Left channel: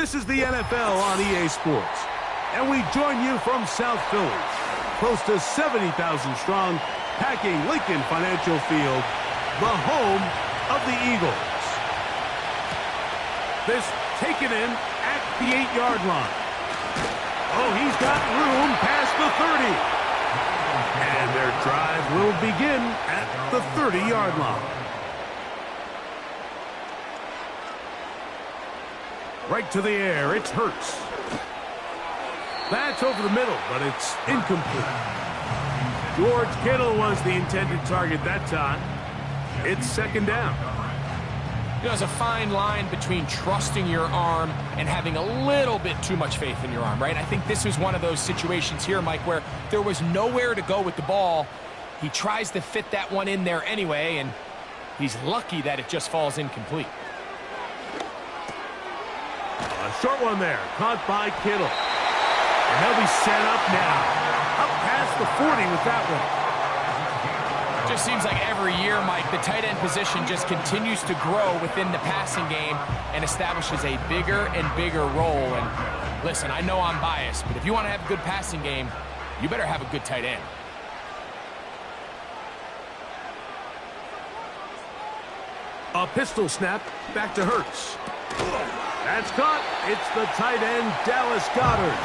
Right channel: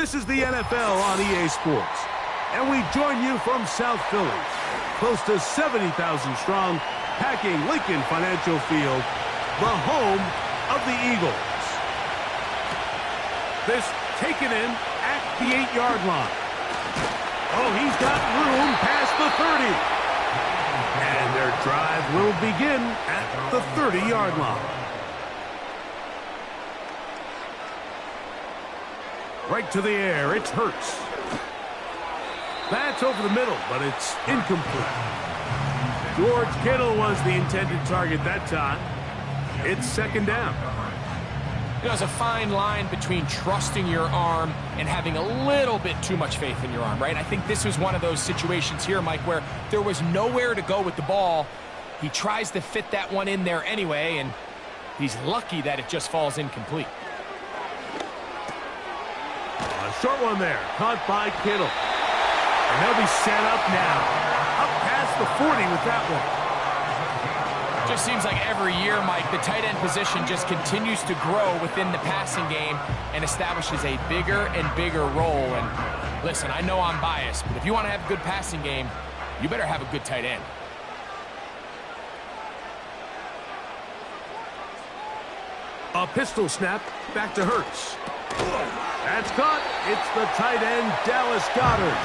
This is the NFL on EA Sports, and we join you from South Philly, close to 70,000 strong, packing Lincoln Financial Field, the home of the Eagles. This taken in at the 8-yard line. Oh, he's got room past the 30. And their drive will begin at the 30-yard line. Right to the air, it's Hurts. That's over the middle, but it's incomplete. George Kittle was the intended target that time. It's second down. You know, there's a fine line between trusting your arm and having a little bit too much faith in your arm, right? I think this was one of those situations here, Mike, where there was nowhere to go with the ball. He tries to fit that one in there anyway, and he's lucky that it just falls incomplete. A short one there, caught by Kittle. And they'll be set up now. Up past the 40 with that one. Just seems like every year, Mike, the tight end position just continues to grow within the passing game and establishes a bigger and bigger role. And listen, I know I'm biased, but if you want to have a good passing game, you better have a good tight end. A pistol snap, back to Hurts. That's caught. It's the tight end, Dallas Goedert.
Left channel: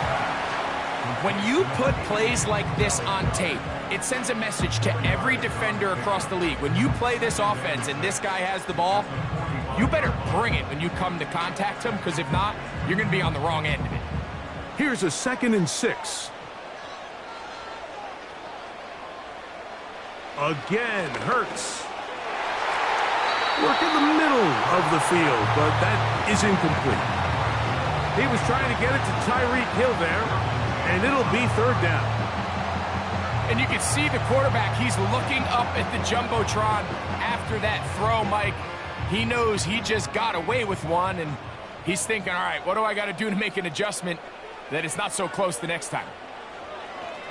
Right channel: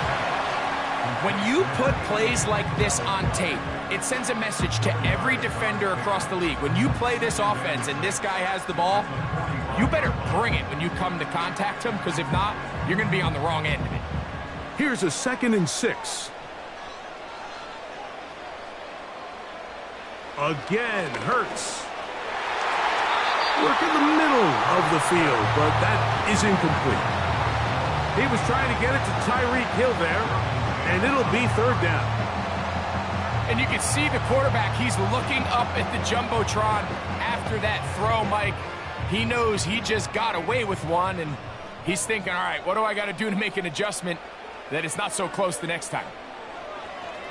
When you put plays like this on tape, it sends a message to every defender across the league. When you play this offense and this guy has the ball, you better bring it when you come to contact him, because if not, you're going to be on the wrong end of it. Here's a 2nd and 6. Again, Hurts. Work in the middle of the field, but that is incomplete. He was trying to get it to Tyreek Hill there, and it'll be third down. And you can see the quarterback, he's looking up at the Jumbotron after that throw, Mike. He knows he just got away with one, and he's thinking, all right, what do I got to do to make an adjustment that it's not so close the next time?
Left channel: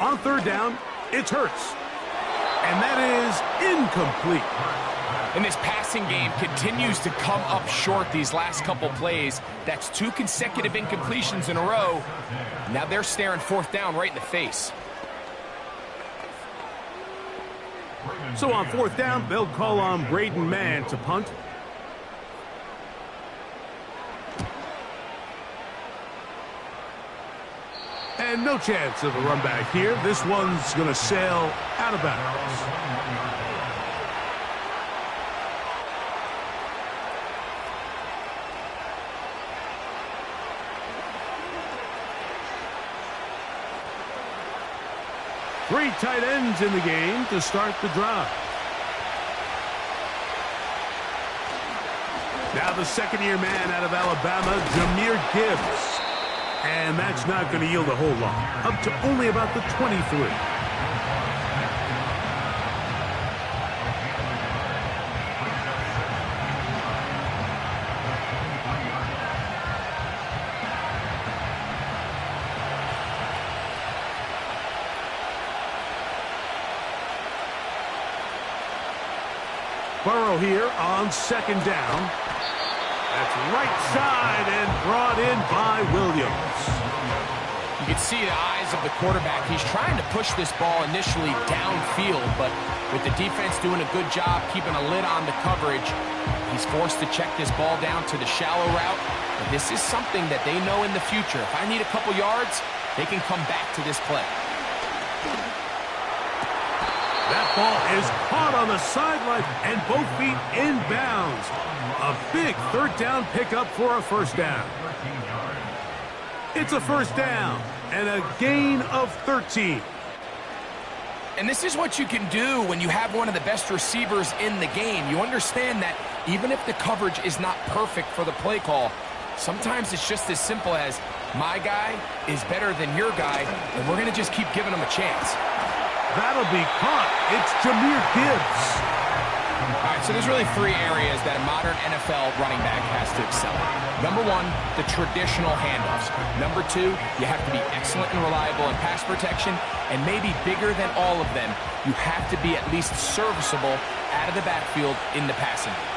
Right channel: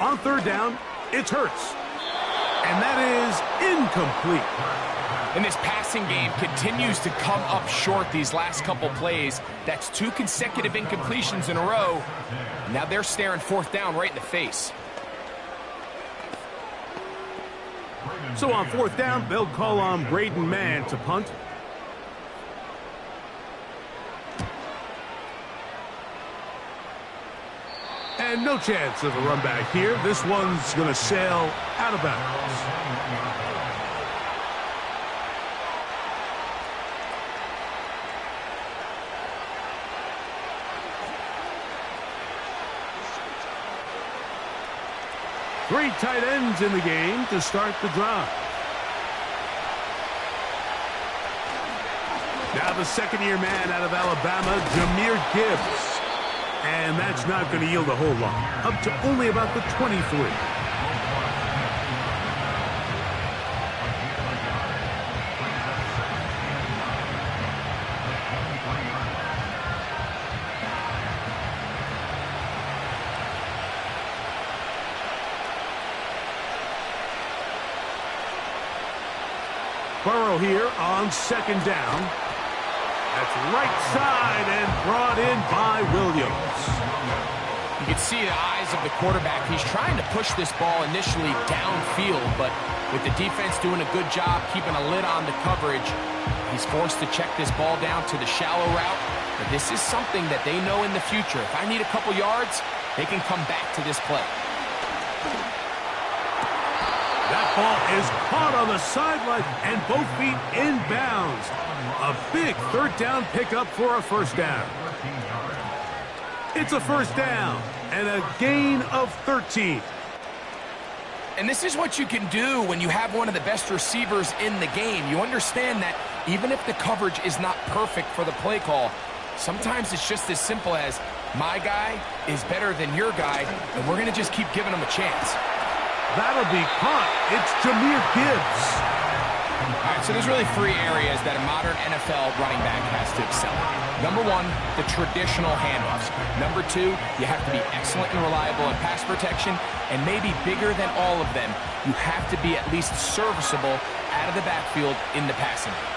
On third down, it's Hurts. And that is incomplete. And this passing game continues to come up short these last couple plays. That's 2 consecutive incompletions in a row. Now they're staring fourth down right in the face. So on fourth down, they'll call on Braden Mann to punt. And no chance of a run back here. This one's going to sail out of bounds. Three tight ends in the game to start the drive. Now the second-year man out of Alabama, Jahmyr Gibbs. And that's not going to yield a whole lot. Up to only about the 23. Burrow here on second down. That's right side and brought in by Williams. You can see the eyes of the quarterback. He's trying to push this ball initially downfield, but with the defense doing a good job keeping a lid on the coverage, he's forced to check this ball down to the shallow route. But this is something that they know in the future. If I need a couple yards, they can come back to this play. That ball is caught on the sideline and both feet inbounds. A big third down pickup for a first down. It's a first down and a gain of 13. And this is what you can do when you have one of the best receivers in the game. You understand that even if the coverage is not perfect for the play call, sometimes it's just as simple as my guy is better than your guy, and we're going to just keep giving him a chance. That'll be caught. It's Jahmyr Gibbs. All right, so there's really 3 areas that a modern NFL running back has to excel in. Number 1, the traditional handoffs. Number 2, you have to be excellent and reliable in pass protection. And maybe bigger than all of them, you have to be at least serviceable out of the backfield in the passing game.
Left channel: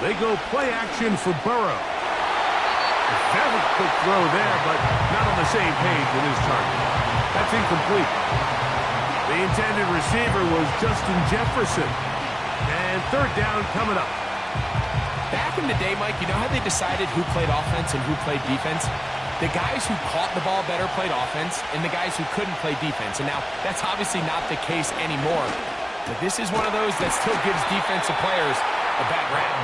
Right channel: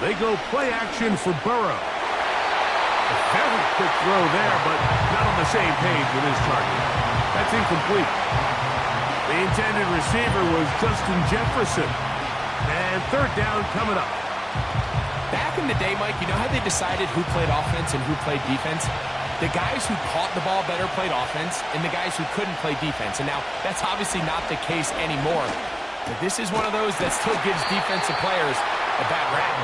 They go play action for Burrow. A very quick throw there, but not on the same page with his target. That's incomplete. The intended receiver was Justin Jefferson. And third down coming up. Back in the day, Mike, you know how they decided who played offense and who played defense? The guys who caught the ball better played offense, and the guys who couldn't play defense. And now, that's obviously not the case anymore. But this is one of those that still gives defensive players a bad rap.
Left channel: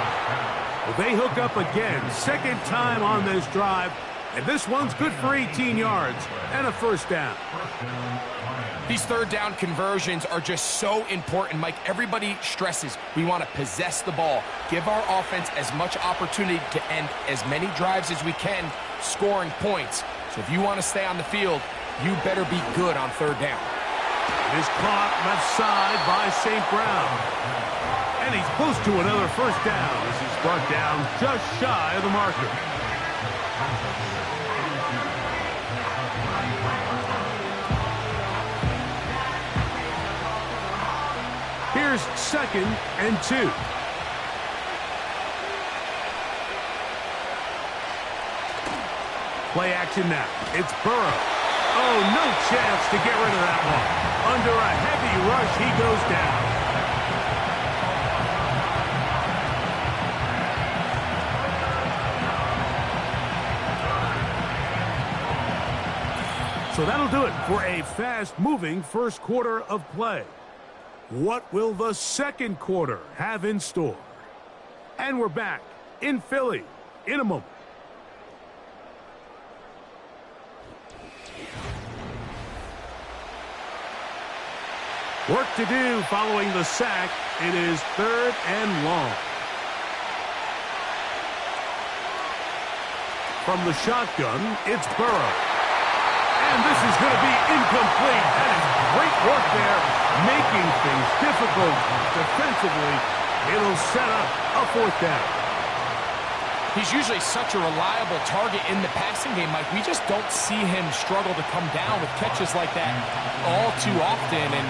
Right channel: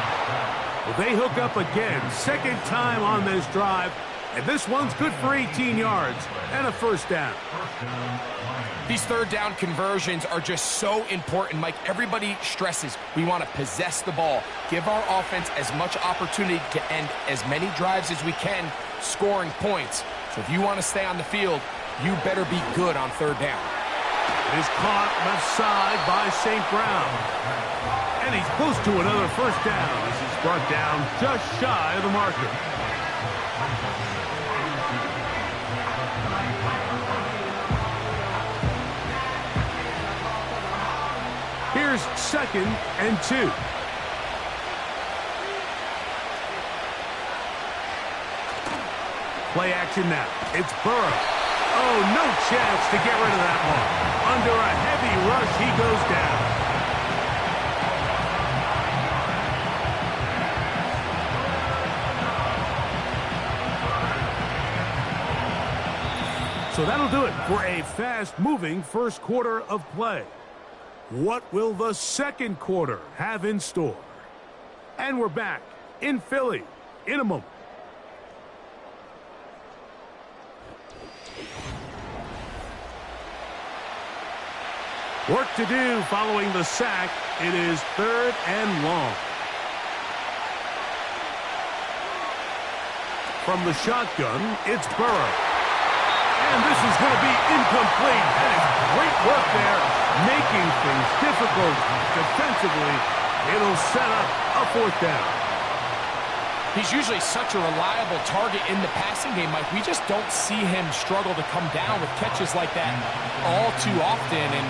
Well, they hook up again. Second time on this drive. And this one's good for 18 yards and a first down. These third down conversions are just so important, Mike. Everybody stresses we want to possess the ball, give our offense as much opportunity to end as many drives as we can, scoring points. So if you want to stay on the field, you better be good on third down. It is caught left side by St. Brown. And he's close to another first down as he's brought down just shy of the marker. Here's 2nd and 2. Play action now. It's Burrow. Oh, no chance to get rid of that one. Under a heavy rush, he goes down. So that'll do it for a fast-moving first quarter of play. What will the second quarter have in store? And we're back in Philly in a moment. Work to do following the sack. It is 3rd and long. From the shotgun, it's Burrow. And this is going to be incomplete. That is great work there, making things difficult defensively. It'll set up a 4th down. He's usually such a reliable target in the passing game, Mike. We just don't see him struggle to come down with catches like that all too often. And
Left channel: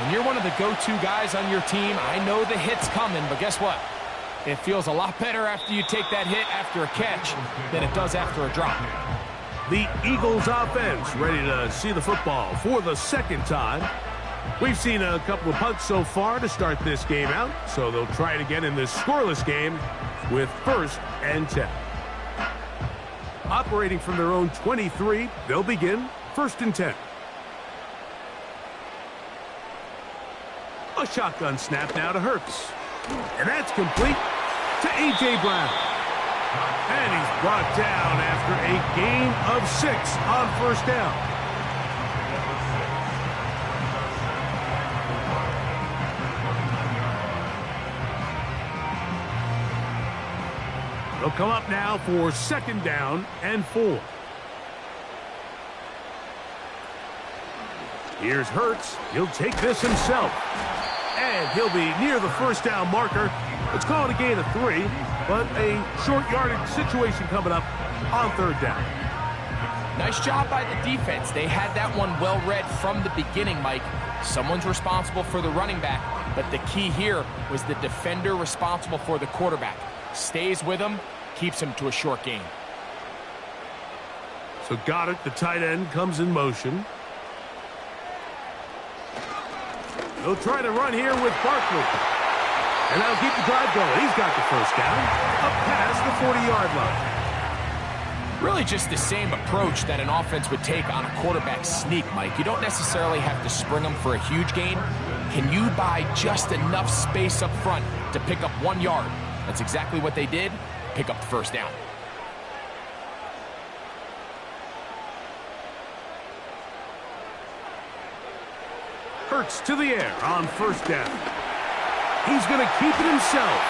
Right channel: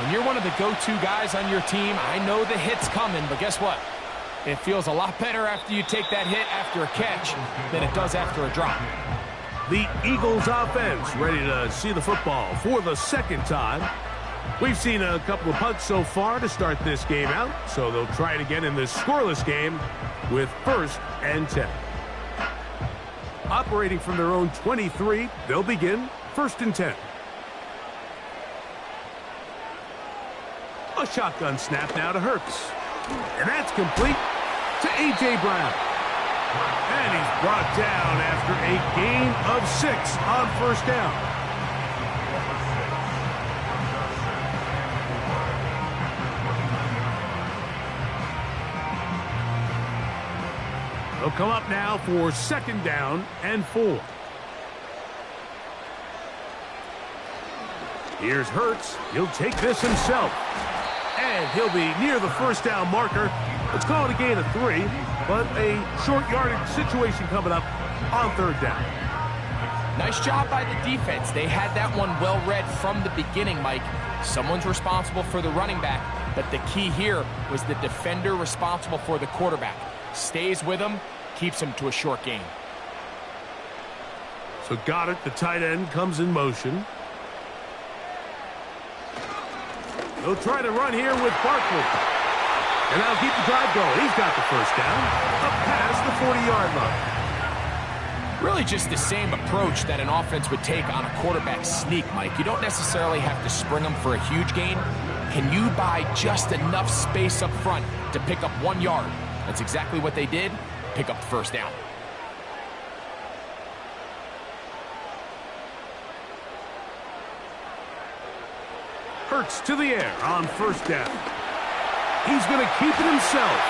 when you're one of the go-to guys on your team, I know the hit's coming, but guess what? It feels a lot better after you take that hit after a catch than it does after a drop. The Eagles offense ready to see the football for the second time. We've seen a couple of punts so far to start this game out, so they'll try it again in this scoreless game with 1st and 10. Operating from their own 23, they'll begin 1st and 10. A shotgun snap now to Hurts. And that's complete to A.J. Brown. And he's brought down after a gain of 6 on 1st down. They'll come up now for 2nd down and 4. Here's Hurts. He'll take this himself. And he'll be near the 1st down marker. Let's call it a gain of 3, but a short yardage situation coming up on 3rd down. Nice job by the defense. They had that one well read from the beginning, Mike. Someone's responsible for the running back, but the key here was the defender responsible for the quarterback. Stays with him, keeps him to a short gain. So Goddard, the tight end, comes in motion. They'll try to run here with Barkley. And that'll keep the drive going. He's got the 1st down, up past the 40-yard line. Really just the same approach that an offense would take on a quarterback sneak, Mike. You don't necessarily have to spring them for a huge gain. Can you buy just enough space up front to pick up 1 yard? That's exactly what they did. Pick up the 1st down. Hurts to the air on 1st down. He's going to keep it himself.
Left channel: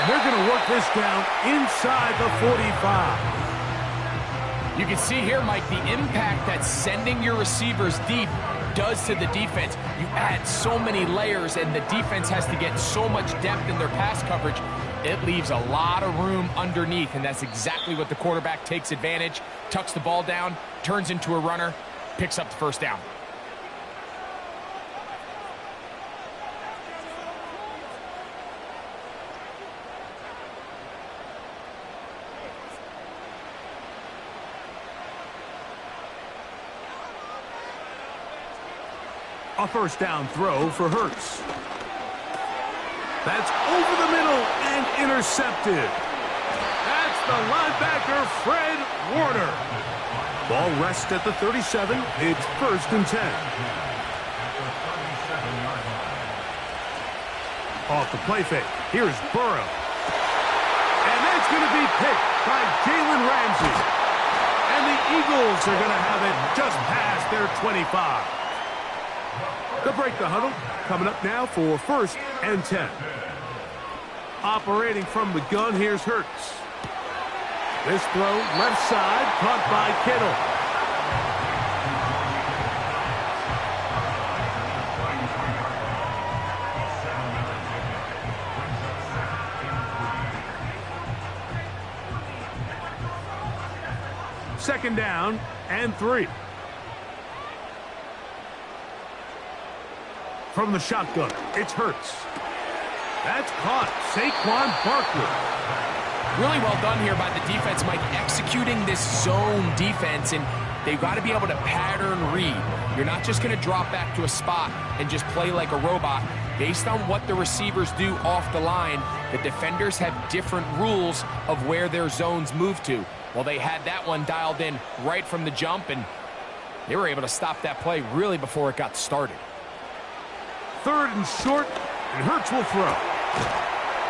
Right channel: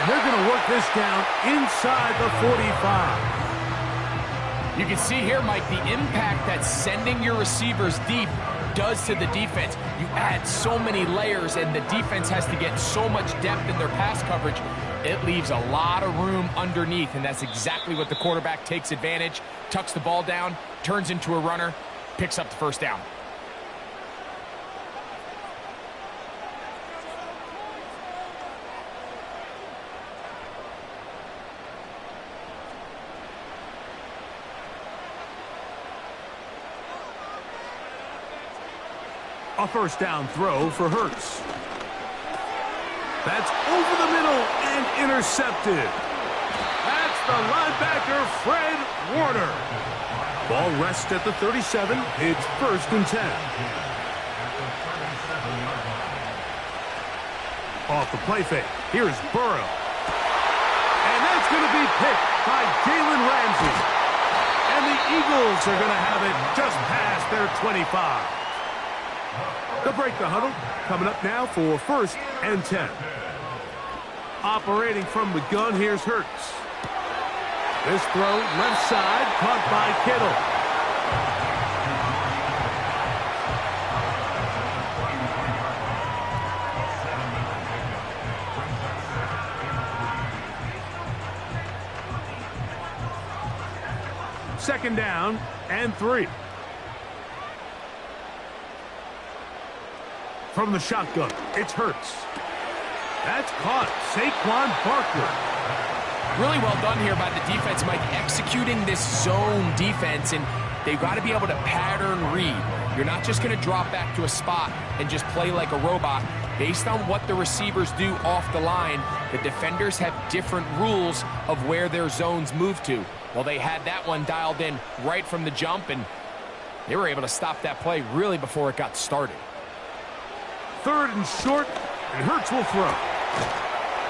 And they're going to work this down inside the 45. You can see here, Mike, the impact that sending your receivers deep does to the defense. You add so many layers, and the defense has to get so much depth in their pass coverage. It leaves a lot of room underneath, and that's exactly what the quarterback takes advantage. Tucks the ball down, turns into a runner, picks up the 1st down. A first down throw for Hurts. That's over the middle and intercepted. That's the linebacker, Fred Warner. Ball rests at the 37. It's 1st and 10. Off the play fake. Here's Burrow. And that's going to be picked by Jalen Ramsey. And the Eagles are going to have it just past their 25. They'll break the huddle. Coming up now for 1st and 10. Operating from the gun, here's Hurts. This throw, left side, caught by Kittle. Second down and 3. From the shotgun, it's Hurts. That's caught. Saquon Barkley. Really well done here by the defense, Mike, executing this zone defense, and they've got to be able to pattern read. You're not just going to drop back to a spot and just play like a robot. Based on what the receivers do off the line, the defenders have different rules of where their zones move to. Well, they had that one dialed in right from the jump, and they were able to stop that play really before it got started. 3rd and short, and Hurts will throw.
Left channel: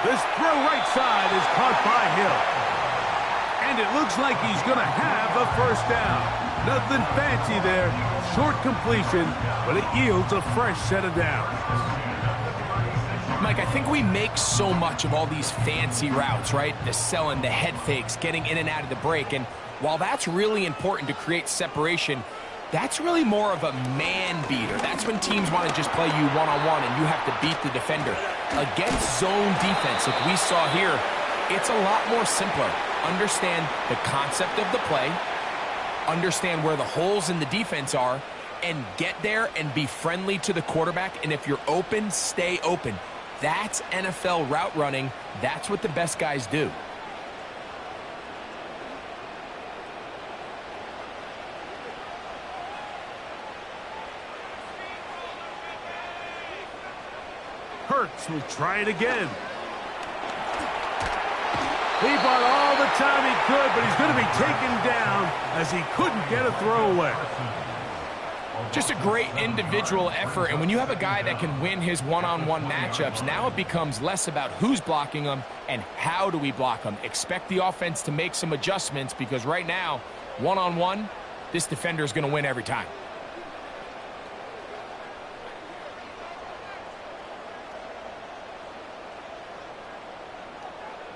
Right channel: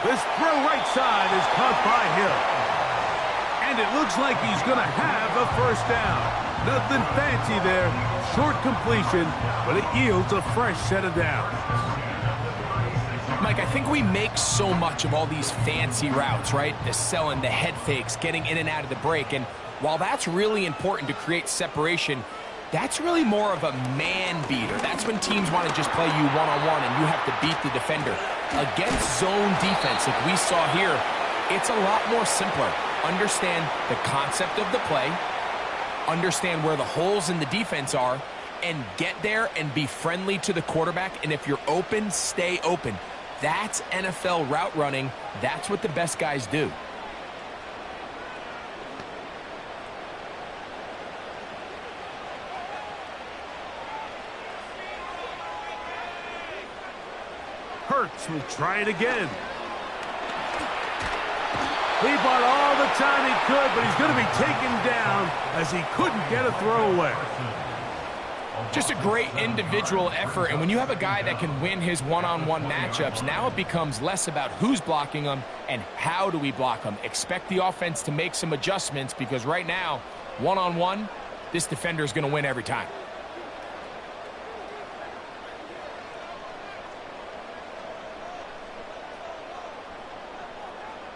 This throw right side is caught by Hill. And it looks like he's going to have a first down. Nothing fancy there. Short completion, but it yields a fresh set of downs. Mike, I think we make so much of all these fancy routes, right? The selling, the head fakes, getting in and out of the break. And while that's really important to create separation, that's really more of a man beater. That's when teams want to just play you one-on-one and you have to beat the defender. Against zone defense, like we saw here, it's a lot more simpler. Understand the concept of the play, understand where the holes in the defense are, and get there and be friendly to the quarterback. And if you're open, stay open. That's NFL route running. That's what the best guys do. Hurts will try it again. He bought all the time he could, but he's going to be taken down as he couldn't get a throwaway. Just a great individual effort, and when you have a guy that can win his one-on-one matchups, now it becomes less about who's blocking him and how do we block him. Expect the offense to make some adjustments because right now, one-on-one, this defender is going to win every time.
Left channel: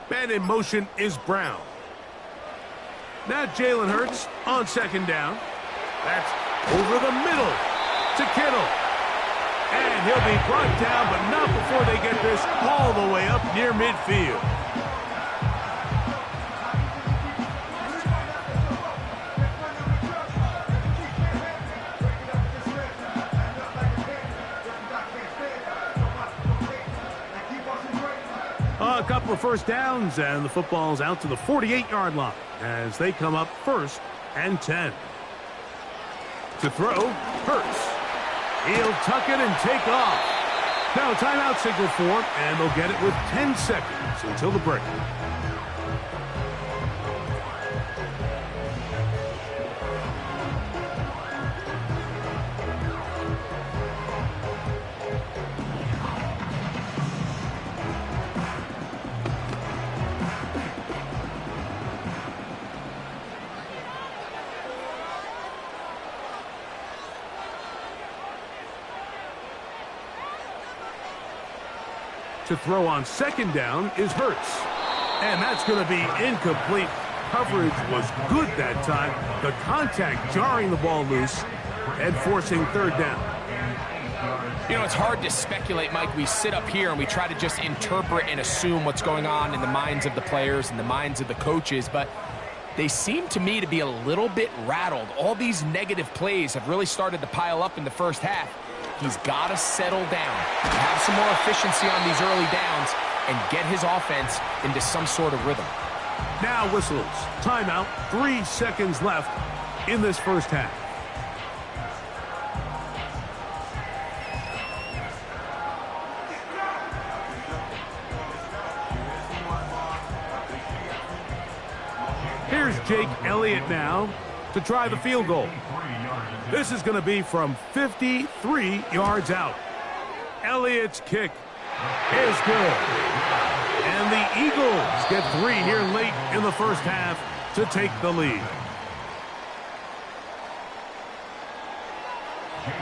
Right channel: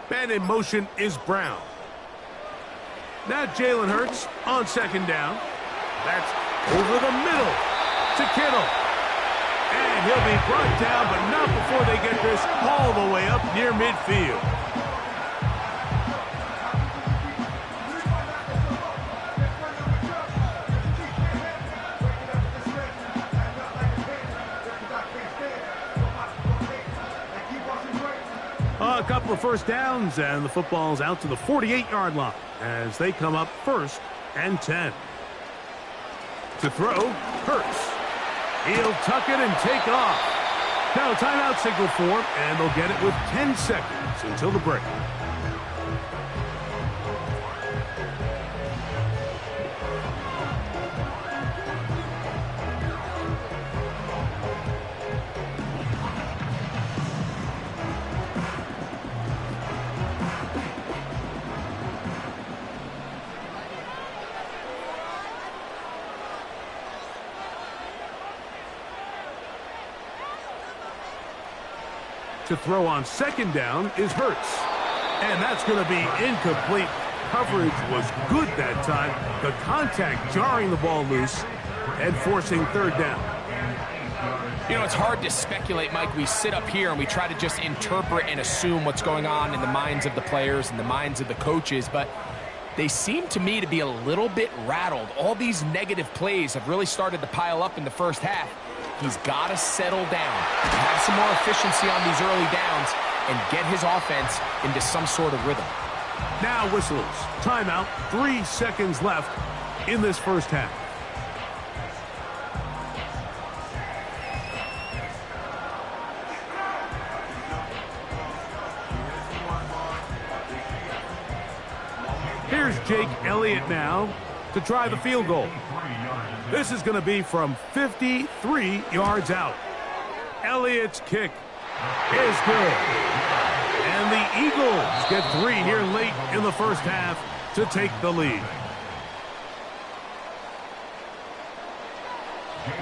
Man in motion is Brown. Now Jalen Hurts on 2nd down. That's over the middle to Kittle. And he'll be brought down, but not before they get this all the way up near midfield. A couple of first downs, and the football's out to the 48-yard line as they come up 1st and 10. To throw, Hurts. He'll tuck it and take off. Now a timeout signal for him, and they'll get it with 10 seconds until the break. To throw on 2nd down is Hurts. And that's going to be incomplete. Coverage was good that time. The contact jarring the ball loose and forcing 3rd down. You know, it's hard to speculate, Mike. We sit up here and we try to just interpret and assume what's going on in the minds of the players and the minds of the coaches, but they seem to me to be a little bit rattled. All these negative plays have really started to pile up in the first half. He's got to settle down, have some more efficiency on these early downs, and get his offense into some sort of rhythm. Now whistles. Timeout. 3 seconds left in this first half. Here's Jake Elliott now to try the field goal. This is going to be from 53 yards out. Elliott's kick is good. And the Eagles get 3 here late in the first half to take the lead.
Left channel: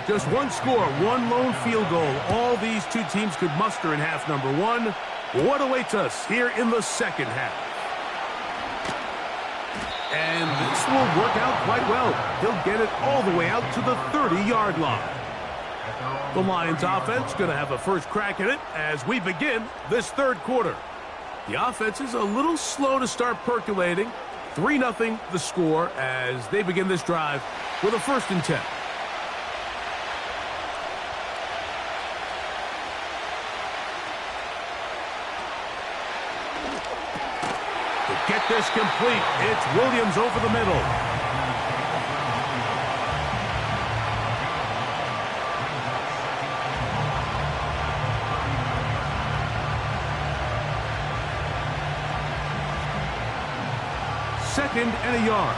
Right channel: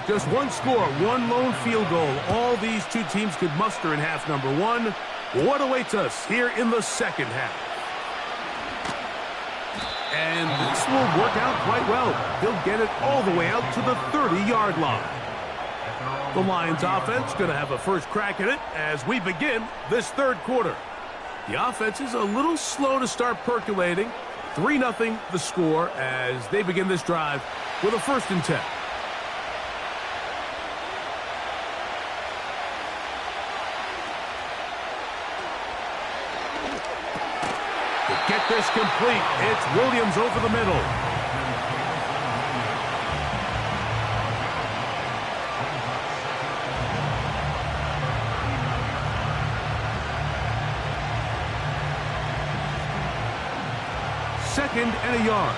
Just one score, one lone field goal. All these two teams could muster in half number 1. What awaits us here in the second half? And this will work out quite well. He'll get it all the way out to the 30-yard line. The Lions offense going to have a first crack at it as we begin this third quarter. The offense is a little slow to start percolating. 3-0 the score as they begin this drive with a 1st and 10. To get this complete, it's Williams over the middle. Second and a yard.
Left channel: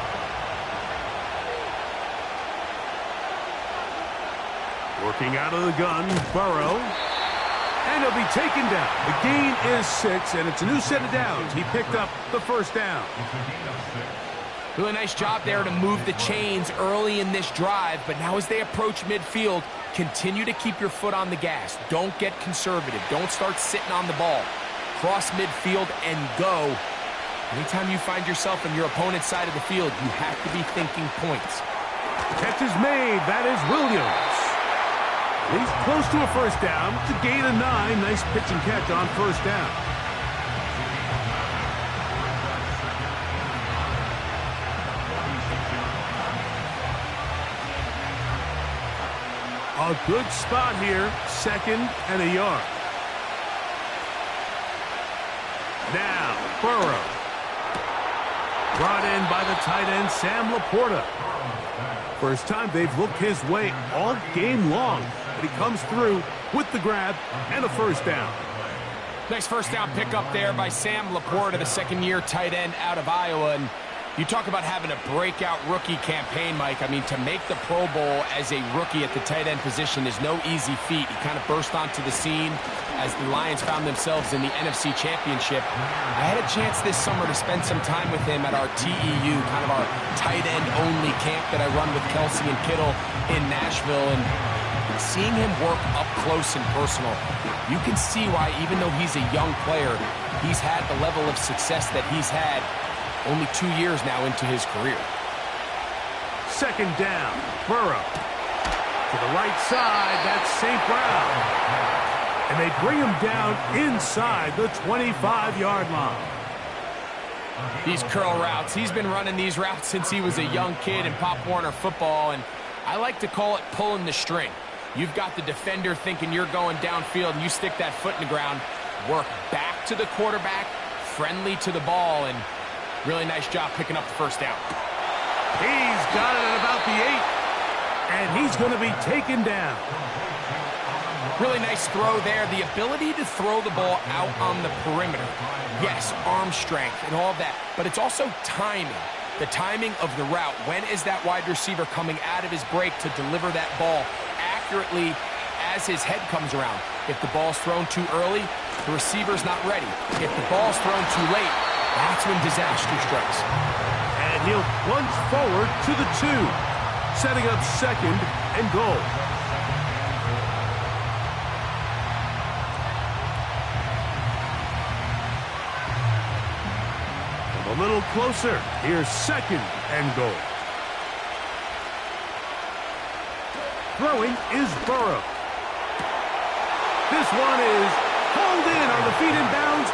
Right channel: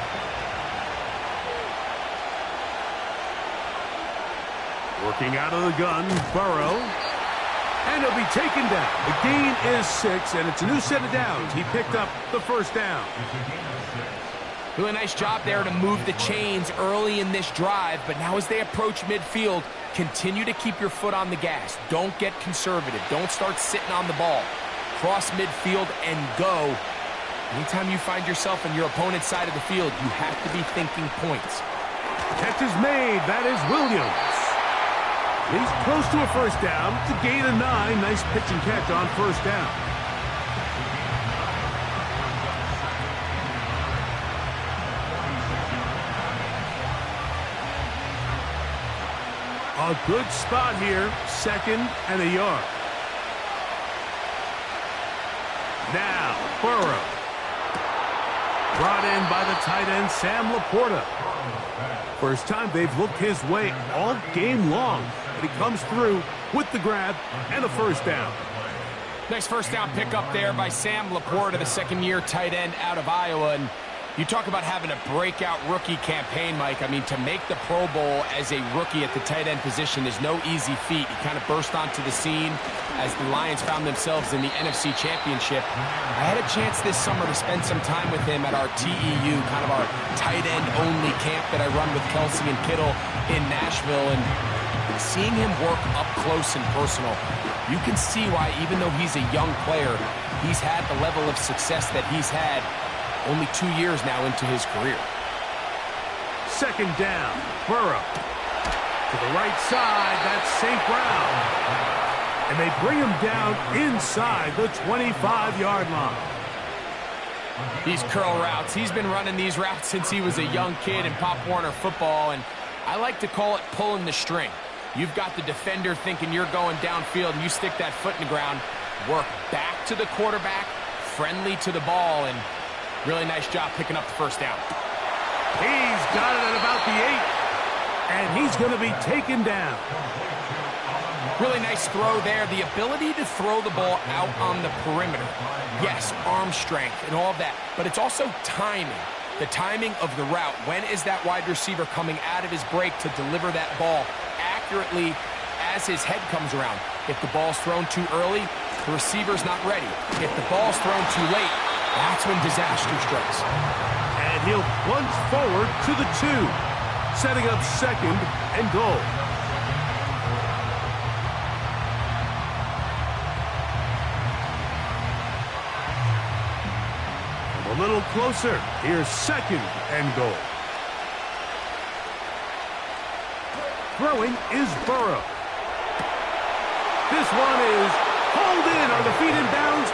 Working out of the gun, Burrow. And he'll be taken down. The gain is 6, and it's a new set of downs. He picked up the first down. Really nice job there to move the chains early in this drive, but now as they approach midfield, continue to keep your foot on the gas. Don't get conservative. Don't start sitting on the ball. Cross midfield and go. Anytime you find yourself on your opponent's side of the field, you have to be thinking points. Catch is made. That is Williams. He's close to a first down. It's a gain of 9. Nice pitch and catch on first down. A good spot here. 2nd and a yard. Now, Burrow. Brought in by the tight end, Sam Laporta. First time they've looked his way all game long. But he comes through with the grab and a first down. Nice first down pickup there by Sam Laporta, the second-year tight end out of Iowa. And you talk about having a breakout rookie campaign, Mike. I mean, to make the Pro Bowl as a rookie at the tight end position is no easy feat. He kind of burst onto the scene as the Lions found themselves in the NFC Championship. I had a chance this summer to spend some time with him at our TEU, kind of our tight end-only camp that I run with Kelsey and Kittle in Nashville. And seeing him work up close and personal, you can see why, even though he's a young player, he's had the level of success that he's had only 2 years now into his career. Second down, Burrow. To the right side, that's St. Brown. And they bring him down inside the 25-yard line. These curl routes, he's been running these routes since he was a young kid in Pop Warner football, and I like to call it pulling the string. You've got the defender thinking you're going downfield, and you stick that foot in the ground, work back to the quarterback, friendly to the ball, and really nice job picking up the first down. He's got it at about the 8, and he's going to be taken down. Really nice throw there. The ability to throw the ball out on the perimeter. Yes, arm strength and all of that, but it's also timing. The timing of the route. When is that wide receiver coming out of his break to deliver that ball accurately as his head comes around? If the ball's thrown too early, the receiver's not ready. If the ball's thrown too late, that's when disaster strikes. And he'll plunge forward to the 2, setting up 2nd and goal. Come a little closer. Here's 2nd and goal. Throwing is Burrow. This one is hauled in. Are the feet in bounds?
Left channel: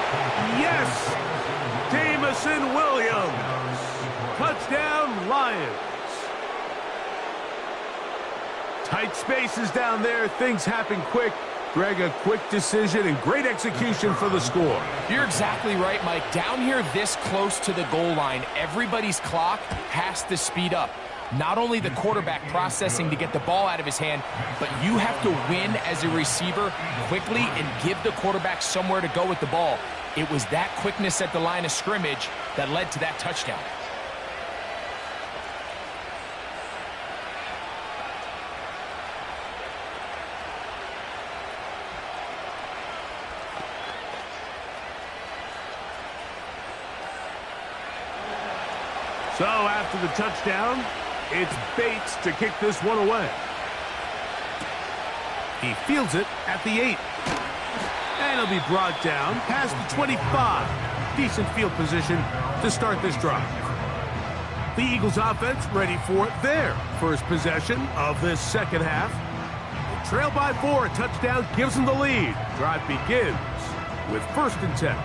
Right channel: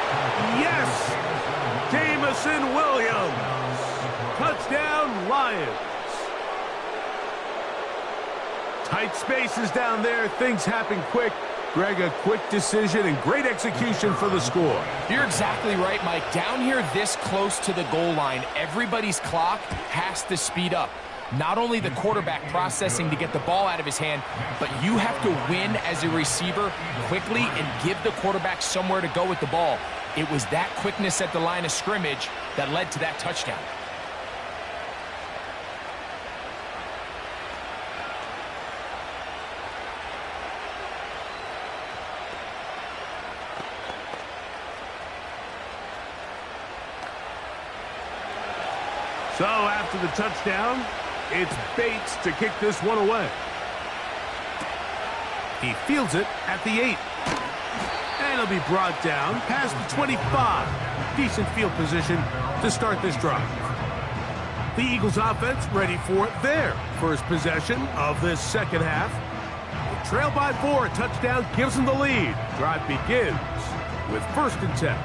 Yes. Jameson Williams. Touchdown, Lions. Tight spaces down there. Things happen quick. Greg, a quick decision and great execution for the score. You're exactly right, Mike. Down here this close to the goal line, everybody's clock has to speed up. Not only the quarterback processing to get the ball out of his hand, but you have to win as a receiver quickly and give the quarterback somewhere to go with the ball. It was that quickness at the line of scrimmage that led to that touchdown. So after the touchdown, it's Bates to kick this one away. He fields it at the 8. And he'll be brought down past the 25. Decent field position to start this drive. The Eagles offense ready for their first possession of this second half. They trail by 4. A touchdown gives them the lead. Drive begins with 1st and 10.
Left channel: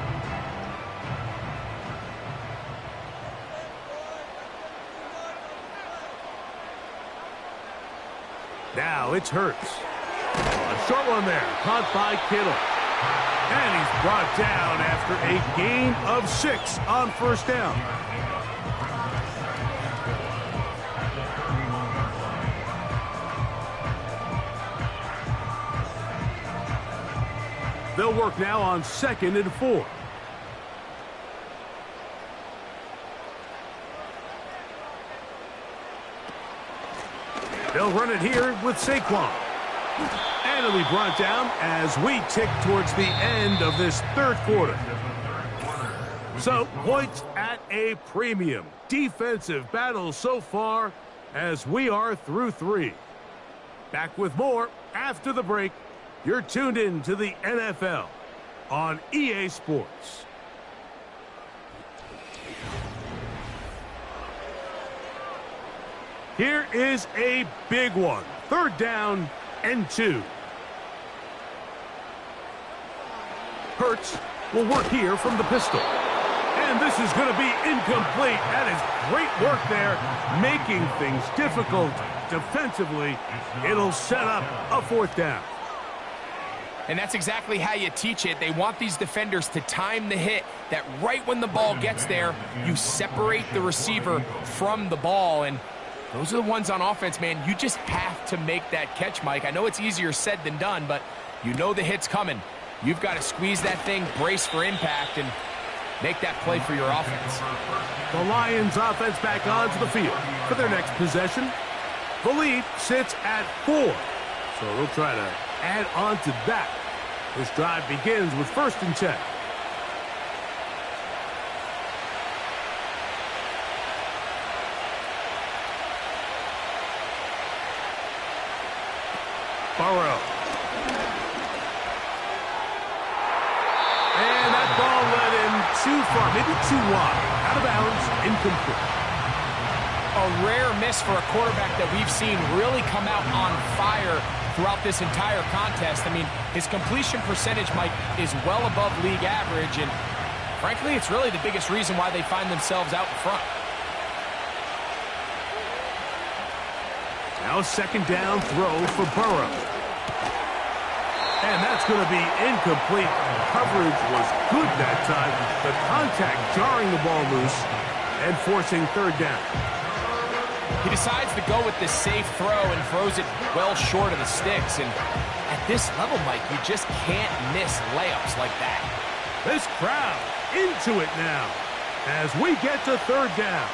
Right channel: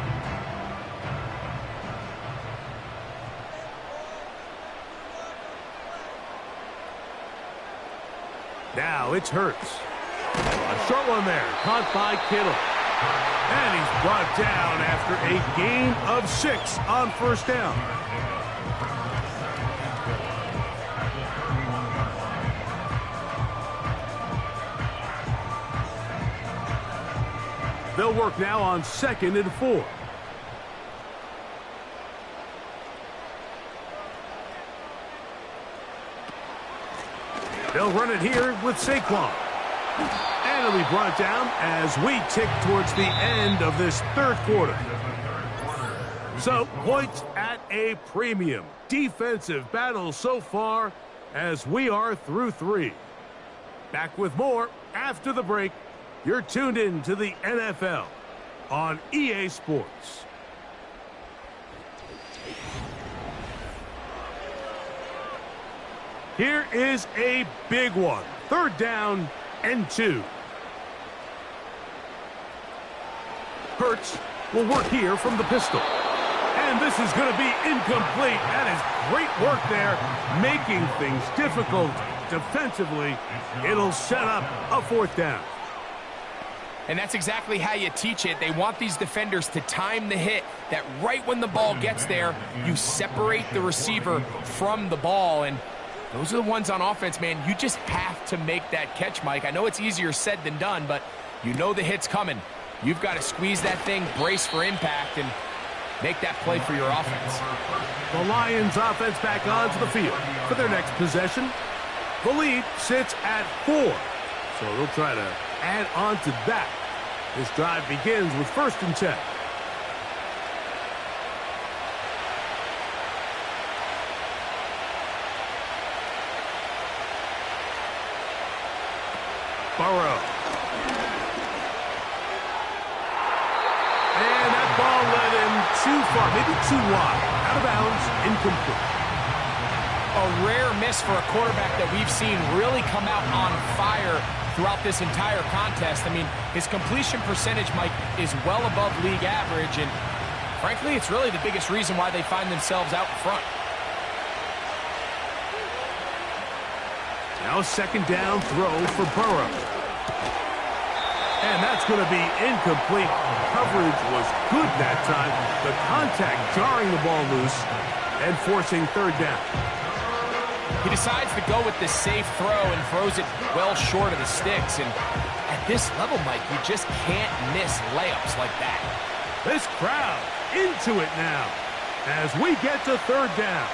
Now it's Hurts. A short one there, caught by Kittle. And he's brought down after a gain of 6 on 1st down. They'll work now on 2nd and 4. They'll run it here with Saquon. And it'll be brought down as we tick towards the end of this 3rd quarter. So, points at a premium. Defensive battle so far as we are through 3. Back with more after the break. You're tuned in to the NFL on EA Sports. Here is a big one. 3rd down and 2. Hurts will work here from the pistol. And this is going to be incomplete. That is great work there, making things difficult defensively. It'll set up a 4th down. And that's exactly how you teach it. They want these defenders to time the hit, that right when the ball gets there, you separate the receiver from the ball. And those are the ones on offense, man. You just have to make that catch, Mike. I know it's easier said than done, but you know the hit's coming. You've got to squeeze that thing, brace for impact, and make that play for your offense. The Lions offense back onto the field for their next possession. The lead sits at 4, so they'll try to add on to that. This drive begins with 1st and 10. Burrow. And that ball led him too far, maybe too wide. Out of bounds, incomplete. A rare miss for a quarterback that we've seen really come out on fire throughout this entire contest. I mean, his completion percentage, Mike, is well above league average, and frankly, it's really the biggest reason why they find themselves out in front. Now 2nd down throw for Burrow. And that's going to be incomplete. Coverage was good that time. The contact jarring the ball loose and forcing 3rd down. He decides to go with the safe throw and throws it well short of the sticks. And at this level, Mike, you just can't miss layups like that. This crowd into it now as we get to 3rd down.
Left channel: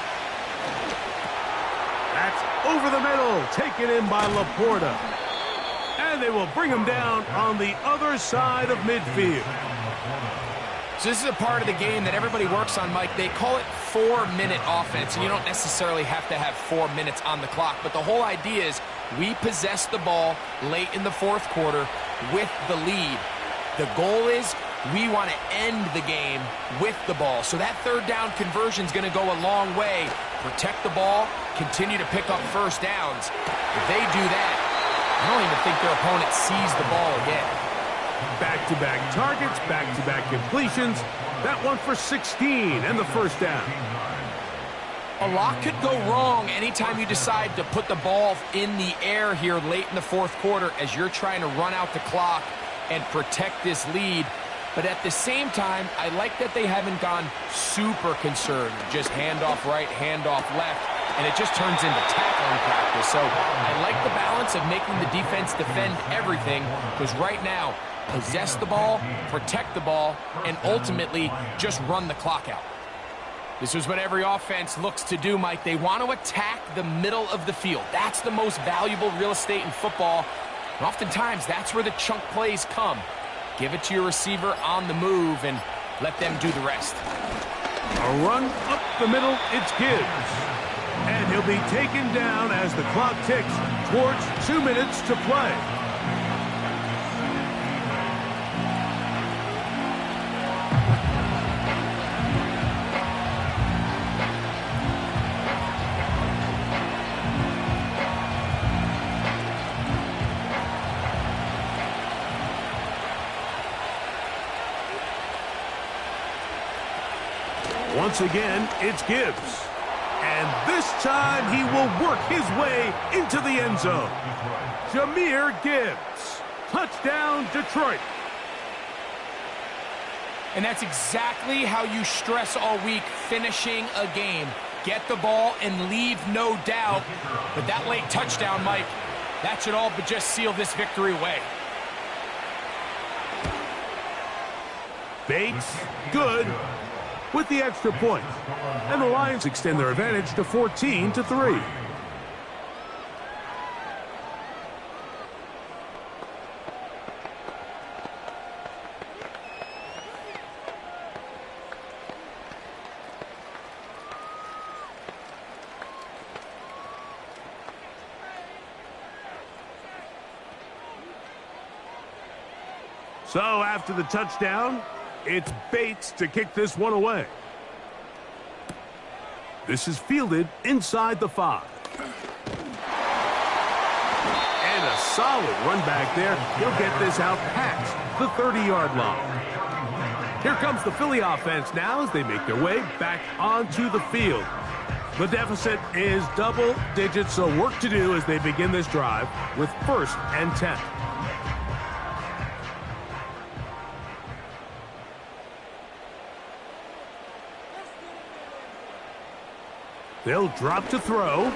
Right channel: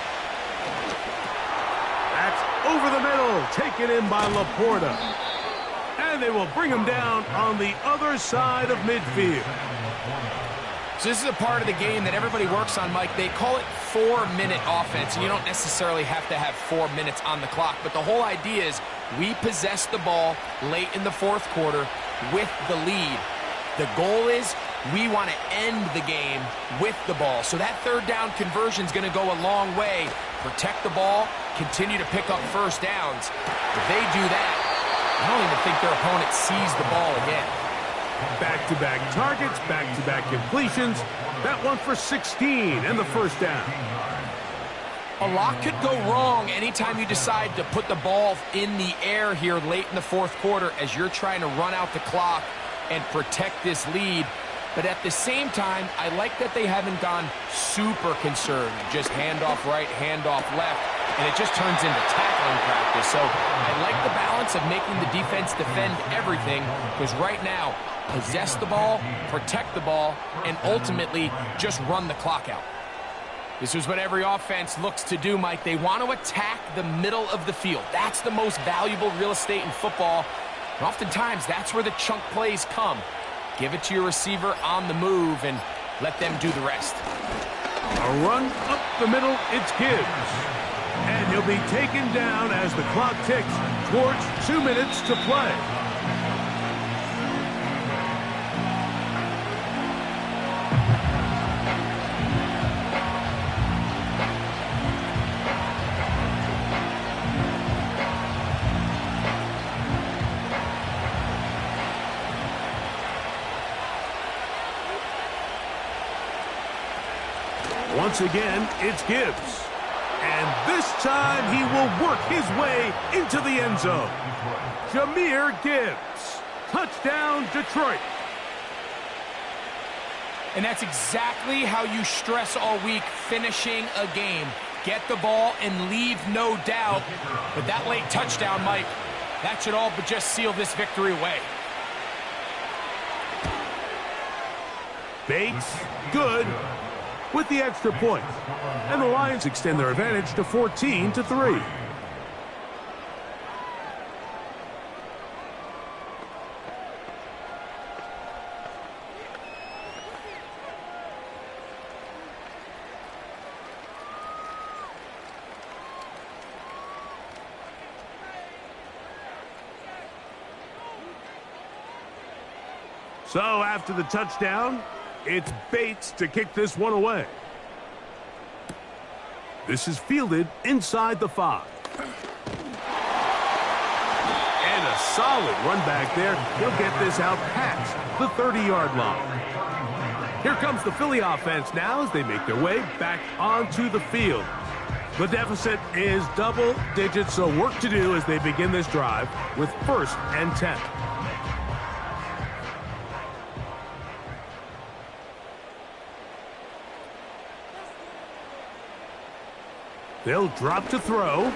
That's over the middle, taken in by Laporta. And they will bring him down on the other side of midfield. So this is a part of the game that everybody works on, Mike. They call it 4-minute offense, and you don't necessarily have to have 4 minutes on the clock. But the whole idea is we possess the ball late in the 4th quarter with the lead. The goal is we want to end the game with the ball. So that 3rd down conversion is going to go a long way. Protect the ball, continue to pick up 1st downs. If they do that, I don't even think their opponent sees the ball again. Back-to-back targets, back-to-back completions. That one for 16 and the 1st down. A lot could go wrong anytime you decide to put the ball in the air here late in the 4th quarter as you're trying to run out the clock and protect this lead. But at the same time, I like that they haven't gone super conservative. Just handoff right, handoff left, and it just turns into tackling practice. So I like the balance of making the defense defend everything, because right now, possess the ball, protect the ball, and ultimately just run the clock out. This is what every offense looks to do, Mike. They want to attack the middle of the field. That's the most valuable real estate in football. And oftentimes, that's where the chunk plays come. Give it to your receiver on the move and let them do the rest. A run up the middle, it's Gibbs. And he'll be taken down as the clock ticks towards 2 minutes to play. Once again, it's Gibbs. And this time he will work his way into the end zone. Jahmyr Gibbs. Touchdown, Detroit. And that's exactly how you stress all week, finishing a game. Get the ball and leave no doubt. But that late touchdown, Mike, that should all but just seal this victory away. Bates, good, with the extra point. And the Lions extend their advantage to 14-3. So after the touchdown, it's Bates to kick this one away. This is fielded inside the 5. And a solid run back there. He'll get this out past the 30-yard line. Here comes the Philly offense now as they make their way back onto the field. The deficit is double digits, so work to do as they begin this drive with 1st and 10. They'll drop to throw.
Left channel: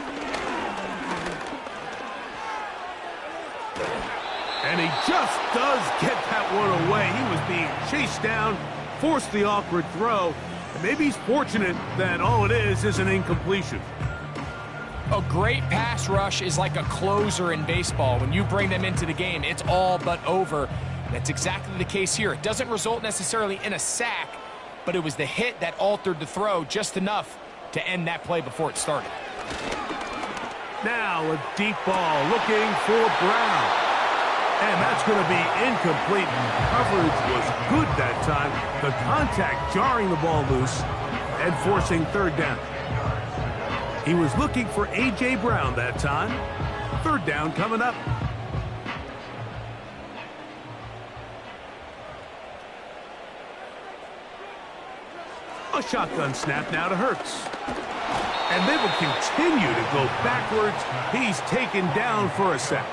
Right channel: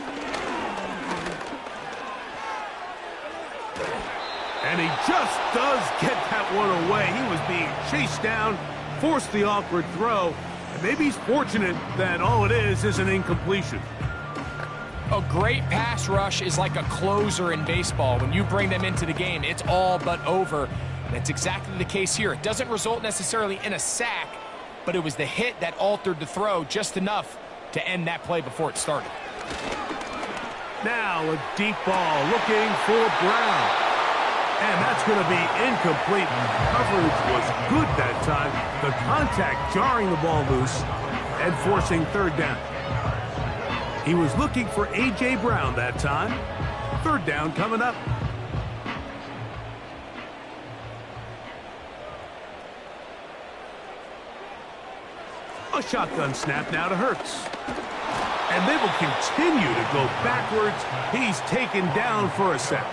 And he just does get that one away. He was being chased down, forced the awkward throw. And maybe he's fortunate that all it is an incompletion. A great pass rush is like a closer in baseball. When you bring them into the game, it's all but over. That's exactly the case here. It doesn't result necessarily in a sack, but it was the hit that altered the throw just enough to end that play before it started. Now a deep ball looking for Brown. And that's going to be incomplete. Coverage was good that time. The contact jarring the ball loose and forcing 3rd down. He was looking for A.J. Brown that time. 3rd down coming up. A shotgun snap now to Hurts. And they will continue to go backwards. He's taken down for a sack.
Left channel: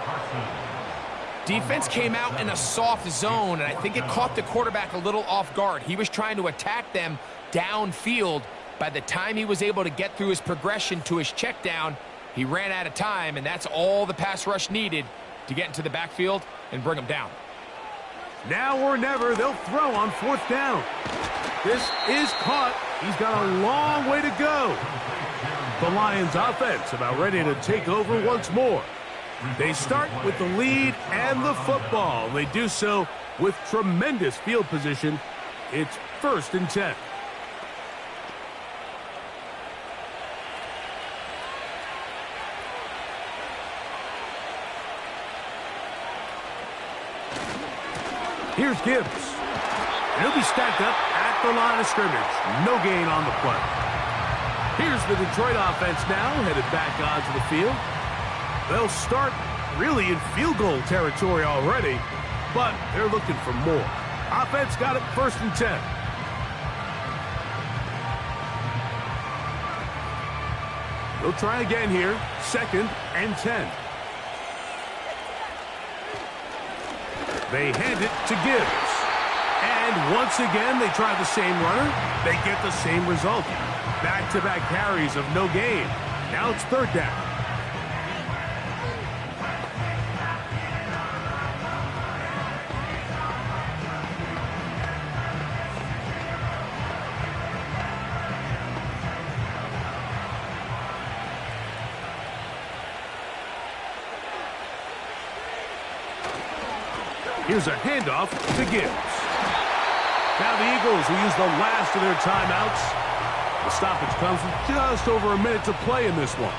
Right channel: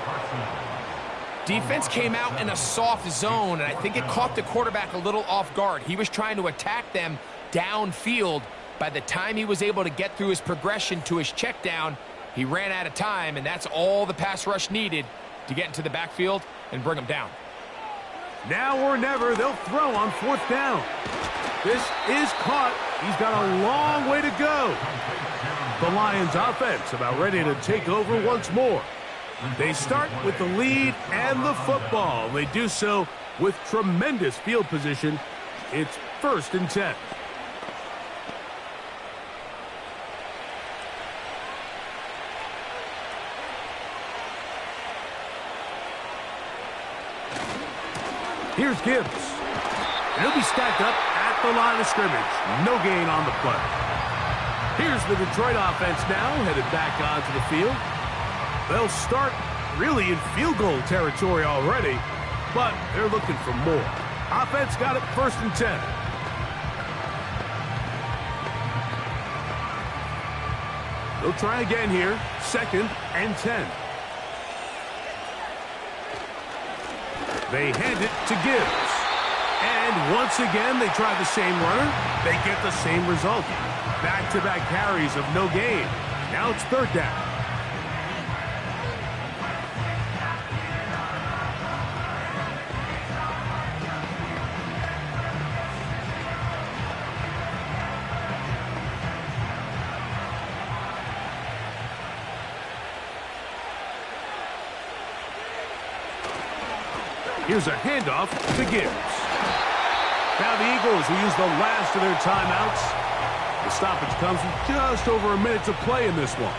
Defense came out in a soft zone, and I think it caught the quarterback a little off guard. He was trying to attack them downfield. By the time he was able to get through his progression to his check down, he ran out of time, and that's all the pass rush needed to get into the backfield and bring him down. Now or never, they'll throw on 4th down. This is caught. He's got a long way to go. The Lions offense about ready to take over once more. They start with the lead and the football. They do so with tremendous field position. It's 1st and 10. Here's Gibbs. And he'll be stacked up at the line of scrimmage. No gain on the play. Here's the Detroit offense now, headed back onto the field. They'll start really in field goal territory already, but they're looking for more. Offense got it 1st and 10. They'll try again here, 2nd and 10. They hand it to Gibbs. And once again, they try the same runner. They get the same result. Back-to-back carries of no gain. Now it's 3rd down. Here's a handoff to Gibbs. Now the Eagles will use the last of their timeouts. The stoppage comes with just over a minute to play in this one.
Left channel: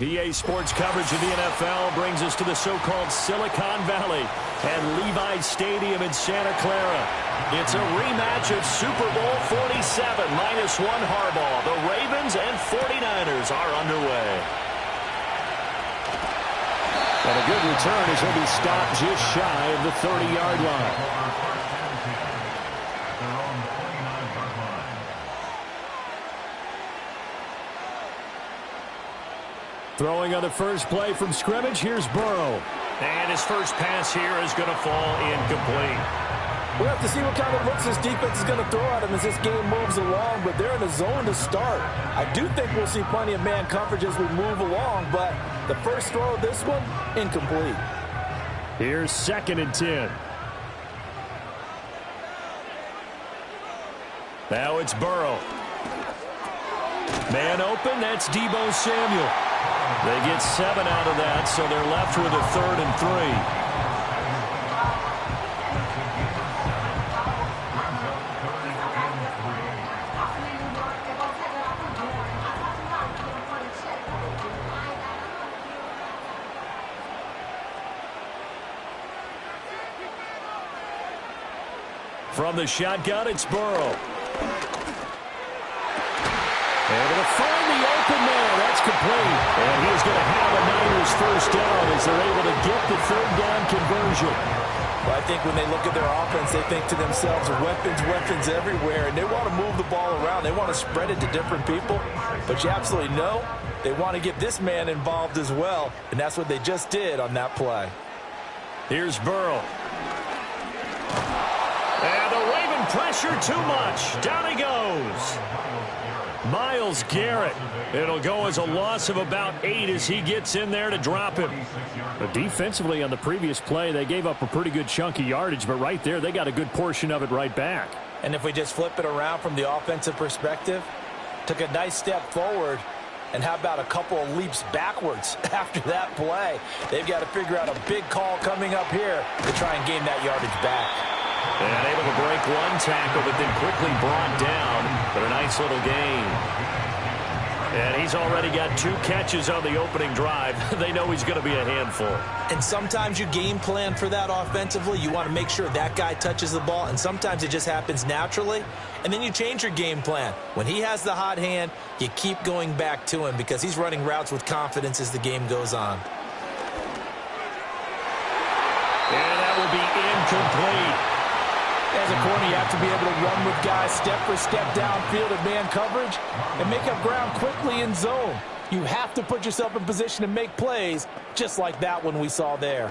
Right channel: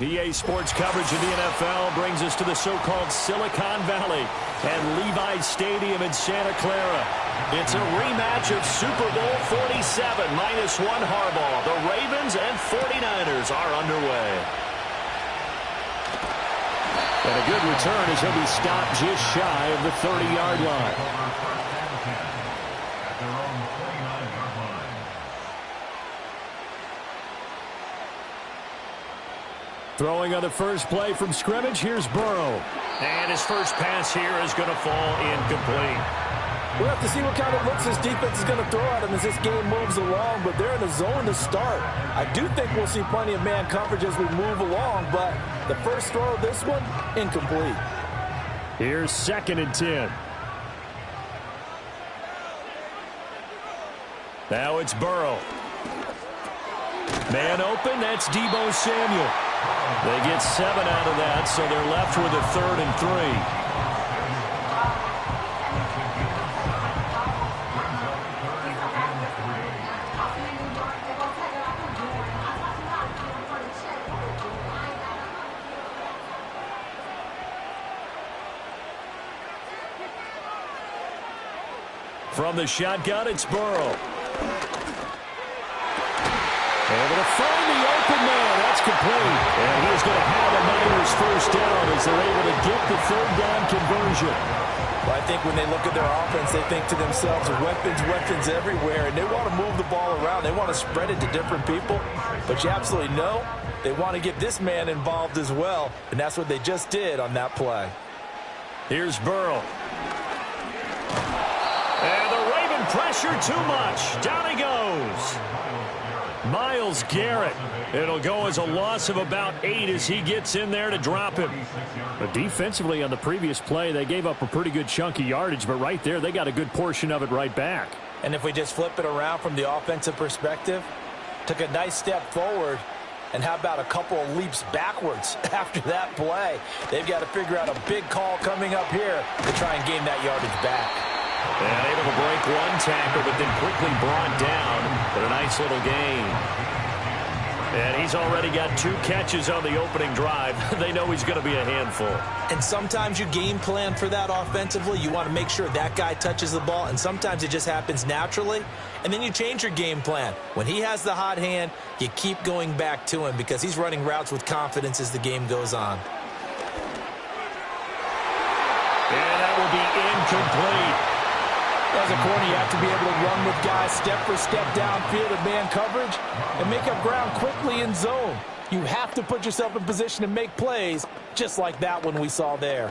PA Sports coverage of the NFL brings us to the so-called Silicon Valley and Levi Stadium in Santa Clara. It's a rematch of Super Bowl 47, -1 Harbaugh. The Ravens and 49ers are underway. And a good return as he'll be stopped just shy of the 30-yard line. Throwing on the first play from scrimmage, here's Burrow. And his first pass here is going to fall incomplete. We'll have to see what kind of looks this defense is going to throw at him as this game moves along, but they're in a zone to start. I do think we'll see plenty of man coverage as we move along, but the first throw of this one, incomplete. Here's 2nd and 10. Now it's Burrow. Man open, that's Deebo Samuel. They get 7 out of that, so they're left with a 3rd and 3. From the shotgun, it's Burrow. Able to find the open man. That's complete. And he is going to have a Niners first down as they're able to get the 3rd down conversion. Well, I think when they look at their offense, they think to themselves, weapons everywhere, and they want to move the ball around. They want to spread it to different people. But you absolutely know they want to get this man involved as well, and that's what they just did on that play. Here's Burrow. And the Raven pressure too much. Down he goes. Myles Garrett. It'll go as a loss of about 8 as he gets in there to drop him. But defensively on the previous play, they gave up a pretty good chunk of yardage, but right there, they got a good portion of it right back. And if we just flip it around from the offensive perspective, took a nice step forward, and how about a couple of leaps backwards after that play? They've got to figure out a big call coming up here to try and gain that yardage back. And able to break one tackle, but then quickly brought down. But a nice little gain. And he's already got 2 catches on the opening drive. They know he's going to be a handful. And sometimes you game plan for that offensively. You want to make sure that guy touches the ball, and sometimes it just happens naturally. And then you change your game plan. When he has the hot hand, you keep going back to him because he's running routes with confidence as the game goes on. And that will be incomplete. As a corner, you have to be able to run with guys step for step downfield in man coverage and make up ground quickly in zone. You have to put yourself in position to make plays, just like that one we saw there.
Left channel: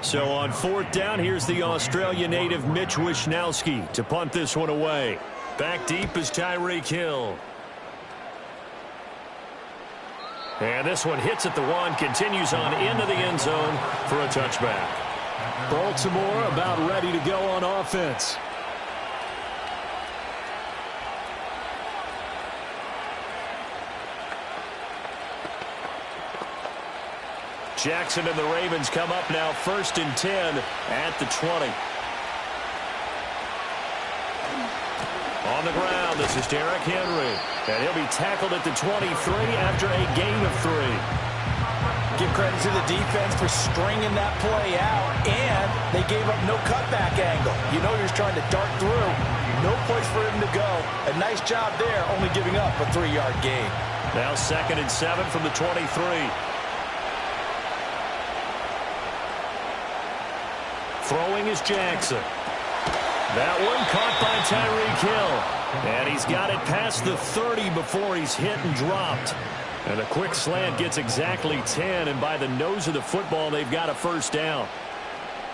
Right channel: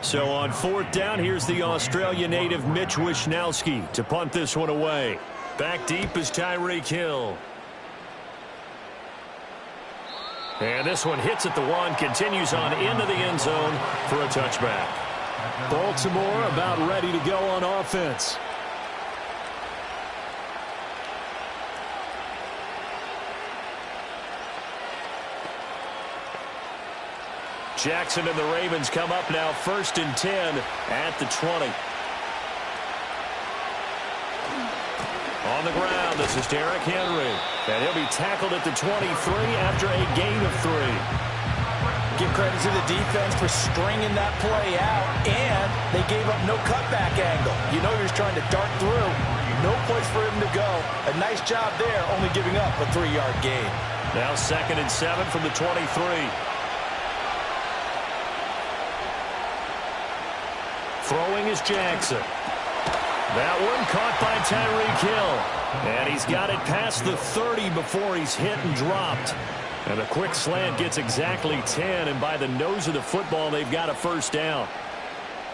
So on 4th down, here's the Australia native Mitch Wishnowsky to punt this one away. Back deep is Tyreek Hill. And this one hits at the 1, continues on into the end zone for a touchback. Baltimore about ready to go on offense. Jackson and the Ravens come up now 1st and 10 at the 20. On the ground, this is Derrick Henry. And he'll be tackled at the 23 after a gain of 3. Give credit to the defense for stringing that play out, and they gave up no cutback angle. You know he was trying to dart through. No place for him to go. A nice job there, only giving up a 3-yard gain. Now 2nd and 7 from the 23. Throwing is Jackson. That one caught by Tyreek Hill. And he's got it past the 30 before he's hit and dropped. And a quick slant gets exactly 10, and by the nose of the football, they've got a 1st down.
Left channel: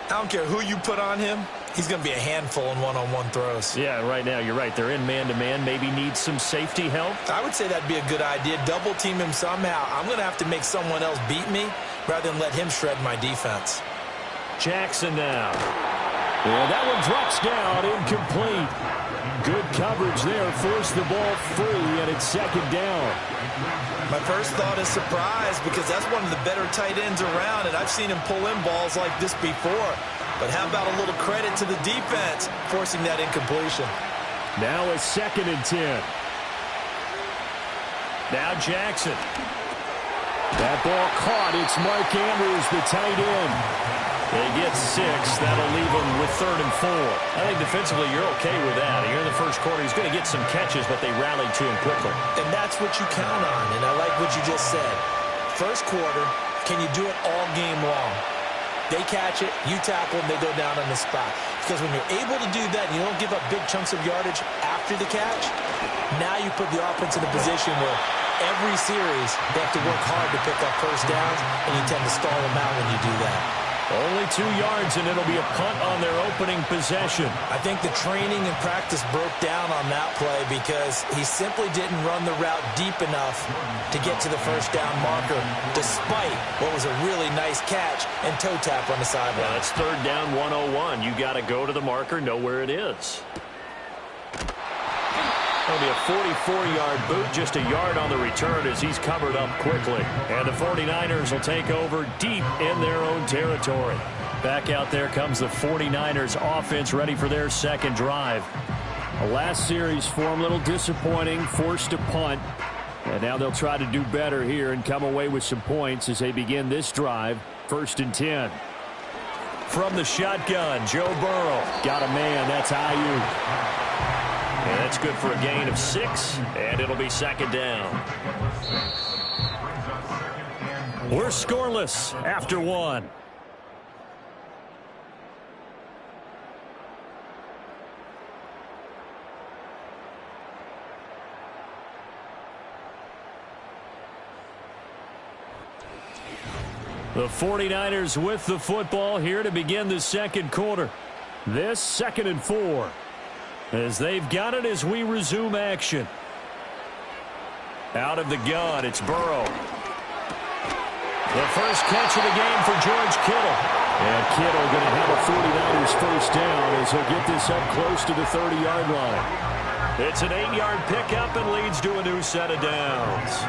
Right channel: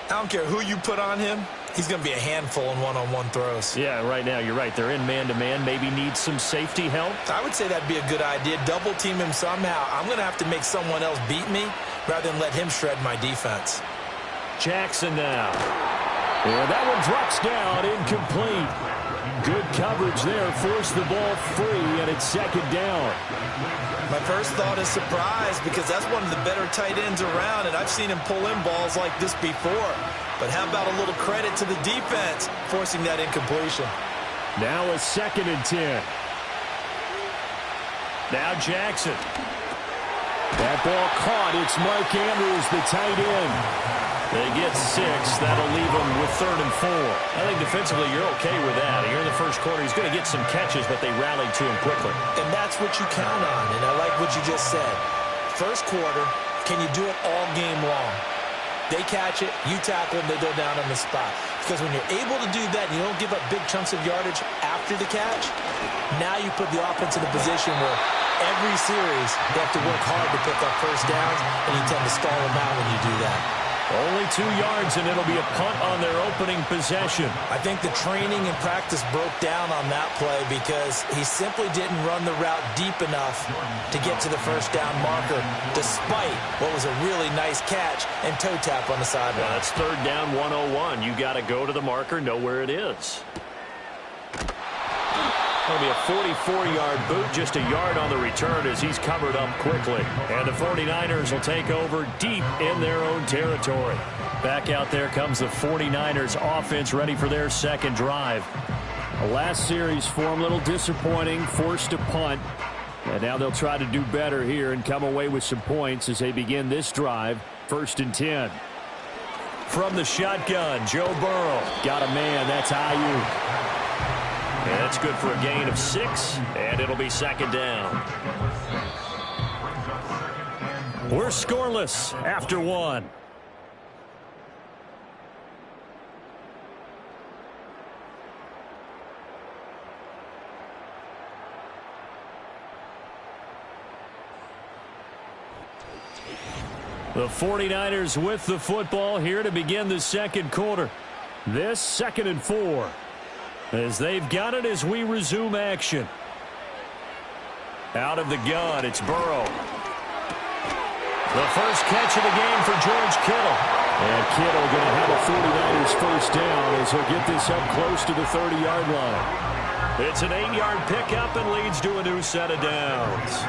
I don't care who you put on him. He's going to be a handful in one-on-one throws. Yeah, right now, you're right. They're in man-to-man. Maybe needs some safety help. I would say that'd be a good idea. Double team him somehow. I'm going to have to make someone else beat me rather than let him shred my defense. Jackson now. Yeah, that one drops down, incomplete. Good coverage there, forced the ball free, and it's 2nd down. My first thought is surprise because that's one of the better tight ends around, and I've seen him pull in balls like this before. But how about a little credit to the defense forcing that incompletion? Now a 2nd and 10. Now Jackson. That ball caught. It's Mark Andrews, the tight end. They get 6. That'll leave them with 3rd and 4. I think defensively you're okay with that. Here in the first quarter, he's going to get some catches, but they rallied to him quickly. And that's what you count on, and I like what you just said. First quarter, can you do it all game long? They catch it, you tackle them, they go down on the spot. Because when you're able to do that and you don't give up big chunks of yardage after the catch, now you put the offense in a position where every series they have to work hard to pick up 1st downs, and you tend to stall them out when you do that. Only 2 yards, and it'll be a punt on their opening possession. I think the training and practice broke down on that play because he simply didn't run the route deep enough to get to the 1st down marker, despite what was a really nice catch and toe tap on the sideline. Well, that's 3rd down 101. You got to go to the marker, know where it is. It'll be a 44-yard boot, just a yard on the return as he's covered up quickly. And the 49ers will take over deep in their own territory. Back out there comes the 49ers offense ready for their 2nd drive. The last series for them, a little disappointing, forced to punt. And now they'll try to do better here and come away with some points as they begin this drive. 1st and 10. From the shotgun, Joe Burrow. Got a man, that's Ayuk. And that's good for a gain of 6, and it'll be 2nd down. We're scoreless after 1. The 49ers with the football here to begin the 2nd quarter. This 2nd and 4. As they've got it as we resume action. Out of the gun, it's Burrow. The first catch of the game for George Kittle. And Kittle going to have a 49ers 1st down as he'll get this up close to the 30-yard line. It's an 8-yard pickup and leads to a new set of downs.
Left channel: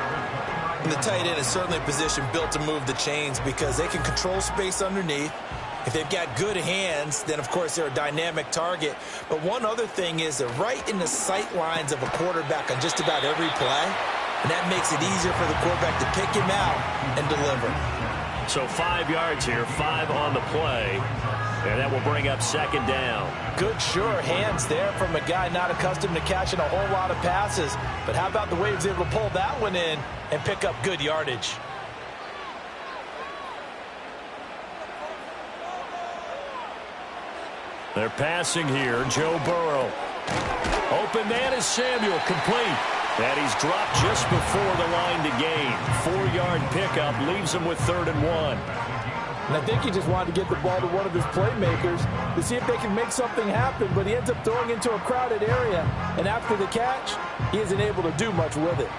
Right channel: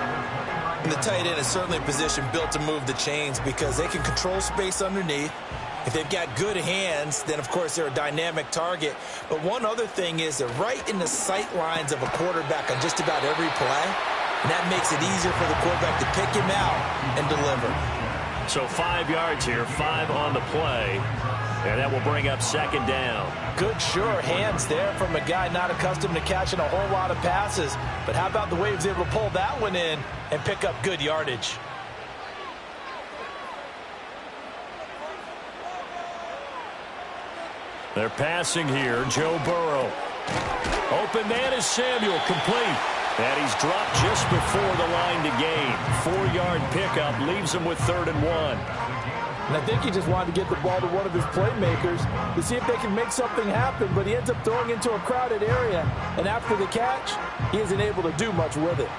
And the tight end is certainly a position built to move the chains because they can control space underneath. If they've got good hands, then, of course, they're a dynamic target. But one other thing is they're right in the sight lines of a quarterback on just about every play, and that makes it easier for the quarterback to pick him out and deliver. So 5 yards here, 5 on the play, and that will bring up 2nd down. Good, sure hands there from a guy not accustomed to catching a whole lot of passes. But how about the way he was able to pull that one in and pick up good yardage? They're passing here. Joe Burrow. Open man is Samuel. Complete. And he's dropped just before the line to gain. 4-yard pickup leaves him with 3rd and 1. And I think he just wanted to get the ball to one of his playmakers to see if they can make something happen, but he ends up throwing into a crowded area. And after the catch, he isn't able to do much with it.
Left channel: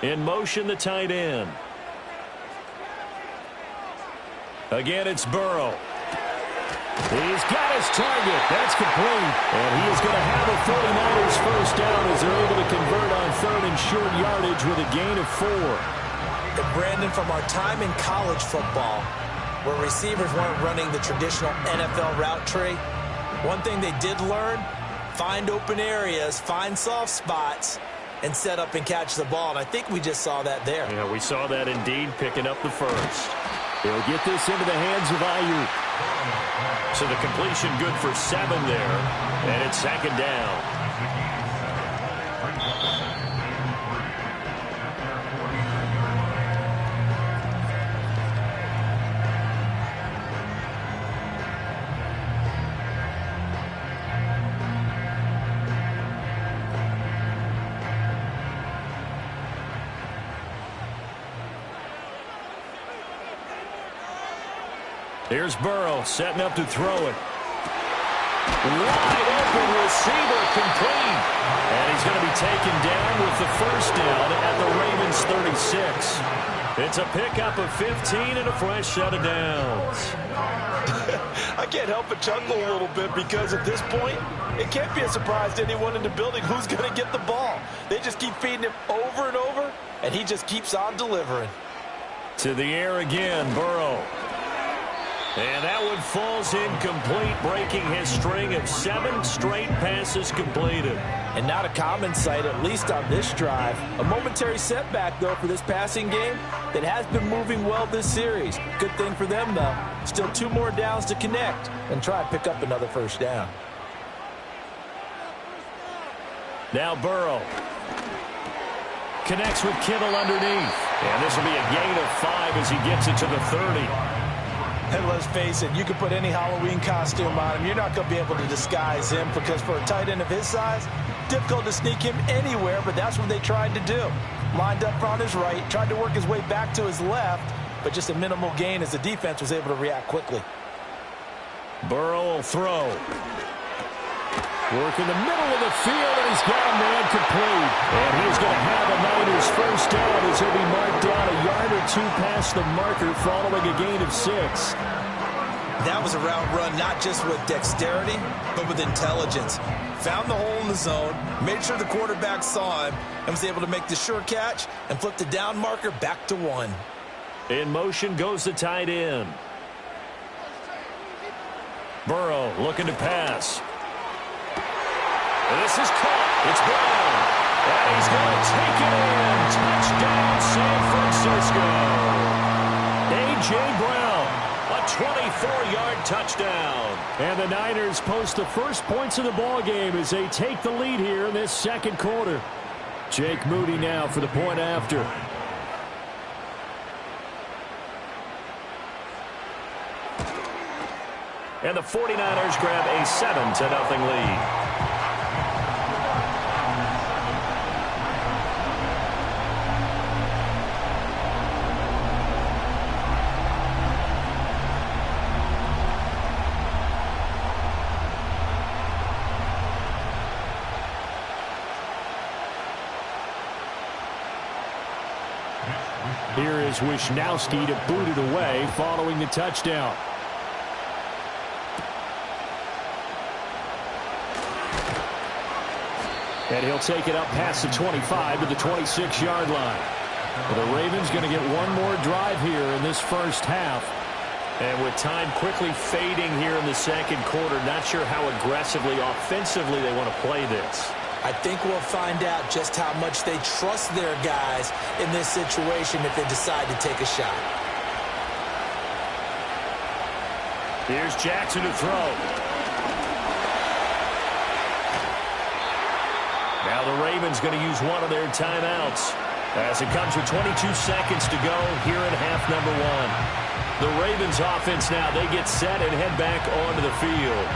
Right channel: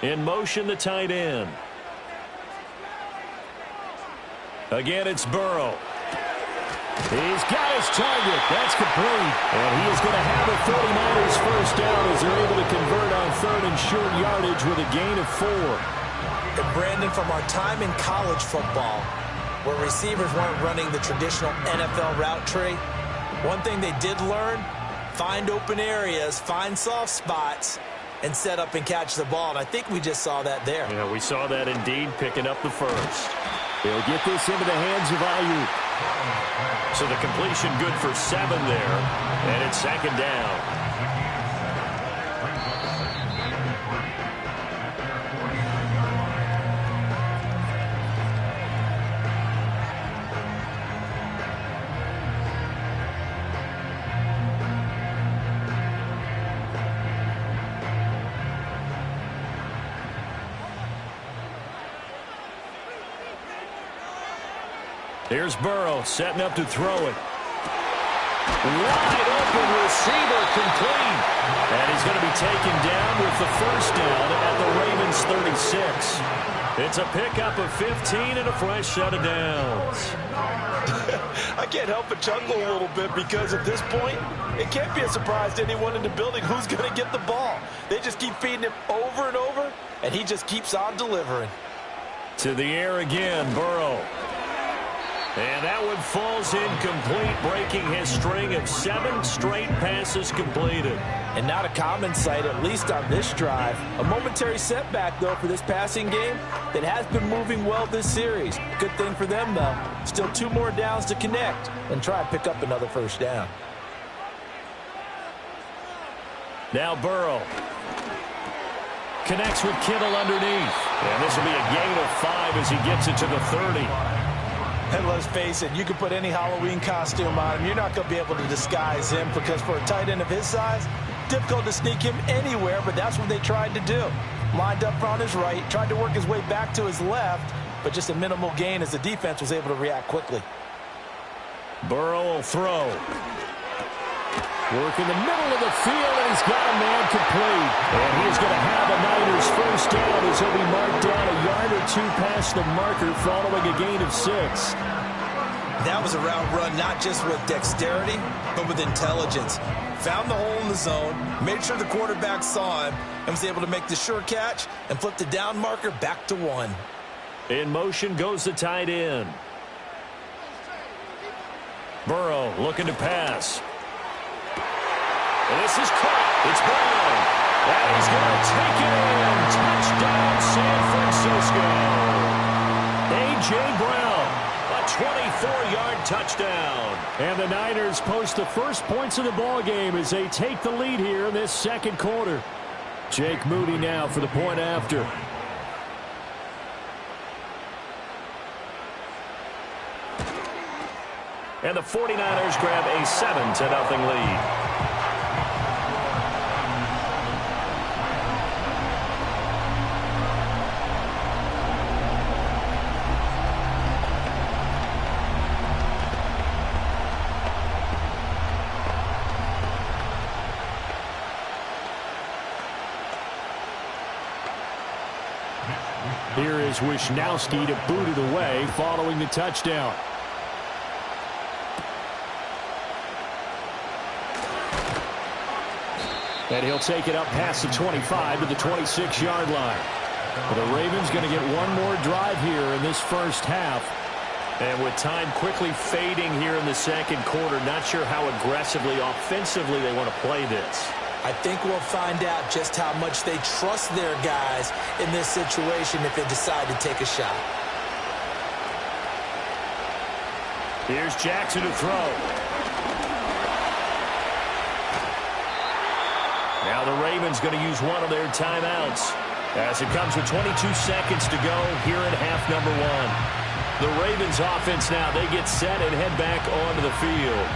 In motion, the tight end. Again, it's Burrow. He's got his target. That's complete. And he is going to have a 49ers 1st down as they're able to convert on 3rd and short yardage with a gain of 4. And Brandon, from our time in college football, where receivers weren't running the traditional NFL route tree, one thing they did learn, find open areas, find soft spots, and set up and catch the ball. And I think we just saw that there. Yeah, we saw that indeed, picking up the first. He'll get this into the hands of Ayuk. So the completion good for 7 there, and it's 2nd down. Here's Burrow setting up to throw it. Wide open receiver, complete. And he's going to be taken down with the first down at the Ravens 36. It's a pickup of 15 and a fresh set of downs. I can't help but chuckle a little bit because at this point, it can't be a surprise to anyone in the building who's going to get the ball. They just keep feeding him over and over, and he just keeps on delivering. To the air again, Burrow. And that one falls incomplete, breaking his string of 7 straight passes completed. And not a common sight, at least on this drive. A momentary setback, though, for this passing game that has been moving well this series. Good thing for them, though. Still 2 more downs to connect and try and pick up another first down. Now Burrow connects with Kittle underneath. And this will be a gain of 5 as he gets it to the 30. And let's face it, you can put any Halloween costume on him. You're not going to be able to disguise him because for a tight end of his size, difficult to sneak him anywhere, but that's what they tried to do. Lined up on his right, tried to work his way back to his left, but just a minimal gain as the defense was able to react quickly. Burrow will throw. Work in the middle of the field, and he's got a man complete. And he's going to have a Niners first down as he'll be marked down a yard or 2 past the marker following a gain of 6. That was a route run not just with dexterity, but with intelligence. Found the hole in the zone, made sure the quarterback saw him, and was able to make the sure catch and flip the down marker back to 1. In motion goes the tight end. Burrow looking to pass. And this is caught. It's Brown. And he's going to take it in. Touchdown, San Francisco. A.J. Brown, a 24-yard touchdown. And the Niners post the first points of the ball game as they take the lead here in this second quarter. Jake Moody now for the point after. And the 49ers grab a 7-0 lead. Here is Wisnowski to boot it away following the touchdown. And he'll take it up past the 25 to the 26-yard line. The Ravens going to get one more drive here in this first half. And with time quickly fading here in the second quarter, not sure how aggressively, offensively they want to play this. I think we'll find out just how much they trust their guys in this situation if they decide to take a shot. Here's Jackson to throw. Now the Ravens going to use one of their timeouts as it comes with 22 seconds to go here in half number 1. The Ravens offense now, they get set and head back onto the field.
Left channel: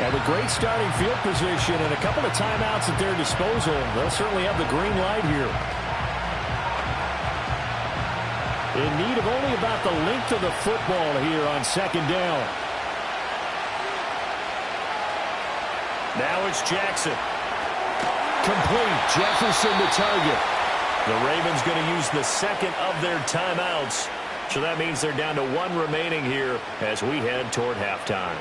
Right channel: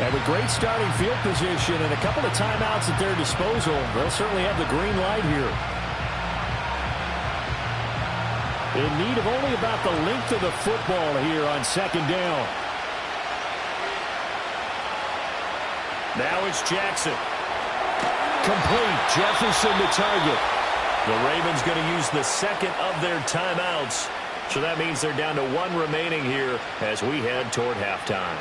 And with great starting field position and a couple of timeouts at their disposal, they'll certainly have the green light here. In need of only about the length of the football here on second down. Now it's Jackson. Complete. Jefferson the target. The Ravens going to use the second of their timeouts. So that means they're down to 1 remaining here as we head toward halftime.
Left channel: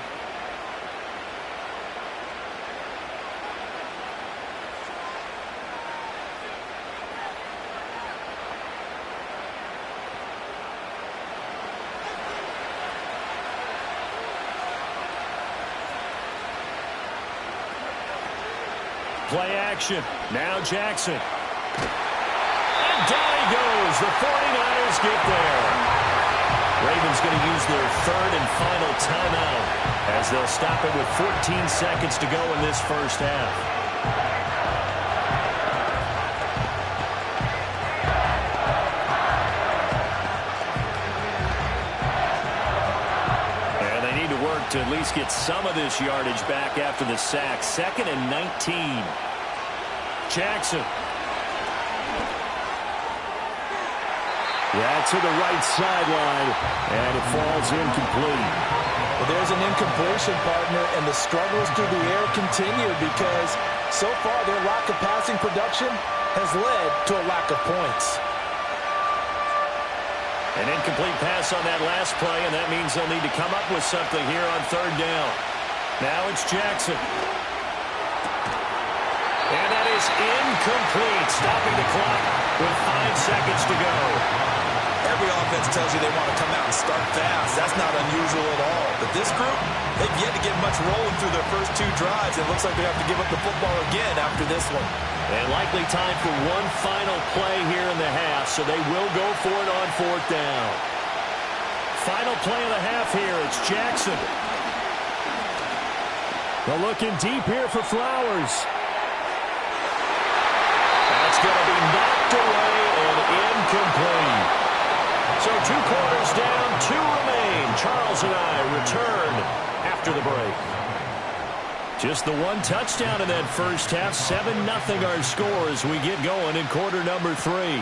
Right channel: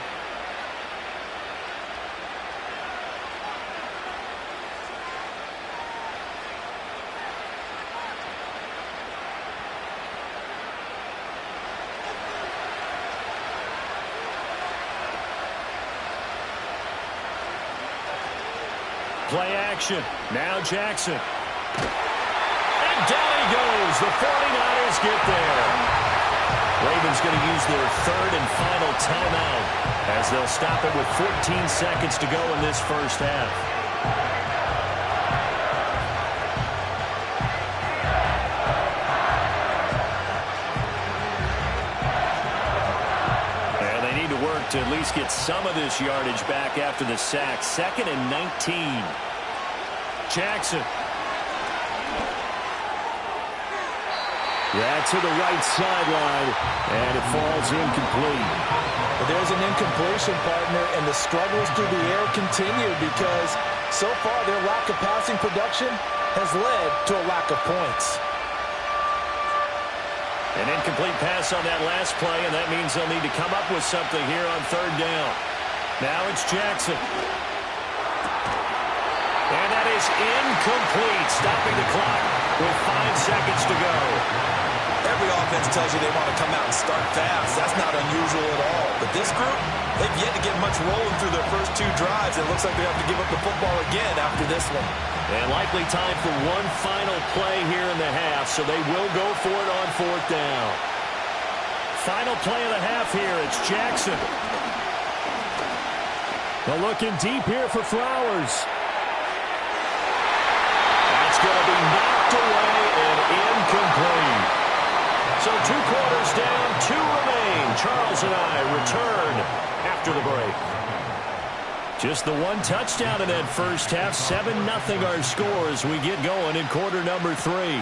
play action. Now Jackson. And down he goes. The 49ers get there. Ravens going to use their third and final timeout as they'll stop it with 14 seconds to go in this first half. And they need to work to at least get some of this yardage back after the sack. 2nd and 19. Jackson. That to the right sideline, and it falls incomplete. Well, there's an incompletion, partner, and the struggles through the air continue because so far their lack of passing production has led to a lack of points. An incomplete pass on that last play, and that means they'll need to come up with something here on 3rd down. Now it's Jackson. And that is incomplete, stopping the clock with 5 seconds to go. Every offense tells you they want to come out and start fast. That's not unusual at all. But this group, they've yet to get much rolling through their first 2 drives. It looks like they have to give up the football again after this one. And likely time for one final play here in the half, so they will go for it on 4th down. Final play of the half here. It's Jackson. They're looking deep here for Flowers. That's going to be knocked away and incomplete. So 2 quarters down, 2 remain. Charles and I return after the break. Just the 1 touchdown in that first half. 7-0 our score as we get going in quarter number 3.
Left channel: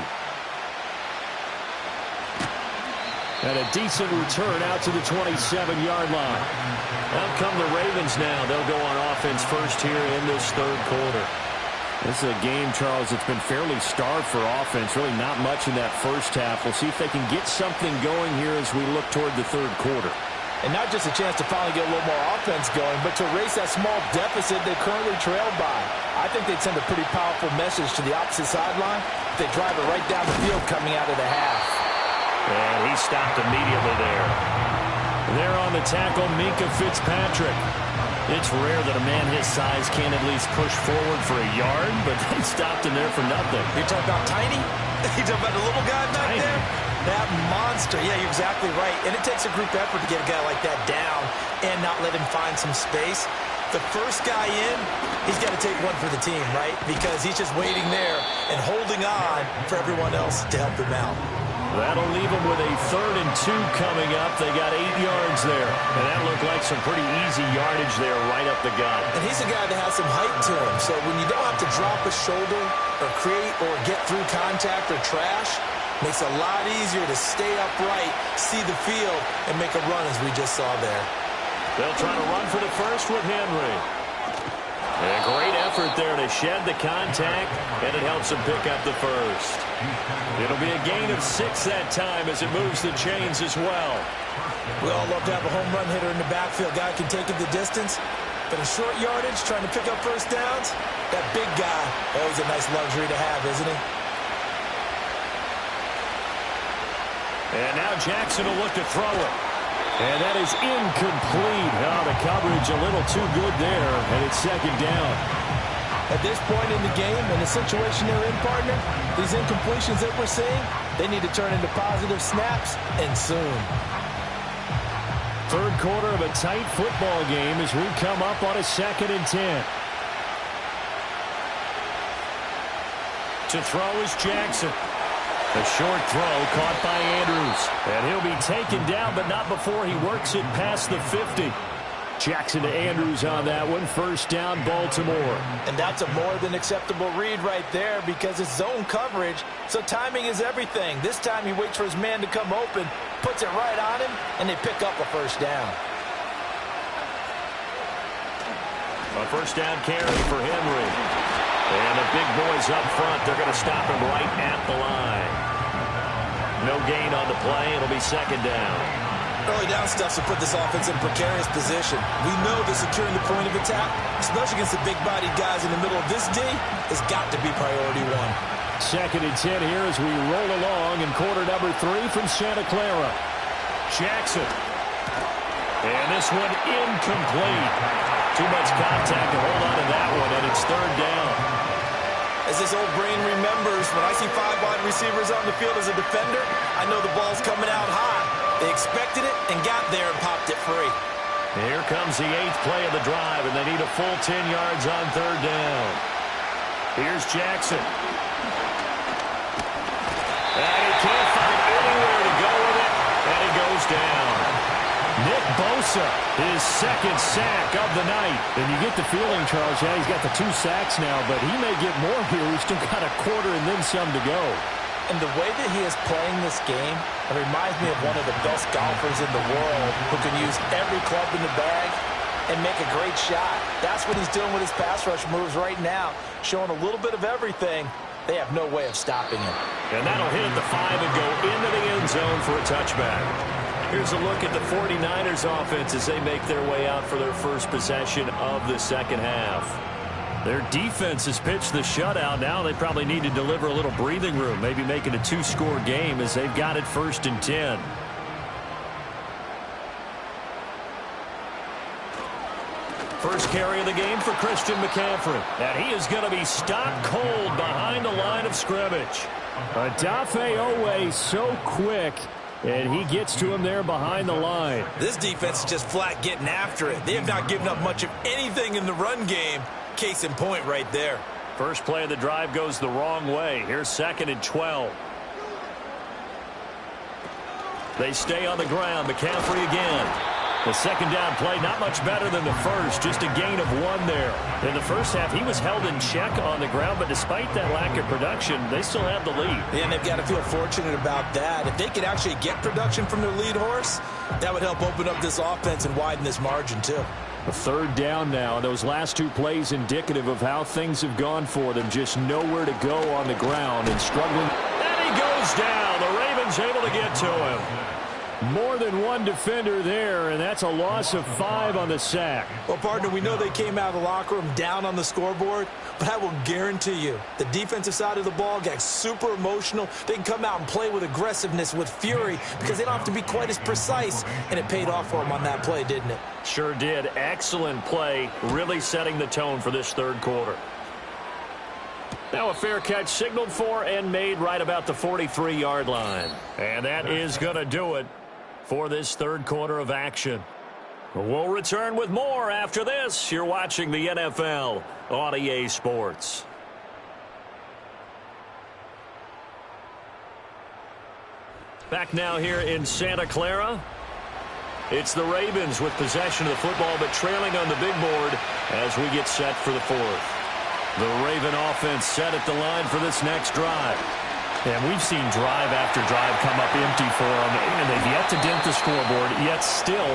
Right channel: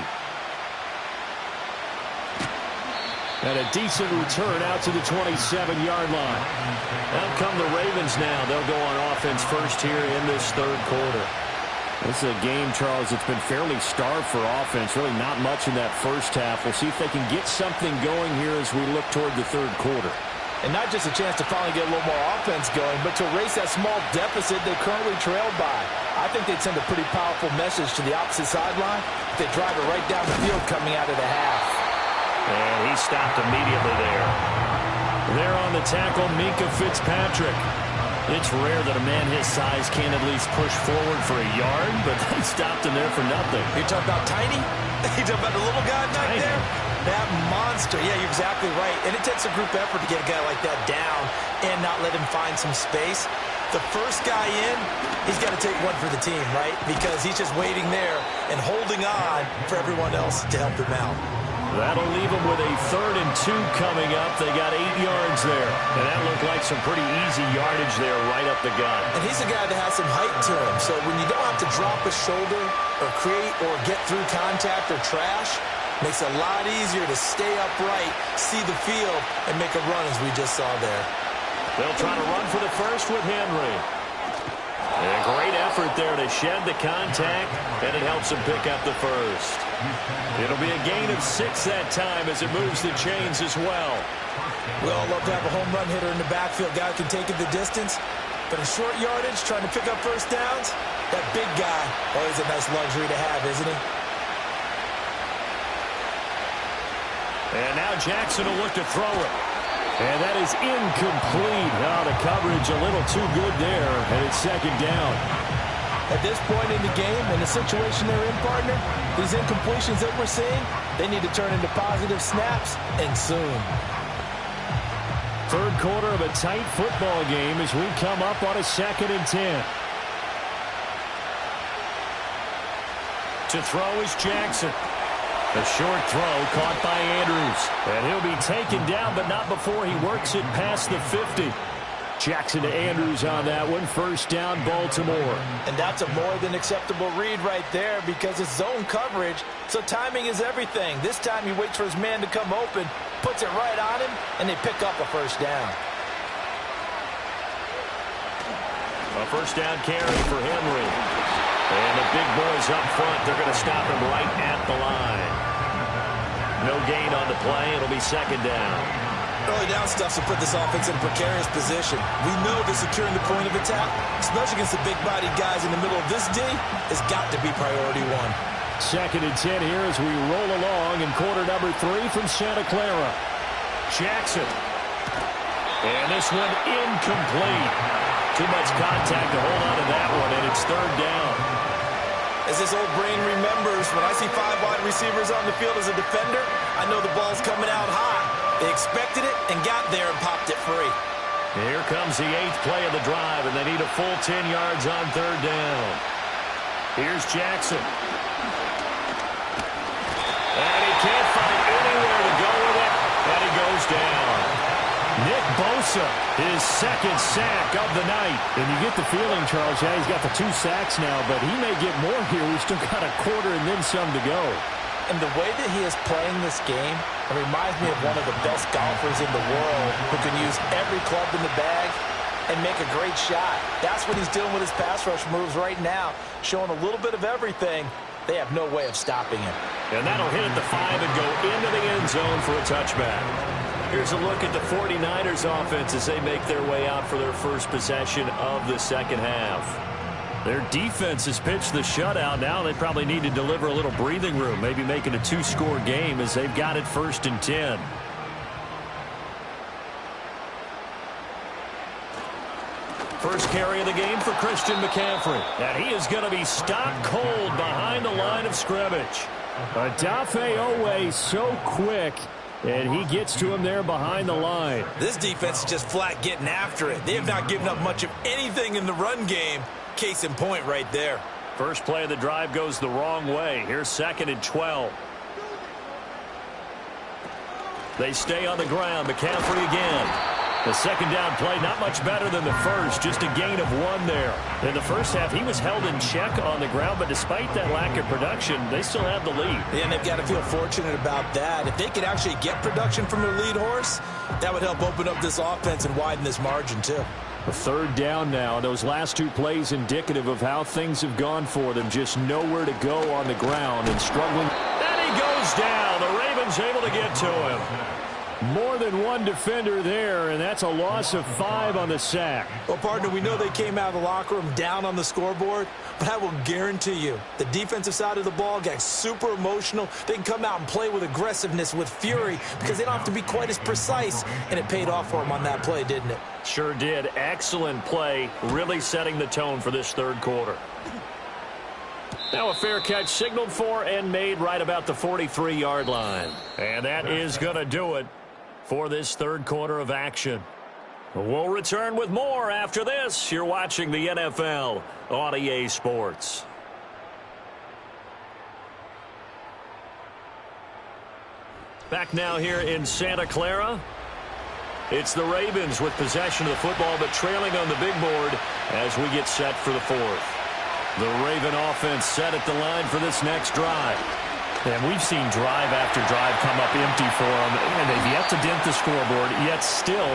And a decent return out to the 27-yard line. Out come the Ravens now. They'll go on offense first here in this 3rd quarter. This is a game, Charles, that's been fairly starved for offense. Really not much in that first half. We'll see if they can get something going here as we look toward the 3rd quarter. And not just a chance to finally get a little more offense going, but to erase that small deficit they currently trailed by. I think they'd send a pretty powerful message to the opposite sideline if they drive it right down the field coming out of the half. And he stopped immediately there. There on the tackle, Minkah Fitzpatrick. It's rare that a man his size can't at least push forward for a yard, but they stopped him there for nothing. You're talking about tiny? You're talking about the little guy back there? That monster. Yeah, you're exactly right. And it takes a group effort to get a guy like that down and not let him find some space. The first guy in, he's got to take one for the team, right? Because he's just waiting there and holding on for everyone else to help him out. That'll leave them with a 3rd and 2 coming up. They got 8 yards there. And that looked like some pretty easy yardage there right up the gut. And he's a guy that has some height to him. So when you don't have to drop a shoulder or create or get through contact or trash, makes it a lot easier to stay upright, see the field, and make a run as we just saw there. They'll try to run for the first with Henry. And a great effort there to shed the contact, and it helps him pick up the first. It'll be a gain of 6 that time as it moves the chains as well. We all love to have a home run hitter in the backfield. Guy can take it the distance. But in short yardage, trying to pick up first downs, that big guy, always a nice luxury to have, isn't he? And now Jackson will look to throw it. And that is incomplete. Oh, the coverage a little too good there, and it's 2nd down. At this point in the game, in the situation they're in, partner, these incompletions that we're seeing, they need to turn into positive snaps, and soon. 3rd quarter of a tight football game as we come up on a 2nd and 10. To throw is Jackson. A short throw caught by Andrews. And he'll be taken down, but not before he works it past the 50. Jackson to Andrews on that one. 1st down, Baltimore. And that's a more than acceptable read right there because it's zone coverage, so timing is everything. This time he waits for his man to come open, puts it right on him, and they pick up a 1st down. A 1st down carry for Henry. And the big boys up front, they're going to stop him right at the line. No gain on the play. It'll be 2nd down. Early down stuff to put this offense in a precarious position. We know that securing the point of attack, especially against the big-bodied guys in the middle of this D, has got to be priority 1. 2nd and 10 here as we roll along in quarter number 3 from Santa Clara. Jackson. And this one incomplete. Too much contact to hold on to that one, and it's third down. As this old brain remembers, when I see 5 wide receivers on the field as a defender, I know the ball's coming out high. They expected it and got there and popped it free. Here comes the 8th play of the drive, and they need a full 10 yards on third down. Here's Jackson. And he can't find anywhere to go with it, and he goes down. Nick Bosa, his second sack of the night. And you get the feeling, Charles, yeah, he's got the 2 sacks now, but he may get more here. We've still got a quarter and then some to go. And the way that he is playing this game, it reminds me of one of the best golfers in the world who can use every club in the bag and make a great shot. That's what he's doing with his pass rush moves right now, showing a little bit of everything. They have no way of stopping him. And that'll hit at the 5 and go into the end zone for a touchback. Here's a look at the 49ers offense as they make their way out for their first possession of the second half. Their defense has pitched the shutout. Now they probably need to deliver a little breathing room, maybe make it a 2-score game as they've got it 1st and 10. First carry of the game for Christian McCaffrey. And he is going to be stopped cold behind the line of scrimmage. Odafe Oweh so quick, and he gets to him there behind the line. This defense is just flat getting after it. They have not given up much of anything in the run game. Case in point right there. First play of the drive goes the wrong way. Here's 2nd and 12. They stay on the ground. McCaffrey again. The second down play, not much better than the first, just a gain of 1 there. In the first half, he was held in check on the ground, but despite that lack of production, they still have the lead. Yeah, and they've got to feel fortunate about that. If they could actually get production from their lead horse, that would help open up this offense and widen this margin, too. A third down now. Those last 2 plays indicative of how things have gone for them. Just nowhere to go on the ground and struggling. And he goes down. The Ravens able to get to him. More than 1 defender there, and that's a loss of 5 on the sack. Well, partner, we know they came out of the locker room down on the scoreboard, but I will guarantee you the defensive side of the ball got super emotional. They can come out and play with aggressiveness, with fury, because they don't have to be quite as precise, and it paid off for them on that play, didn't it? Sure did. Excellent play, really setting the tone for this third quarter. Now a fair catch signaled for and made right about the 43-yard line. And that is going to do it for this third quarter of action. We'll return with more after this. You're watching the NFL on EA Sports. Back now here in Santa Clara. It's the Ravens with possession of the football, but trailing on the big board as we get set for the 4th. The Raven offense set at the line for this next drive. And we've seen drive after drive come up empty for them, and they've yet to dent the scoreboard, yet still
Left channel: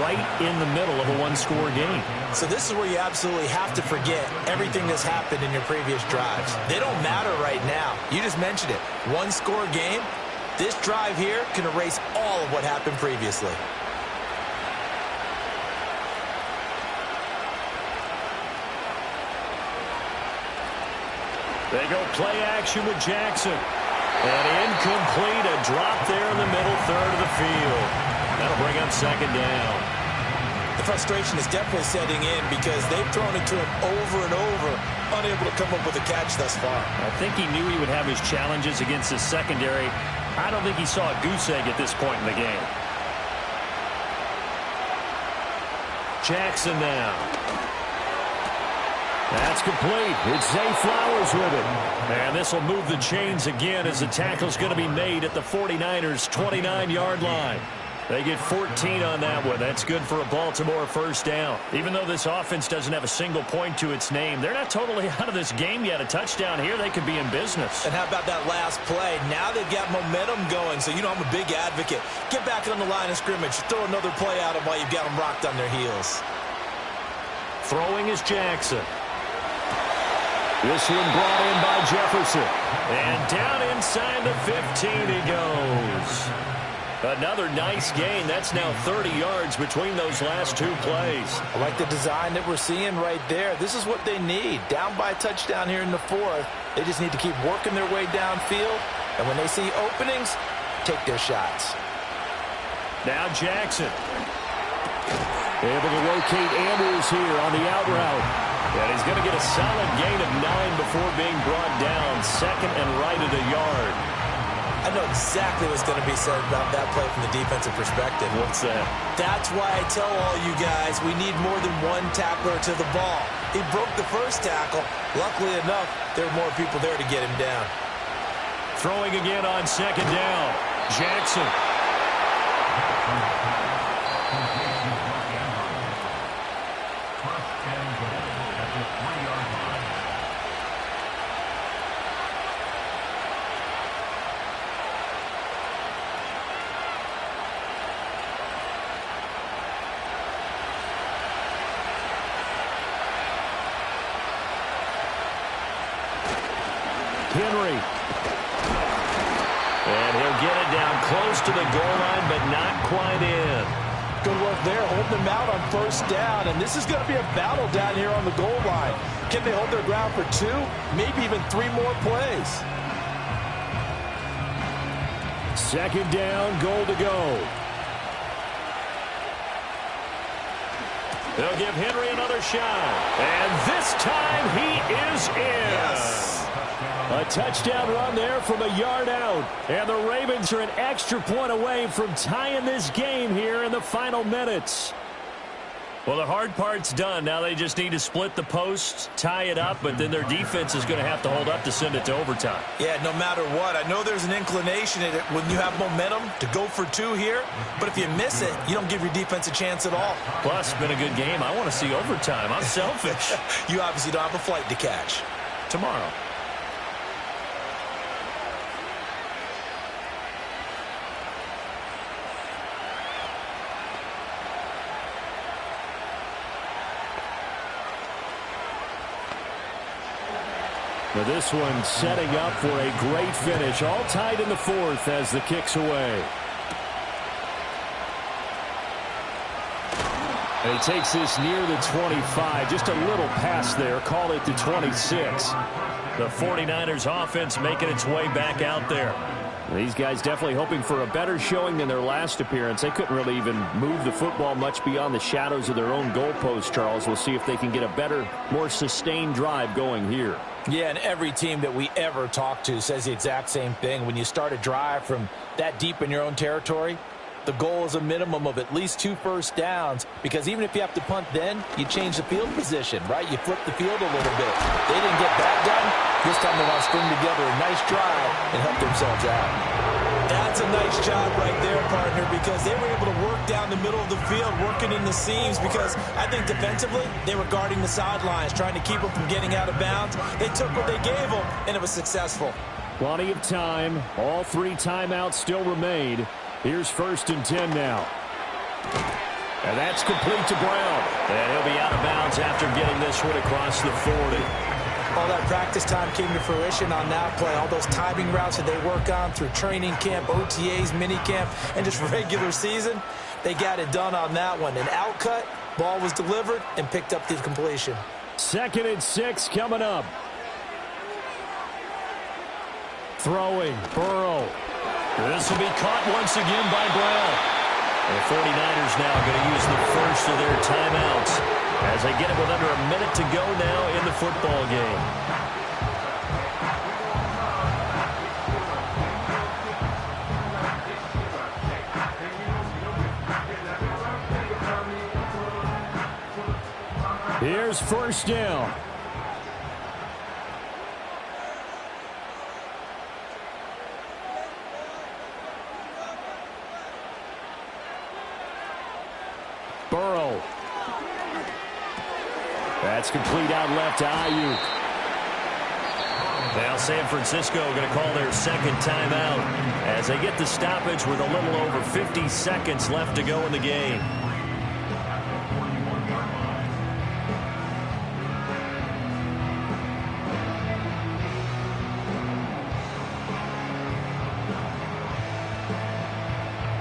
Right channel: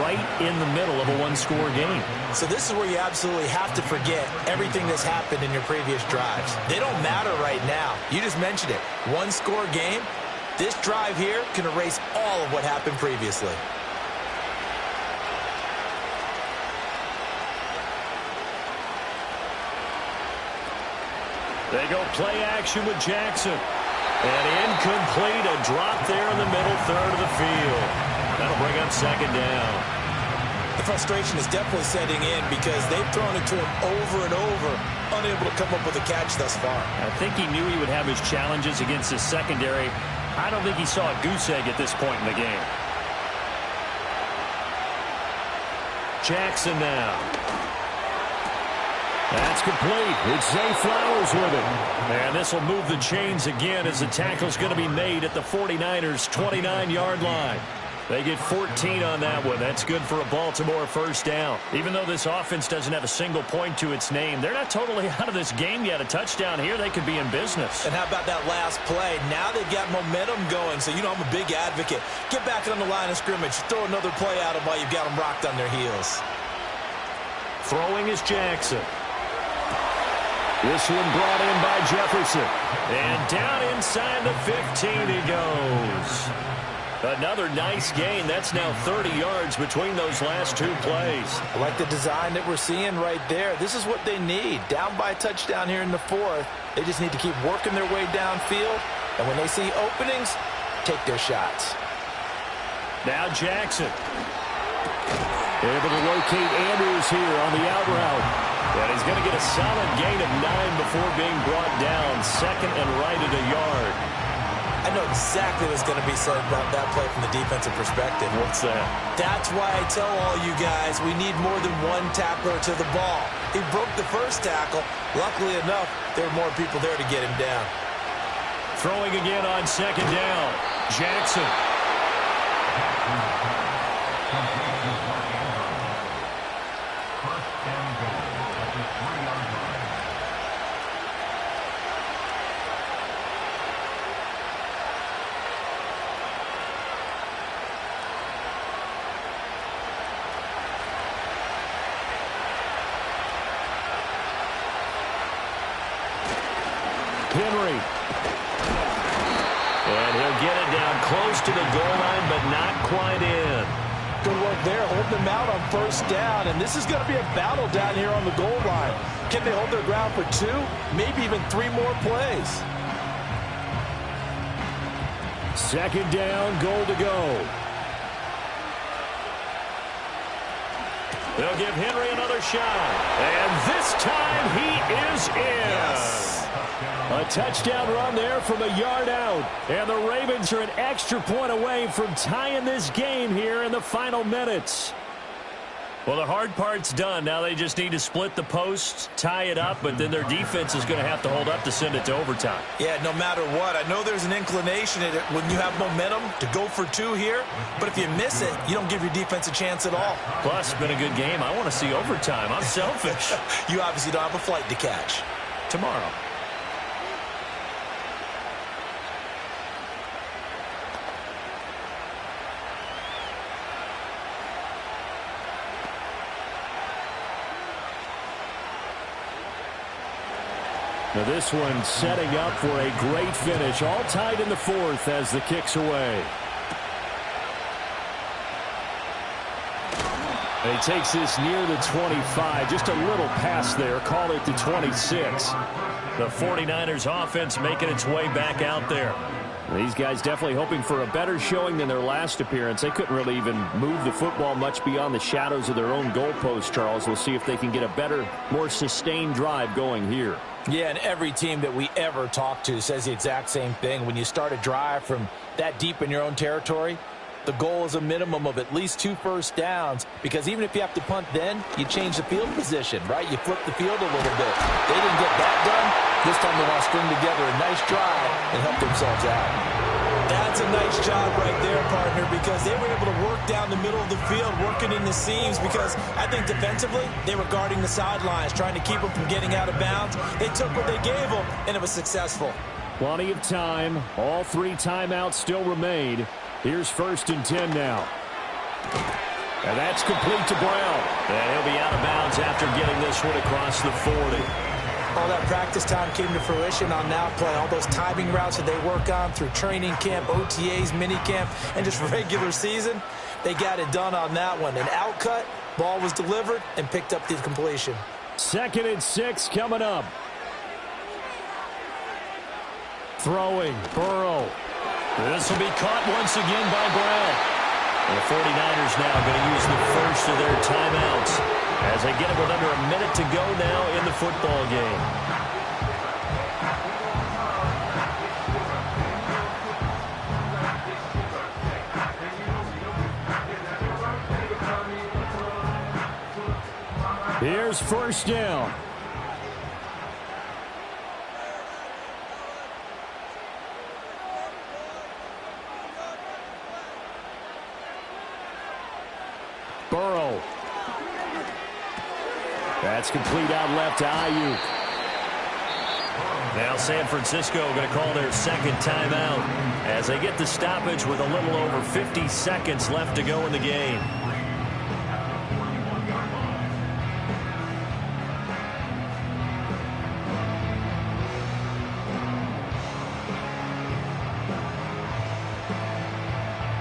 right in the middle of a 1-score game. So this is where you absolutely have to forget everything that's happened in your previous drives. They don't matter right now. You just mentioned it. 1-score game. This drive here can erase all of what happened previously. They go play action with Jackson. And incomplete, a drop there in the middle third of the field. That'll bring up 2nd down. The frustration is definitely setting in because they've thrown it to him over and over, unable to come up with a catch thus far. I think he knew he would have his challenges against his secondary. I don't think he saw a goose egg at this point in the game. Jackson now. That's complete. It's Zay Flowers with it. And this will move the chains again as the tackle's going to be made at the 49ers' 29-yard line. They get 14 on that one. That's good for a Baltimore first down. Even though this offense doesn't have a single point to its name, they're not totally out of this game yet. A touchdown here, they could be in business. And how about that last play? Now they've got momentum going, so you know I'm a big advocate. Get back on the line of scrimmage. Throw another play at them while you've got them rocked on their heels. Throwing is Jackson. This one brought in by Jefferson. And down inside the 15 he goes. Another nice gain. That's now 30 yards between those last 2 plays. I like the design that we're seeing right there. This is what they need. Down by a touchdown here in the 4th. They just need to keep working their way downfield. And when they see openings, take their shots. Now Jackson. Able to locate Andrews here on the out route. And he's going to get a solid gain of 9 before being brought down. Second and right at a yard. I know exactly what's going to be said about that play from the defensive perspective. What's that? That's why I tell all you guys we need more than one tackler to the ball. He broke the first tackle. Luckily enough, there were more people there to get him down. Throwing again on second down. Jackson. Henry. And he'll get it down close to the goal line, but not quite in. Good work there, holding them out on first down. And this is going to be a battle down here on the goal line. Can they hold their ground for 2, maybe even 3 more plays? Second down, goal to go. They'll give Henry another shot. And this time he is in. Yes. A touchdown run there from a yard out. And the Ravens are an extra point away from tying this game here in the final minutes. Well, the hard part's done. Now they just need to split the posts, tie it up, but then their defense is going to have to hold up to send it to overtime. Yeah, no matter what. I know there's an inclination in it when you have momentum to go for 2 here, but if you miss it, you don't give your defense a chance at all. Plus, it's been a good game. I want to see overtime. I'm selfish. You obviously don't have a flight to catch. Tomorrow. Now this one setting up for a great finish. All tied in the 4th as the kick's away. And he takes this near the 25. Just a little pass there. Call it the 26. The 49ers offense making its way back out there. These guys definitely hoping for a better showing than their last appearance. They couldn't really even move the football much beyond the shadows of their own goalpost, Charles. We'll see if they can get a better, more sustained drive going here. Yeah, and every team that we ever talk to says the exact same thing. When you start a drive from that deep in your own territory, the goal is a minimum of at least 2 first downs, because even if you have to punt then, you change the field position, right? You flip the field a little bit. They didn't get that done. This time they want to string together a nice drive and help themselves out. That's a nice job right there, partner, because they were able to work down the middle of the field, working in the seams, because I think defensively they were guarding the sidelines, trying to keep them from getting out of bounds. They took what they gave them, and it was successful. Plenty of time. All 3 timeouts still remain. Here's 1st and 10 now. And that's complete to Brown. And he'll be out of bounds after getting this one across the 40. All that practice time came to fruition on that play. All those timing routes that they work on through training camp, OTAs, minicamp, and just regular season, they got it done on that one. An outcut, ball was delivered, and picked up the completion. 2nd and 6 coming up. Throwing, Burrow. This will be caught once again by Brown. And the 49ers now going to use the first of their timeouts as they get it with under a minute to go now in the football game. Here's 1st down. Burrow. That's complete out left to Ayuk. Now San Francisco going to call their 2nd timeout as they get the stoppage with a little over 50 seconds left to go in the game.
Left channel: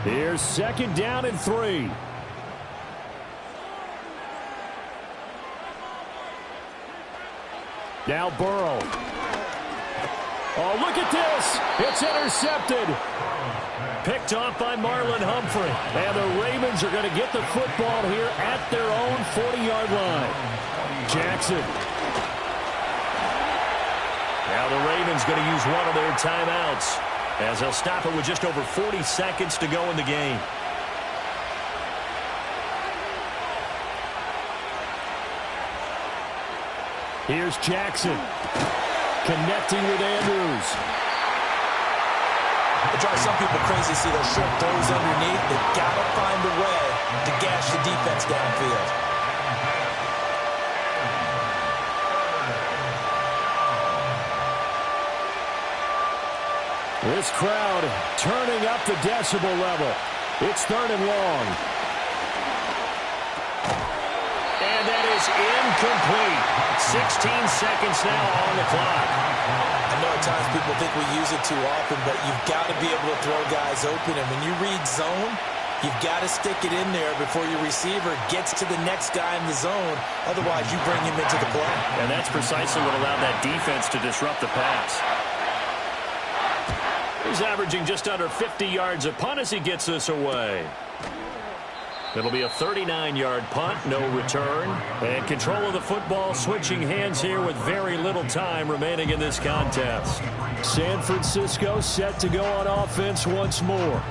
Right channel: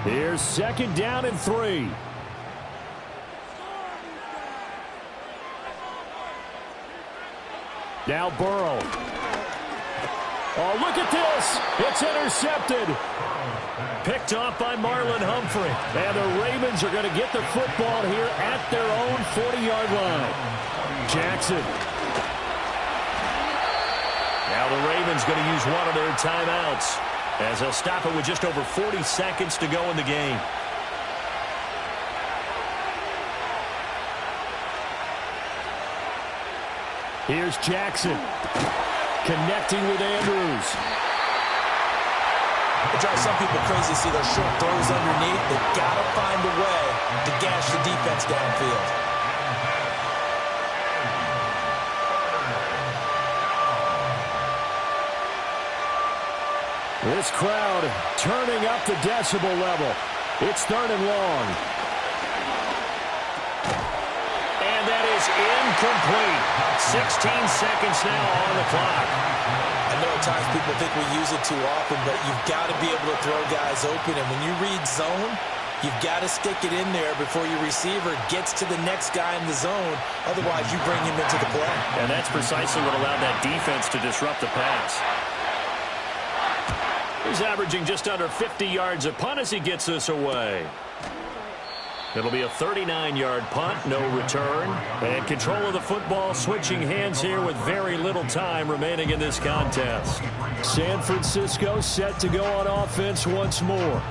Here's 2nd down and 3. Now Burrow. Oh, look at this. It's intercepted. picked off by Marlon Humphrey. And the Ravens are going to get the football here at their own 40-yard line. Jackson. Now the Ravens going to use one of their timeouts as they'll stop it with just over 40 seconds to go in the game. Here's Jackson connecting with Andrews. It drives some people crazy to see those short throws underneath. They've got to find a way to gash the defense downfield. This crowd turning up the decibel level. It's 3rd and long. And that is incomplete. 16 seconds now on the clock. I know at times people think we use it too often, but you've got to be able to throw guys open. And when you read zone, you've got to stick it in there before your receiver gets to the next guy in the zone. Otherwise, you bring him into the play. And that's precisely what allowed that defense to disrupt the pass. He's averaging just under 50 yards a punt as he gets this away. It'll be a 39-yard punt, no return. And control of the football switching hands here with very little time remaining in this contest. San Francisco set to go on offense once more.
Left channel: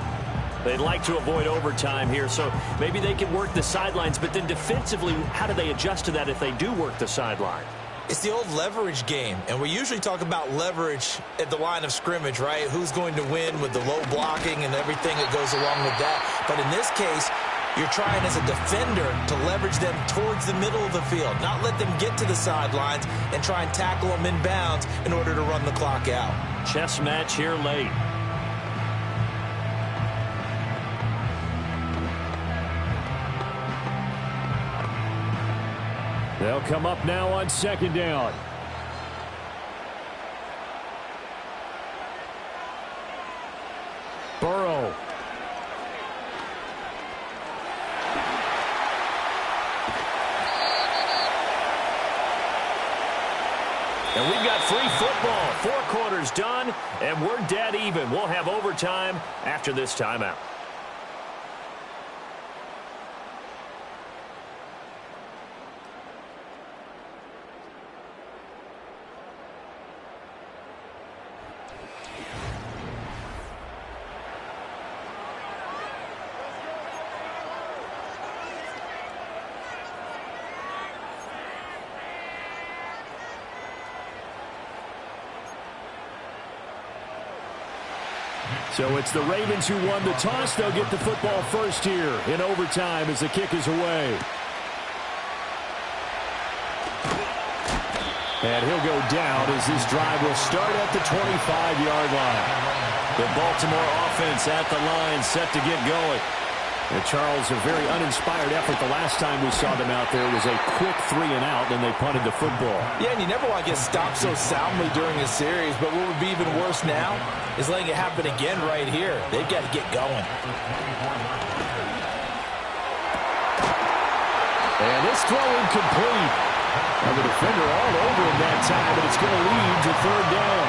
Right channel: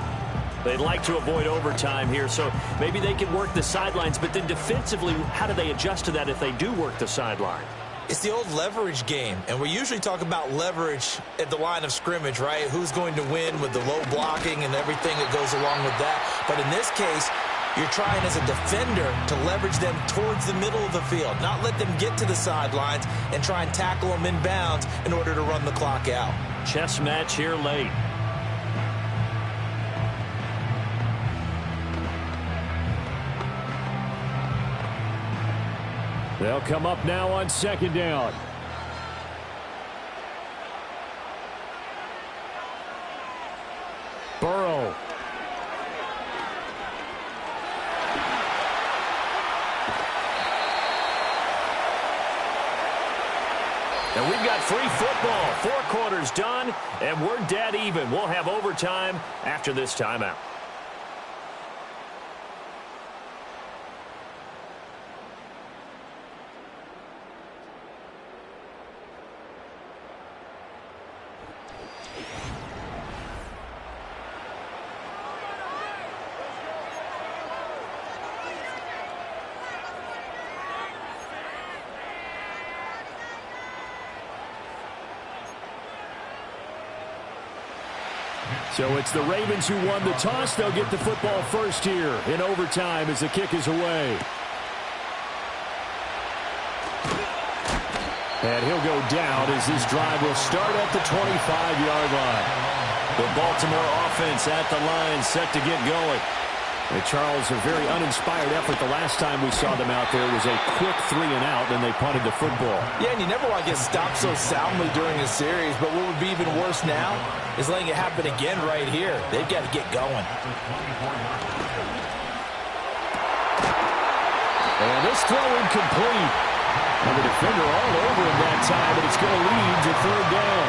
They'd like to avoid overtime here, so maybe they can work the sidelines, but then defensively, how do they adjust to that if they do work the sideline? It's the old leverage game, and we usually talk about leverage at the line of scrimmage, right? Who's going to win with the low blocking and everything that goes along with that. But in this case, you're trying as a defender to leverage them towards the middle of the field, not let them get to the sidelines and try and tackle them in bounds in order to run the clock out. Chess match here late. They'll come up now on 2nd down. Burrow. And we've got free football. 4 quarters done, and we're dead even. We'll have overtime after this timeout. So it's the Ravens who won the toss. They'll get the football first here in overtime as the kick is away. And he'll go down as this drive will start at the 25-yard line. The Baltimore offense at the line, set to get going. And Charles, a very uninspired effort. The last time we saw them out there was a quick 3-and-out, and they punted the football. Yeah, and you never want to get stopped so soundly during a series, but what would be even worse now is letting it happen again right here. They've got to get going. And this throw incomplete. And the defender all over him that time, but it's going to lead to 3rd down.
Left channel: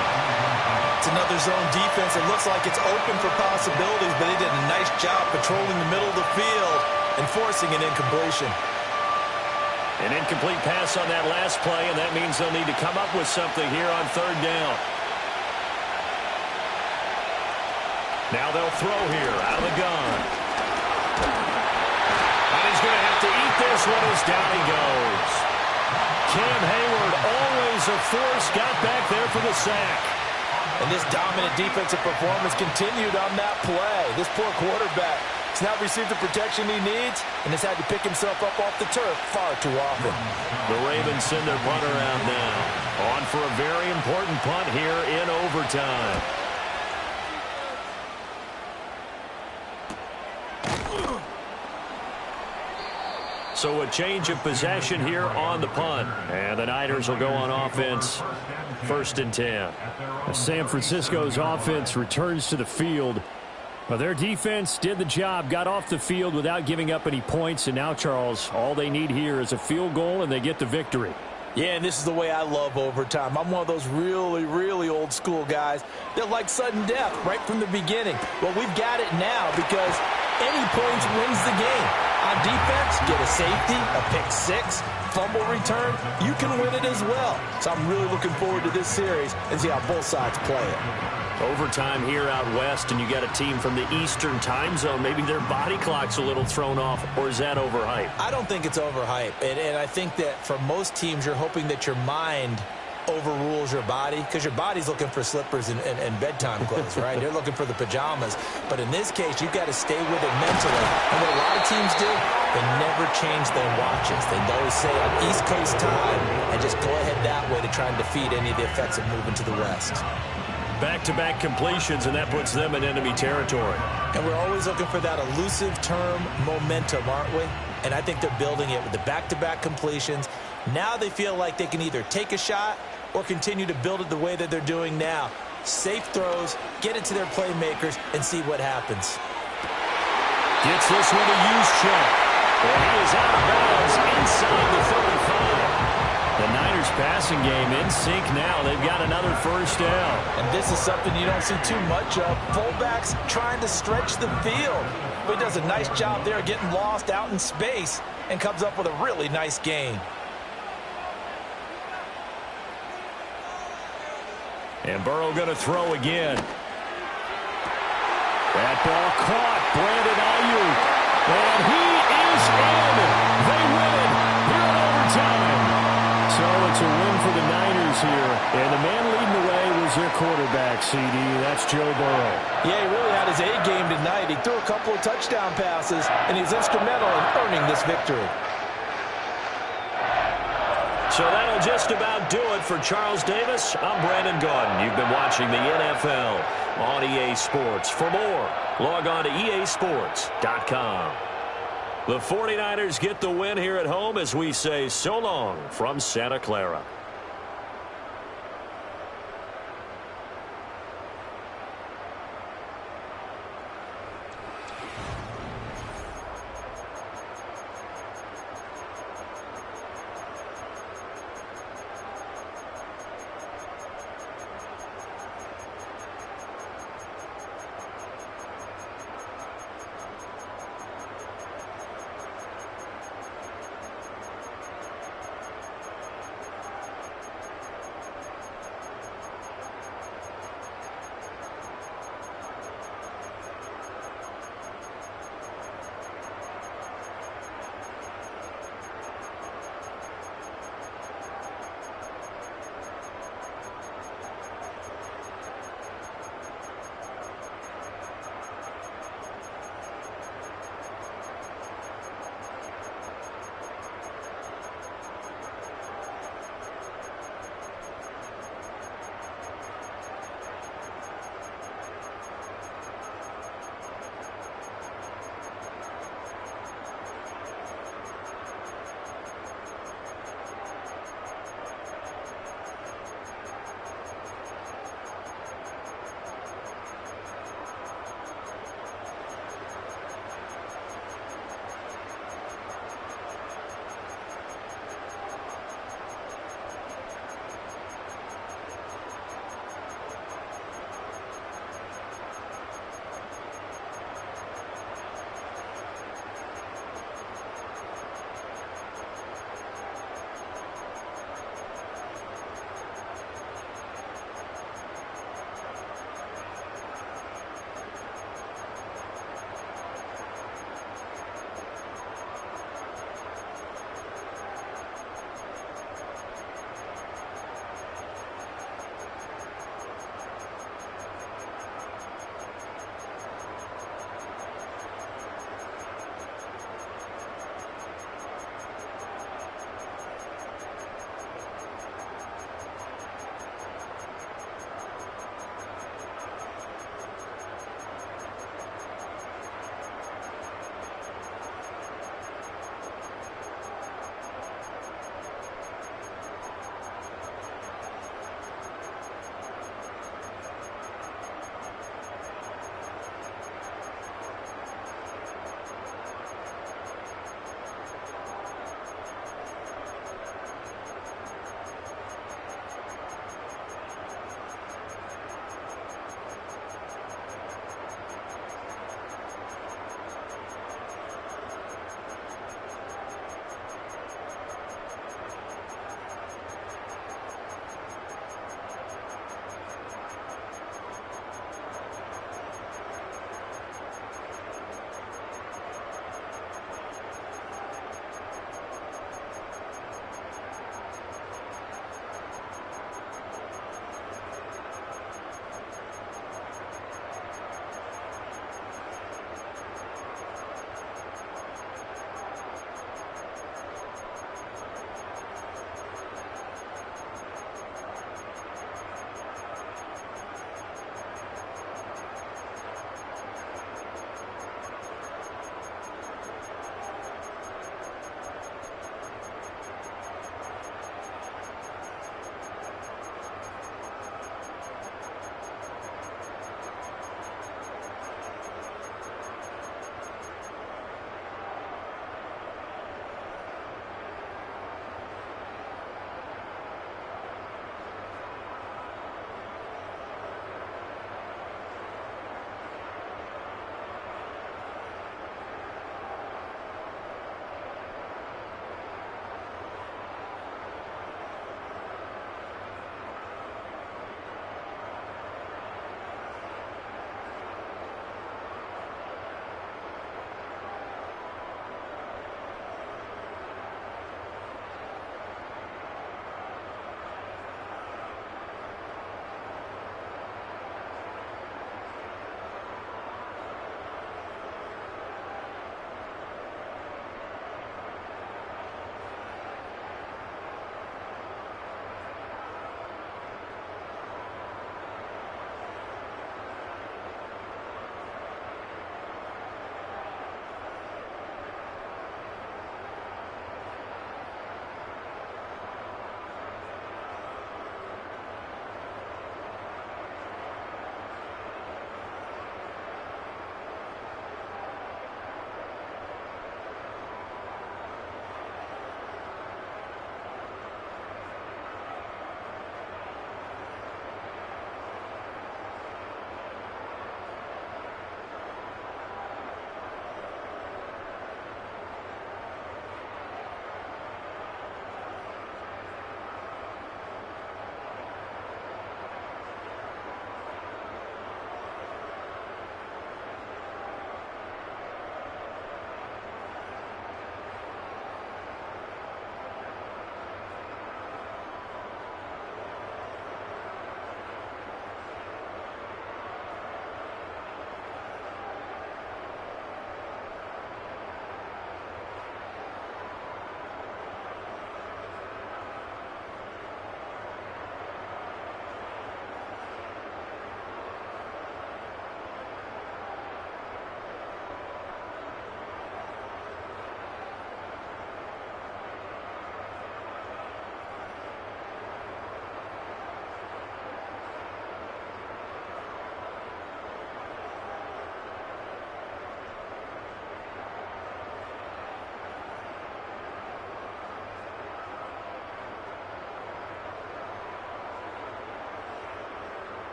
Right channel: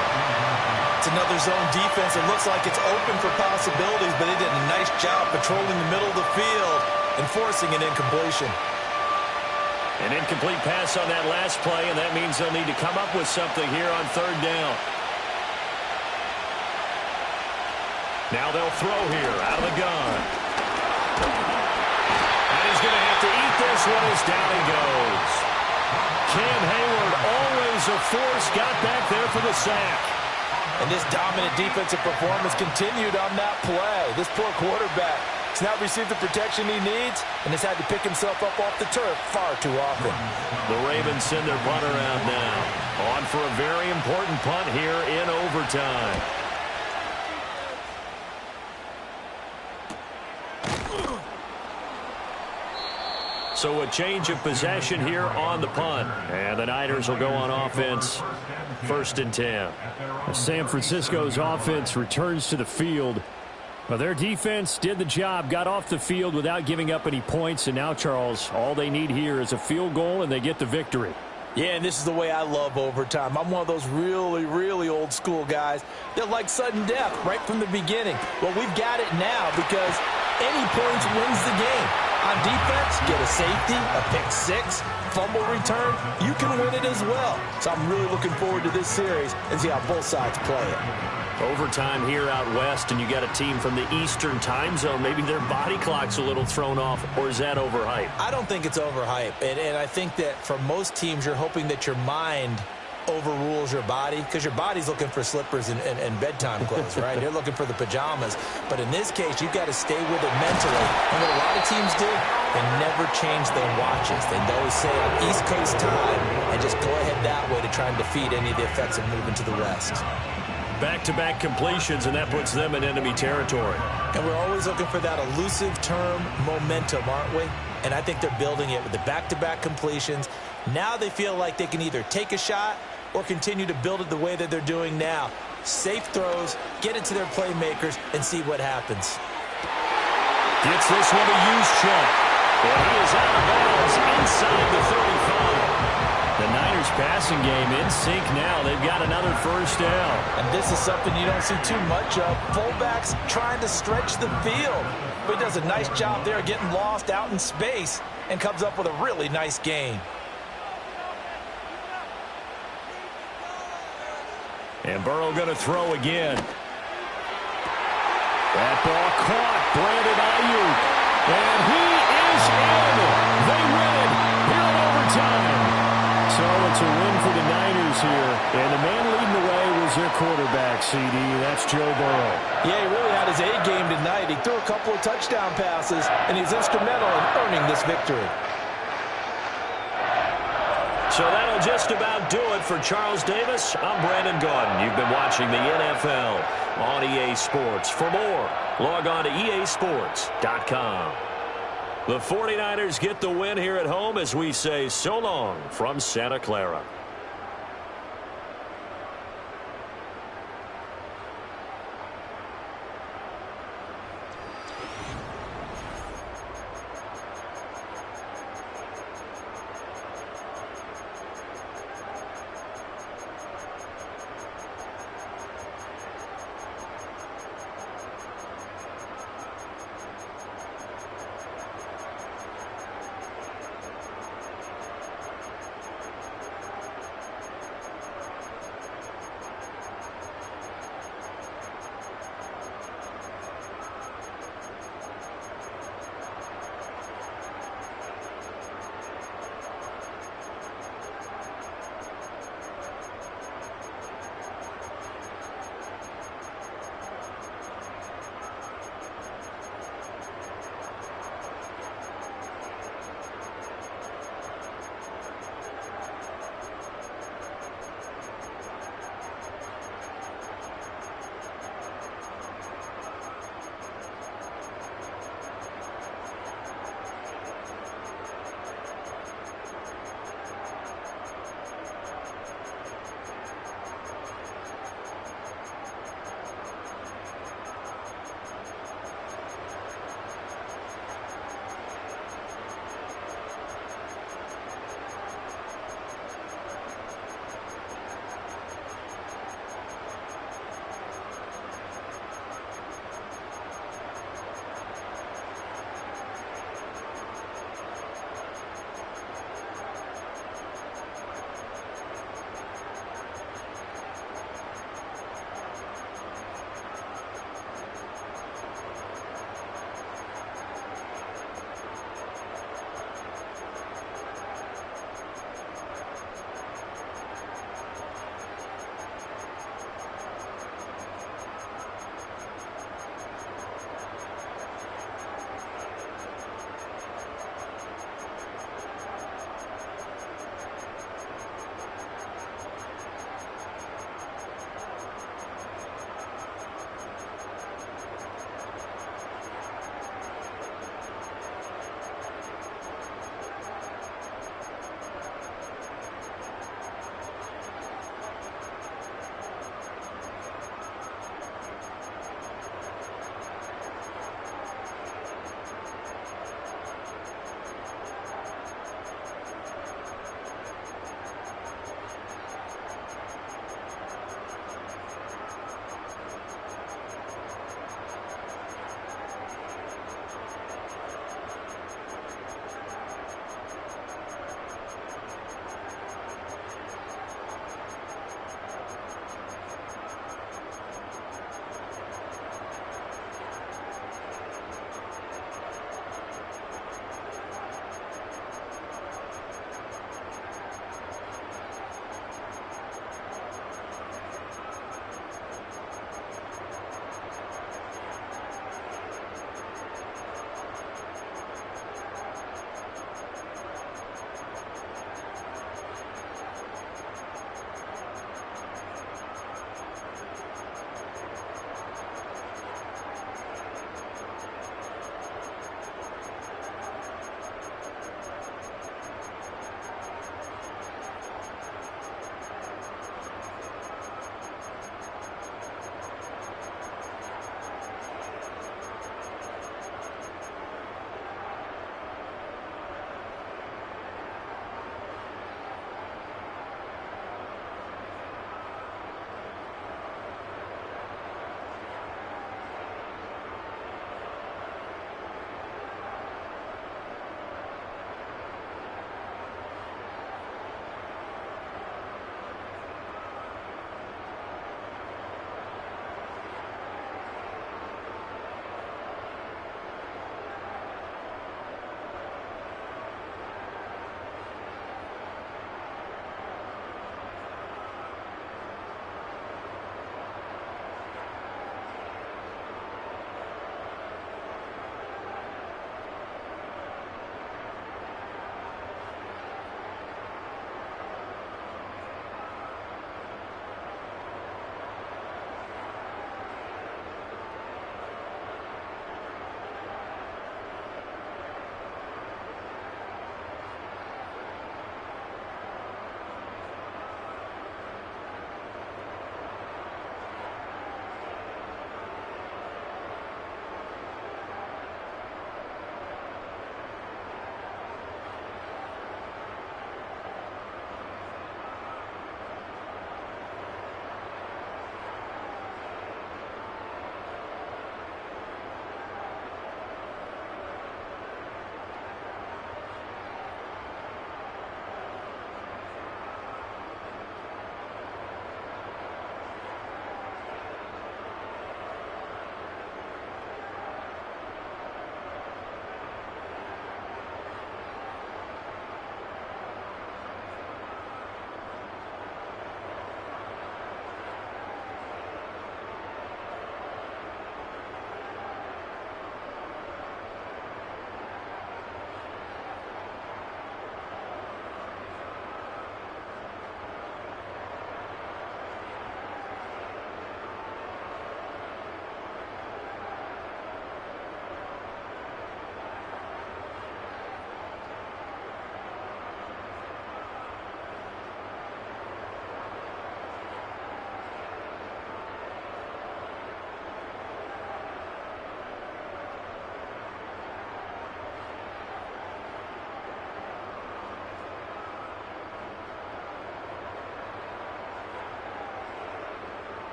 It's another zone defense. It looks like it's open for possibilities, but they did a nice job patrolling the middle of the field and forcing an incompletion. An incomplete pass on that last play, and that means they'll need to come up with something here on 3rd down. Now they'll throw here out of the gun. And he's going to have to eat this one as down he goes. Cam Hayward, always a force, got back there for the sack. And this dominant defensive performance continued on that play. This poor quarterback has not received the protection he needs and has had to pick himself up off the turf far too often. The Ravens send their punter out now. On for a very important punt here in overtime. So a change of possession here on the punt. And the Niners will go on offense. 1st and 10. San Francisco's offense returns to the field. Well, their defense did the job, got off the field without giving up any points. And now, Charles, all they need here is a field goal, and they get the victory. Yeah, and this is the way I love overtime. I'm one of those really, really old school guys that like sudden death right from the beginning. Well, we've got it now because any points wins the game. On defense, get a safety, a pick six, fumble return, you can win it as well. So I'm really looking forward to this series and see how both sides play it. Overtime here out west, and you got a team from the Eastern time zone. Maybe their body clock's a little thrown off, or is that overhyped? I don't think it's overhyped. And I think that for most teams, you're hoping that your mind overrules your body because your body's looking for slippers and bedtime clothes, right? They're looking for the pajamas. But in this case, you've got to stay with it mentally. And what a lot of teams do, they never change their watches. They always say on East Coast time and just go ahead that way to try and defeat any of the effects of moving to the West. Back-to-back completions, and that puts them in enemy territory. And we're always looking for that elusive term, momentum, aren't we? And I think they're building it with the back-to-back completions. Now they feel like they can either take a shot or continue to build it the way that they're doing now. Safe throws, get it to their playmakers, and see what happens. Gets this one to Juszczyk. And he is out of bounds inside the 35. The Niners passing game in sync now. They've got another first down. And this is something you don't see too much of. Fullbacks trying to stretch the field. But he does a nice job there getting lost out in space and comes up with a really nice gain. And Burrow going to throw again. That ball caught. Brandon Ayuk. And he is in. They win it here in overtime. So it's a win for the Niners here. And the man leading the way was their quarterback, CD. That's Joe Burrow. Yeah, he really had his A game tonight. He threw a couple of touchdown passes, and he's instrumental in earning this victory. So that'll just about do it for Charles Davis. I'm Brandon Gaudin. You've been watching the NFL on EA Sports. For more, log on to easports.com. The 49ers get the win here at home as we say so long from Santa Clara.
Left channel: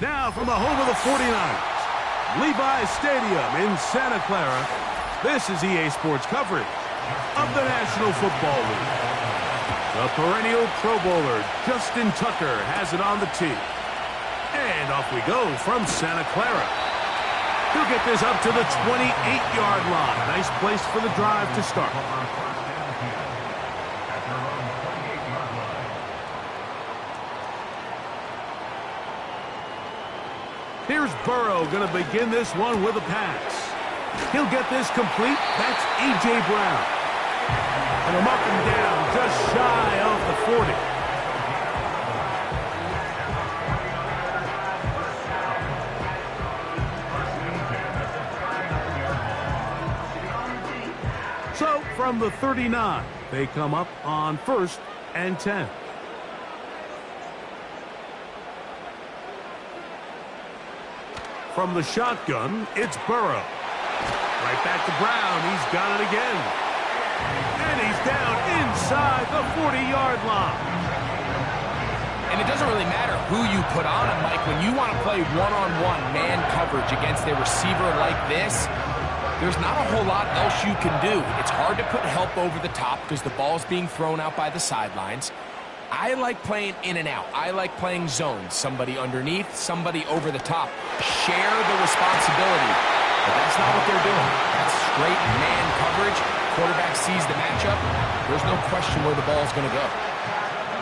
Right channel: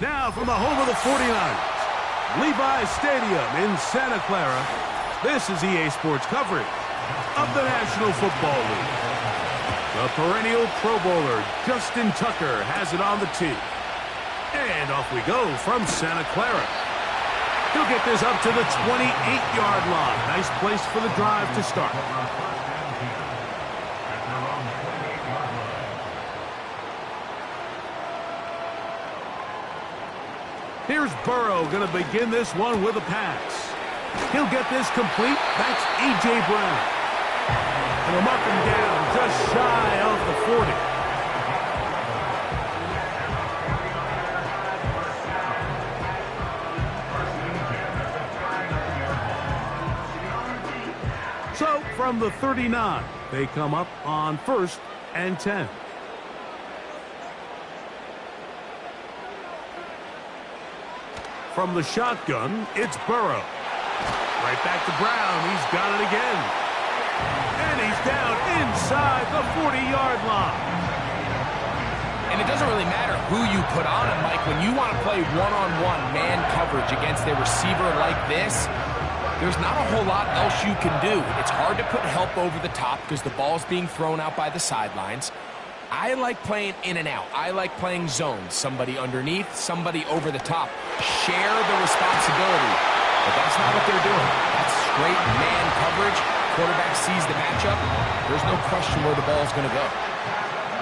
Now from the home of the 49ers, Levi's Stadium in Santa Clara, this is EA Sports coverage of the National Football League. The perennial Pro Bowler Justin Tucker has it on the tee. And off we go from Santa Clara. He'll get this up to the 28-yard line. Nice place for the drive to start. Here's Burrow going to begin this one with a pass. He'll get this complete. That's A.J. Brown. And he'll mark him down just shy of the 40. So from the 39, they come up on 1st and 10. From the shotgun, it's Burrow. Right back to Brown. He's got it again. And he's down inside the 40-yard line. And it doesn't really matter who you put on him, Mike. When you want to play one-on-one man coverage against a receiver like this, there's not a whole lot else you can do. It's hard to put help over the top because the ball's being thrown out by the sidelines. I like playing in and out. I like playing zones. Somebody underneath, somebody over the top. Share the responsibility. But that's not what they're doing. That's straight man coverage. Quarterback sees the matchup. There's no question where the ball's going to go.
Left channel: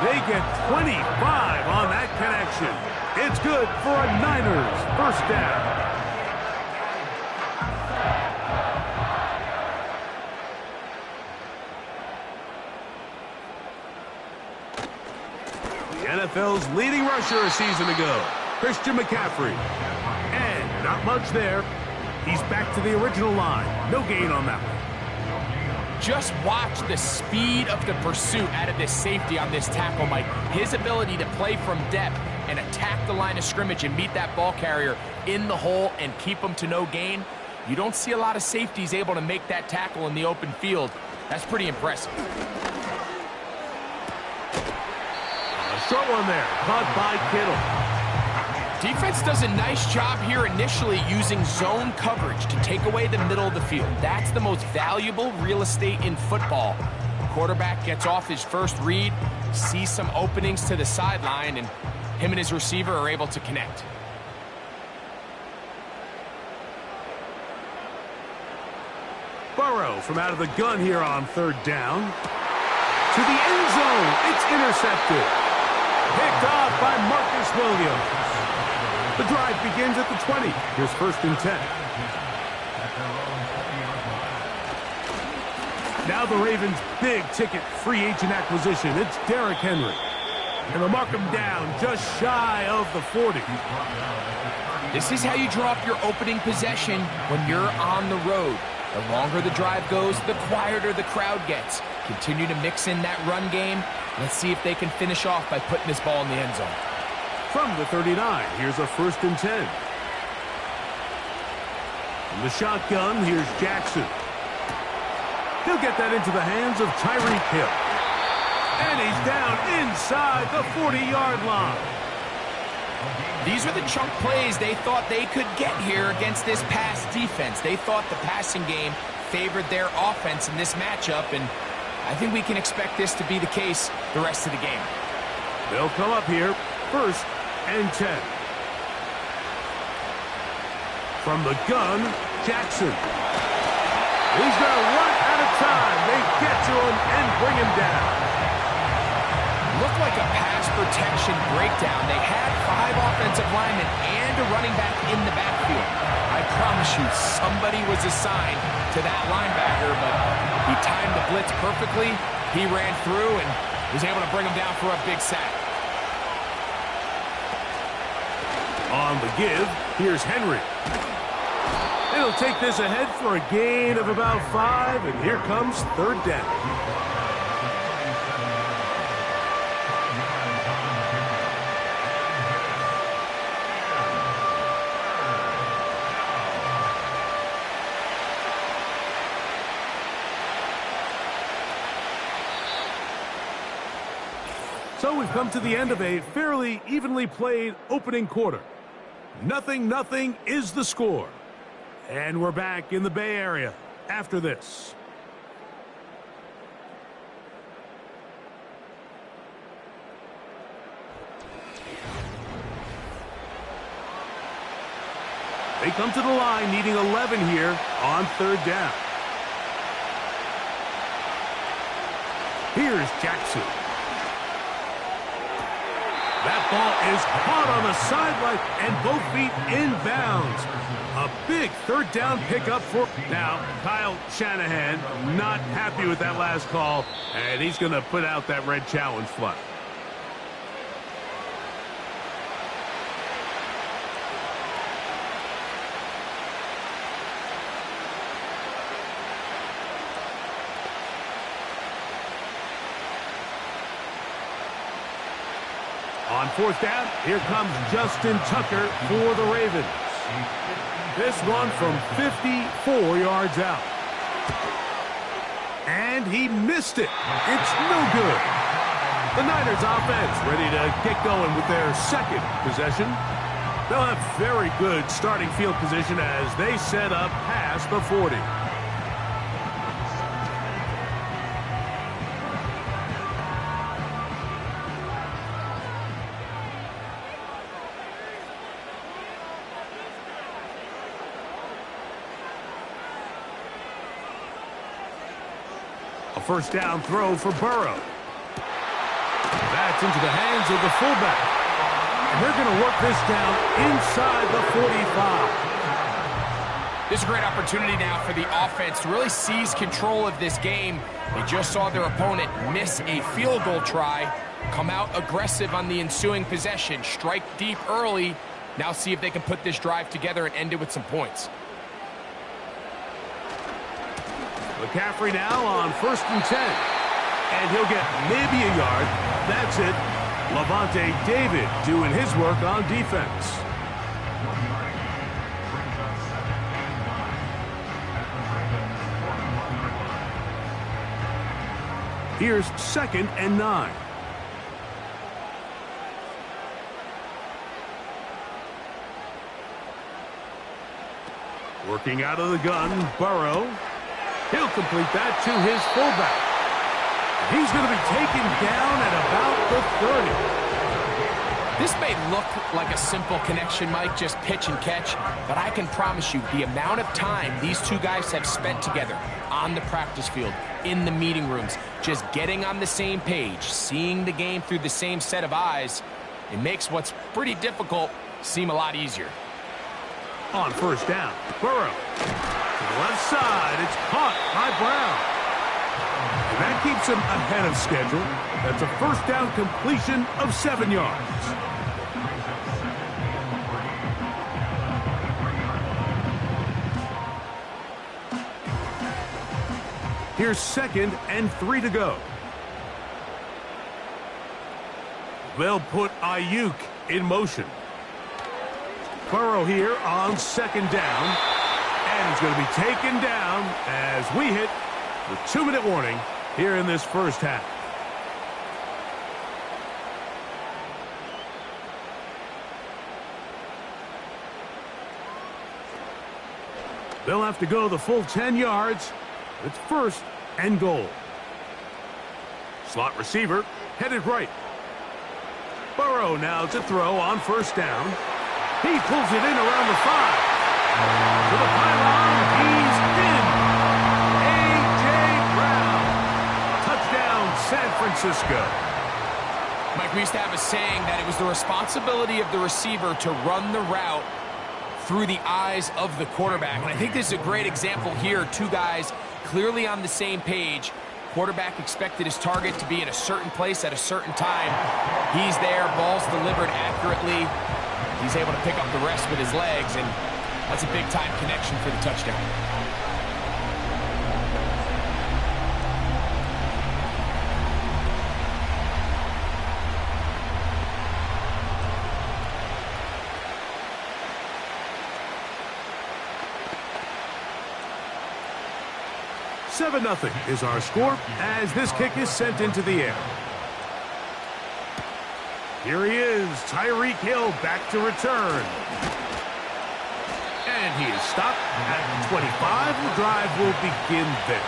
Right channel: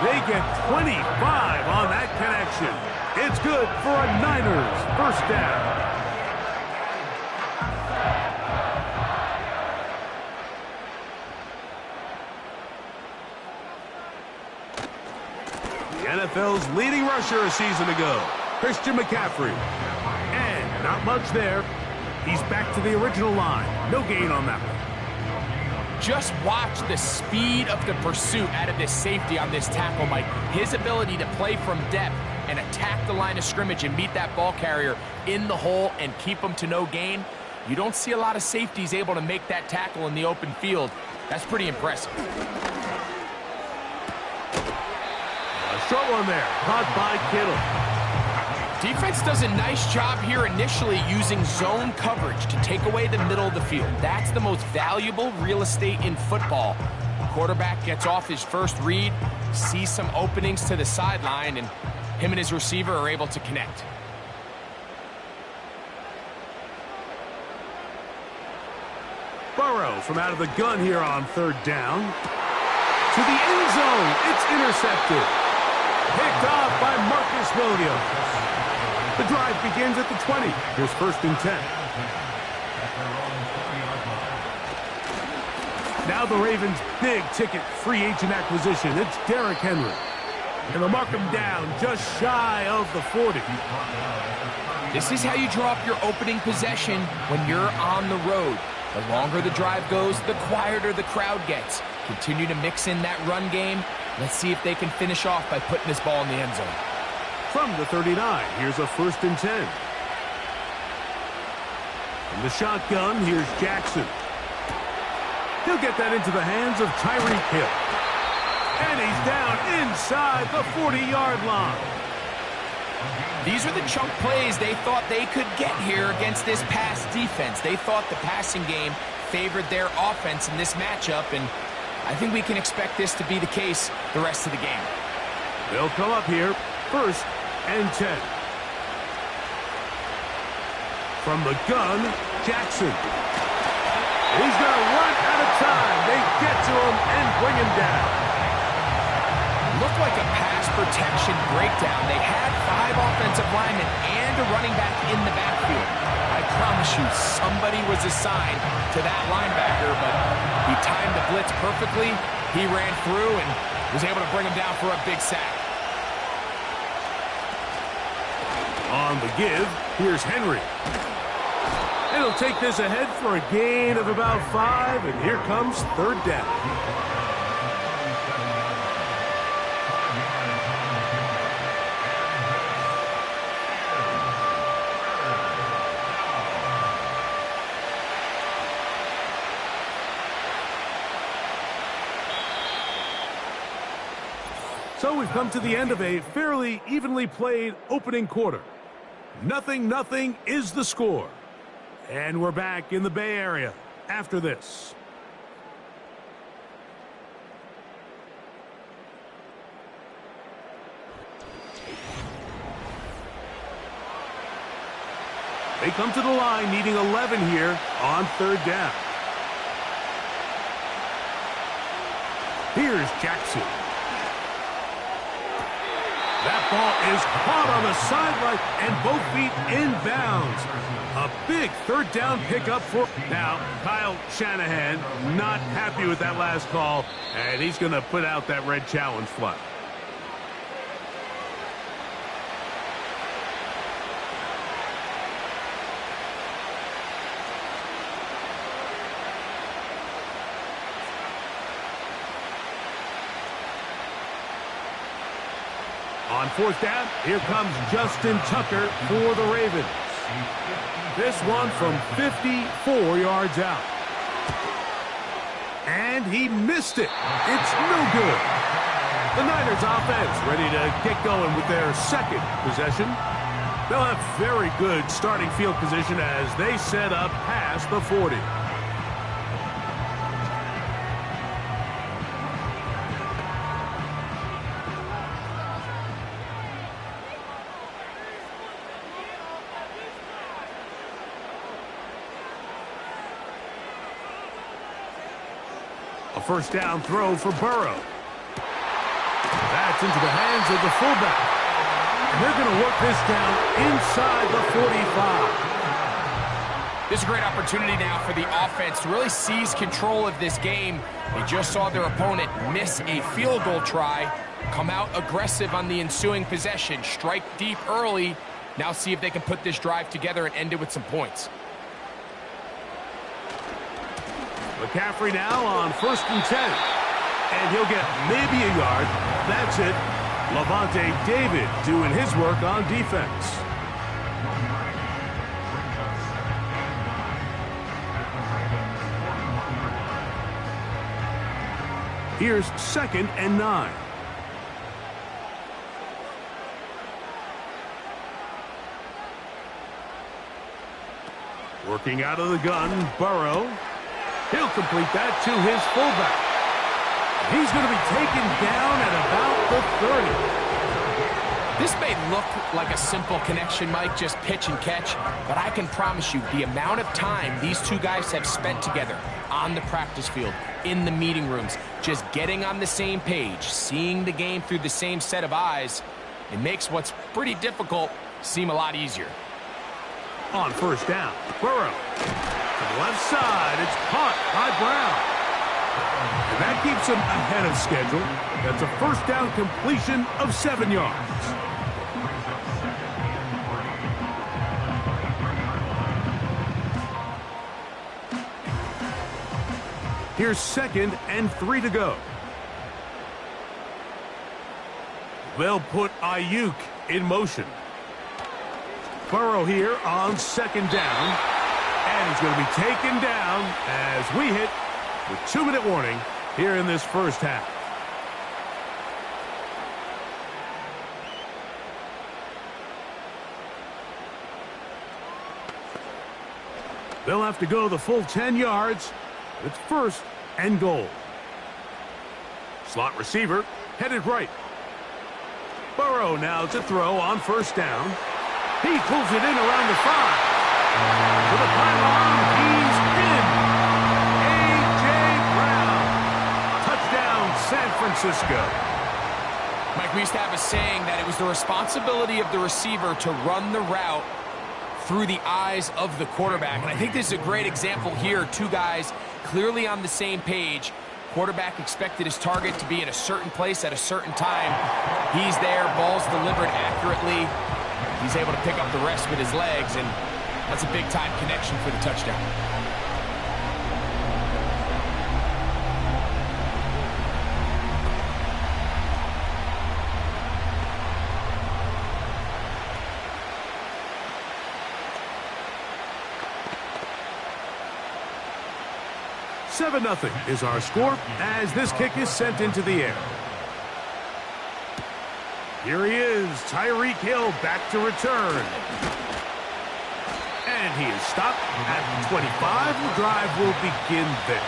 They get 25 on that connection. It's good for a Niners first down. NFL's leading rusher a season ago, Christian McCaffrey. And not much there. He's back to the original line. No gain on that one. Just watch the speed of the pursuit out of this safety on this tackle, Mike. His ability to play from depth and attack the line of scrimmage and meet that ball carrier in the hole and keep him to no gain. You don't see a lot of safeties able to make that tackle in the open field. That's pretty impressive. Short one there, caught by Kittle. Defense does a nice job here initially using zone coverage to take away the middle of the field. That's the most valuable real estate in football. Quarterback gets off his first read, sees some openings to the sideline, and him and his receiver are able to connect. Burrow from out of the gun here on 3rd down. To the end zone, it's intercepted. Picked off by Marcus Williams. The drive begins at the 20. Here's 1st and 10. Now the Ravens' big-ticket free agent acquisition. It's Derrick Henry. And they'll mark him down just shy of the 40. This is how you draw up your opening possession when you're on the road. The longer the drive goes, the quieter the crowd gets. Continue to mix in that run game. Let's see if they can finish off by putting this ball in the end zone. From the 39, here's a 1st and 10. From the shotgun, here's Jackson. He'll get that into the hands of Tyreek Hill. And he's down inside the 40-yard line. These are the chunk plays they thought they could get here against this pass defense. They thought the passing game favored their offense in this matchup, and I think we can expect this to be the case the rest of the game. They'll come up here, 1st and 10. From the gun, Jackson. He's going to run out of time. They get to him and bring him down. Looked like a pass protection breakdown. They had 5 offensive linemen and a running back in the backfield. I promise you, somebody was assigned to that linebacker, but he timed the blitz perfectly. He ran through and was able to bring him down for a big sack. On the give, here's Henry. He'll take this ahead for a gain of about 5, and here comes 3rd down. So we've come to the end of a fairly evenly played opening quarter. 0-0 is the score. And we're back in the Bay Area after this. They come to the line needing 11 here on 3rd down. Here's Jackson. That ball is caught on the sideline and both feet in bounds. A big 3rd down pickup for... Now, Kyle Shanahan not happy with that last call, and he's going to put out that red challenge flag. On 4th down, here comes Justin Tucker for the Ravens. This one from 54 yards out. And he missed it. It's no good. The Niners offense ready to get going with their 2nd possession. They'll have very good starting field position as they set up past the 40. A 1st down throw for Burrow. That's into the hands of the fullback. And they're going to work this down inside the 45. This is a great opportunity now for the offense to really seize control of this game. They just saw their opponent miss a field goal try, come out aggressive on the ensuing possession, strike deep early. Now see if they can put this drive together and end it with some points. McCaffrey now on 1st and 10. And he'll get maybe a yard. That's it. Lavonte David doing his work on defense. Here's 2nd and 9. Working out of the gun, Burrow. He'll complete that to his fullback. He's going to be taken down at about the 30. This may look like a simple connection, Mike, just pitch and catch, but I can promise you the amount of time these two guys have spent together on the practice field, in the meeting rooms, just getting on the same page, seeing the game through the same set of eyes, it makes what's pretty difficult seem a lot easier. On first down, Burrow to the left side. It's caught by Brown. And that keeps him ahead of schedule. That's a first down completion of 7 yards. Here's 2nd and 3 to go. They'll put Ayuk in motion. Burrow here on 2nd down. And he's going to be taken down as we hit the 2-minute warning here in this first half. They'll have to go the full 10 yards. It's 1st and goal. Slot receiver headed right. Burrow now to throw on first down. He pulls it in around the 5. To the pylon, he's in. A.J. Brown. Touchdown, San Francisco. Mike, we used to have a saying that it was the responsibility of the receiver to run the route through the eyes of the quarterback. And I think this is a great example here. Two guys clearly on the same page. Quarterback expected his target to be in a certain place at a certain time. He's there, ball's delivered accurately. He's able to pick up the rest with his legs, and that's a big-time connection for the touchdown. Seven 0 is our score as this kick is sent into the air. Here he is, Tyreek Hill back to return. And he is stopped at 25. The drive will begin there.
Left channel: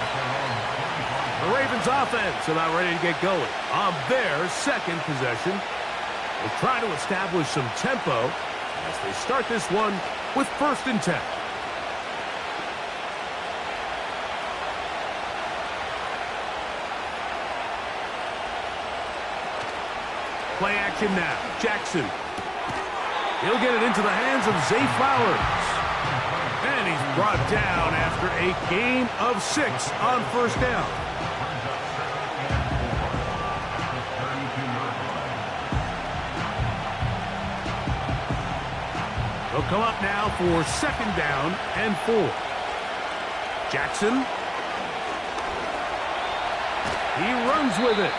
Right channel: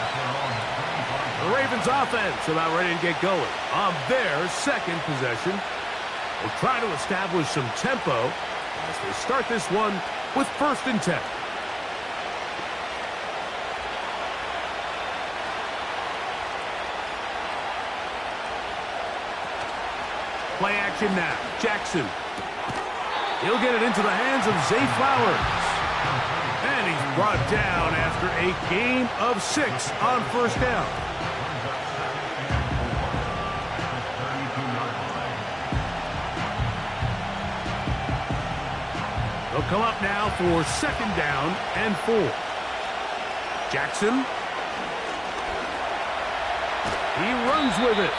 The Ravens offense about ready to get going on their 2nd possession. Will try to establish some tempo as they start this one with 1st and 10. Play action now. Jackson. He'll get it into the hands of Zay Flowers. And he's brought down after a gain of 6 on first down. They'll come up now for 2nd down and 4. Jackson. He runs with it.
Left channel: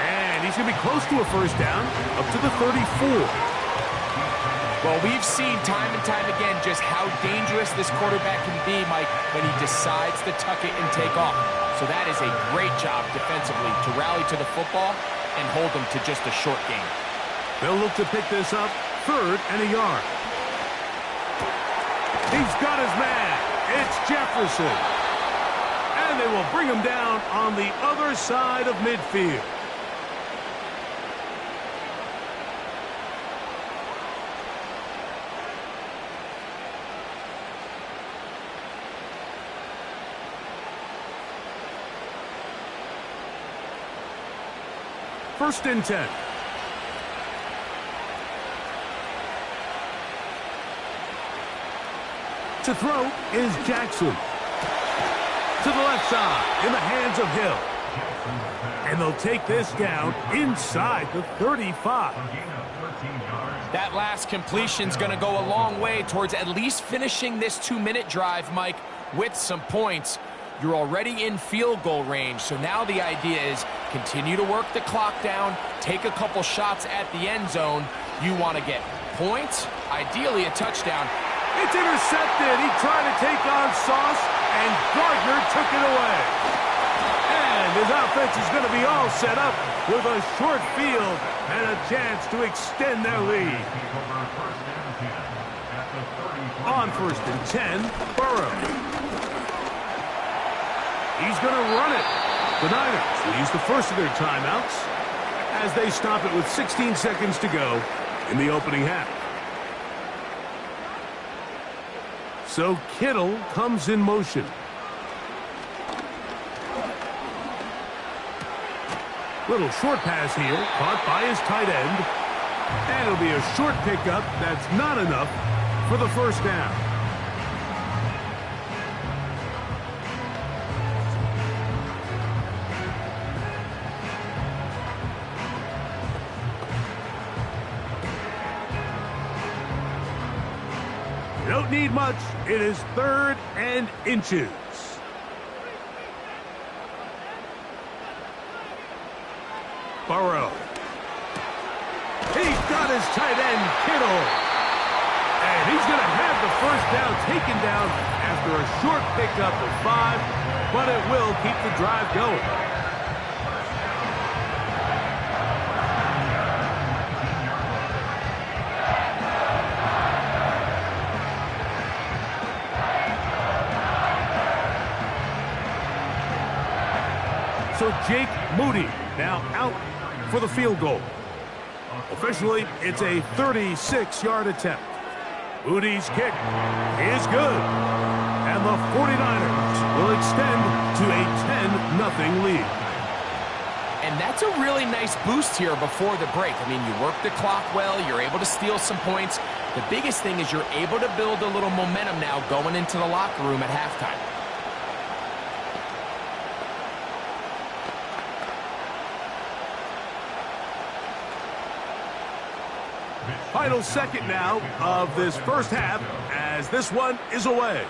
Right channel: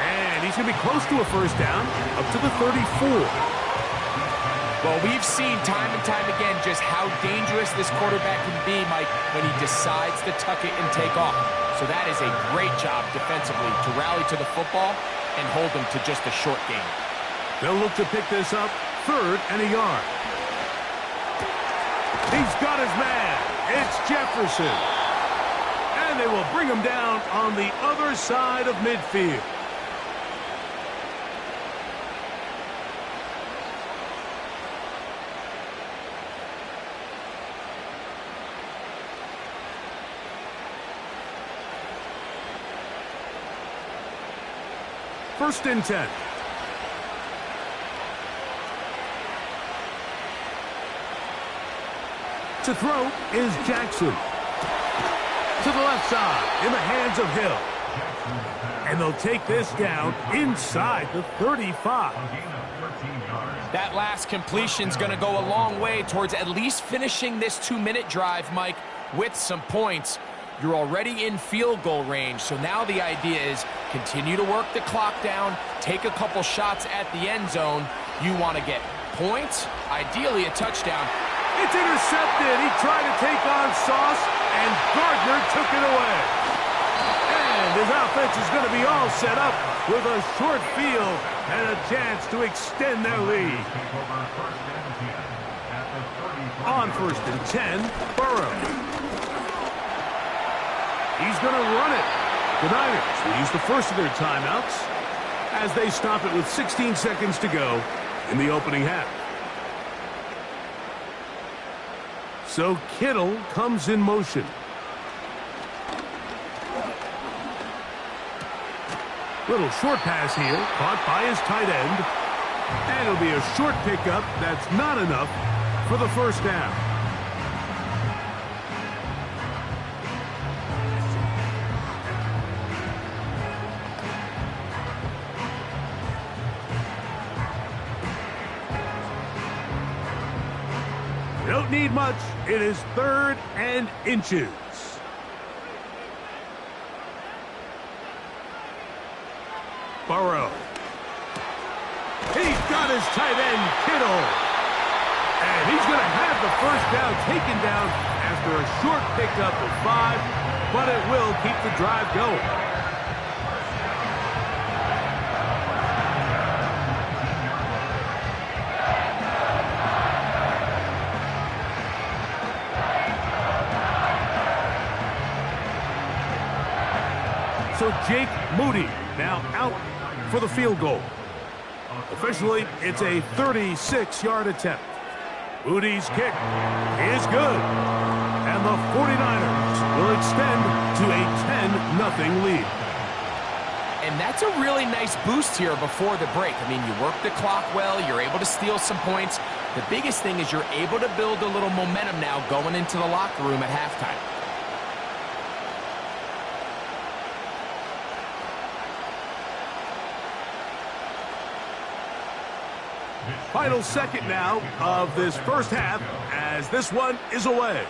And he's going to be close to a first down, up to the 34. Well, we've seen time and time again just how dangerous this quarterback can be, Mike, when he decides to tuck it and take off. So that is a great job defensively to rally to the football and hold them to just a short gain. They'll look to pick this up 3rd and a yard. He's got his man. It's Jefferson. And they will bring him down on the other side of midfield. First and 10. To throw is Jackson. To the left side in the hands of Hill. And they'll take this down inside the 35. That last completion's going to go a long way towards at least finishing this 2-minute drive, Mike, with some points. You're already in field goal range, so now the idea is continue to work the clock down, take a couple shots at the end zone. You want to get points, ideally a touchdown. It's intercepted. He tried to take on Sauce, and Gardner took it away. And his offense is going to be all set up with a short field and a chance to extend their lead. On 1st and 10, Burrow. He's going to run it. The Niners will use the first of their timeouts as they stop it with 16 seconds to go in the opening half. So Kittle comes in motion. Little short pass here, caught by his tight end. And it'll be a short pickup that's not enough for the first down. You don't need much. It is 3rd and inches. Burrow. He's got his tight end, Kittle. And he's going to have the first down taken down after a short pickup of 5, but it will keep the drive going. So Jake Moody now out for the field goal. Officially, it's a 36-yard attempt. Moody's kick is good. And the 49ers will extend to a 10-0 lead. And that's a really nice boost here before the break. I mean, you work the clock well. You're able to steal some points. The biggest thing is you're able to build a little momentum now going into the locker room at halftime. Final second now of this first half as this one is away.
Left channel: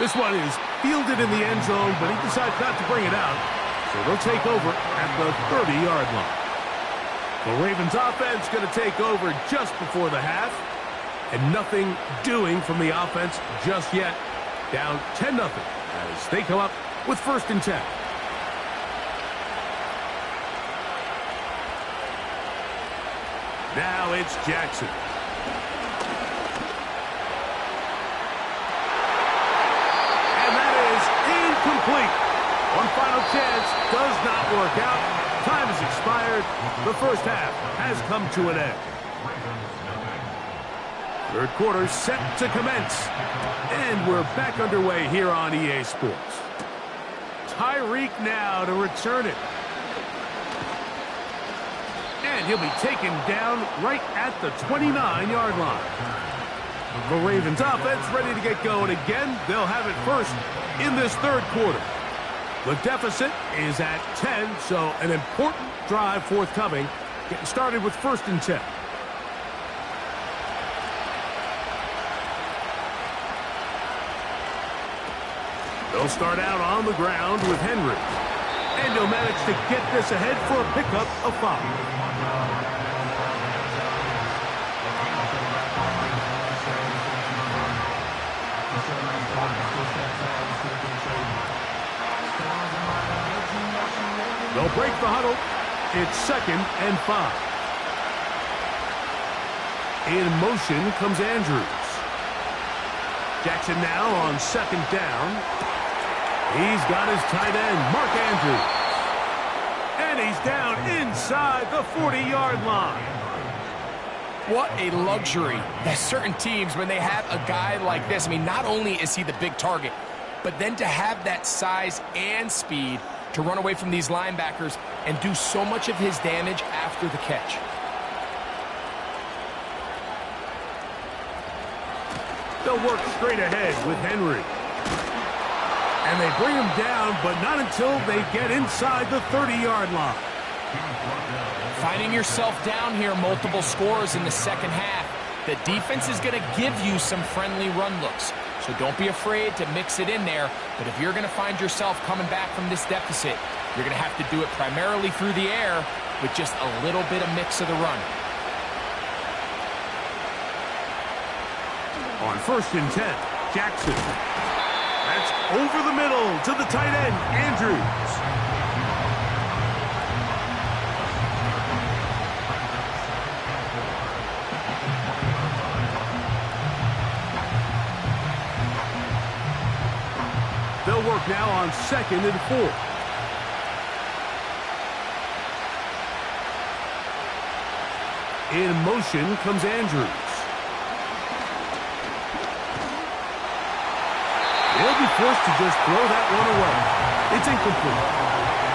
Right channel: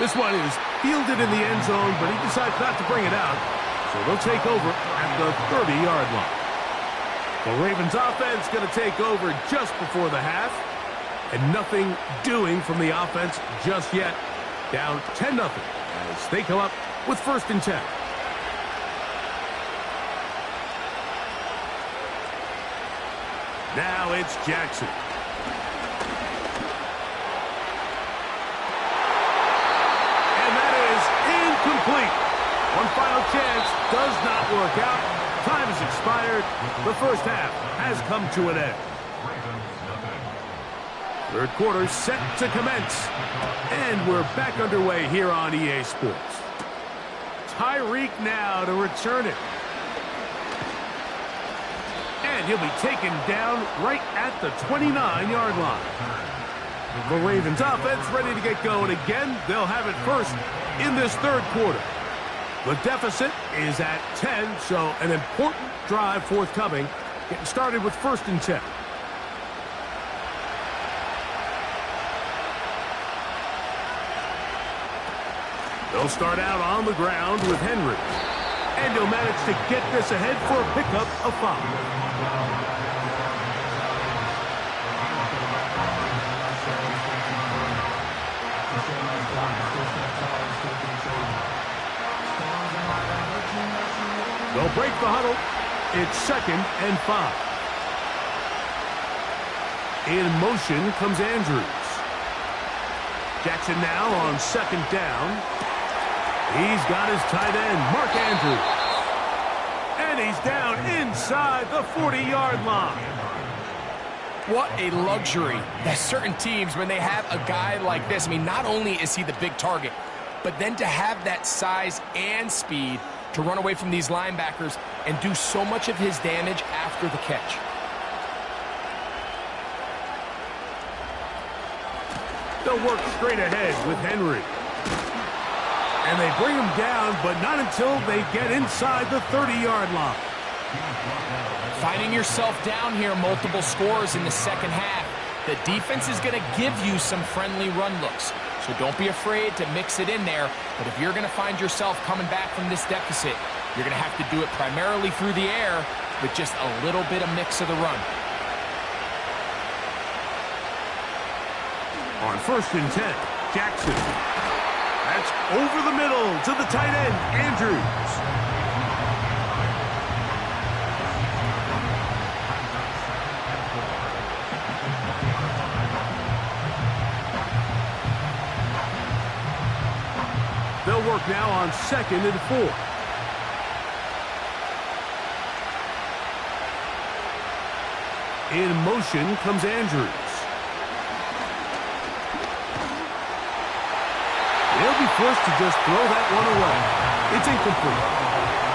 This one is fielded in the end zone, but he decides not to bring it out. So they'll take over at the 30-yard line. The Ravens offense going to take over just before the half. And nothing doing from the offense just yet. Down 10-0 as they come up with 1st and 10. Now it's Jackson. And that is incomplete. One final chance does not work out. Time has expired. The first half has come to an end. 3rd quarter set to commence. And we're back underway here on EA Sports. Tyreek now to return it. And he'll be taken down right at the 29-yard line. The Ravens offense ready to get going again. They'll have it first in this 3rd quarter. The deficit is at 10, so an important drive forthcoming. Getting started with 1st and 10. They'll start out on the ground with Henry. And he'll manage to get this ahead for a pickup of 5. They'll break the huddle. It's 2nd and 5. In motion comes Andrews. Jackson now on 2nd down. He's got his tight end, Mark Andrews. And he's down inside the 40-yard line. What a luxury that certain teams, when they have a guy like this, I mean, not only is he the big target, but then to have that size and speed to run away from these linebackers and do so much of his damage after the catch. They'll work straight ahead with Henry. And they bring him down, but not until they get inside the 30-yard line. Finding yourself down here, multiple scores in the 2nd half. The defense is going to give you some friendly run looks. So don't be afraid to mix it in there. But if you're going to find yourself coming back from this deficit, you're going to have to do it primarily through the air with just a little bit of mix of the run. On 1st and 10, Jackson. That's over the middle to the tight end, Andrews. They'll work now on 2nd and 4. In motion comes Andrews. They'll be forced to just throw that one away. It's incomplete.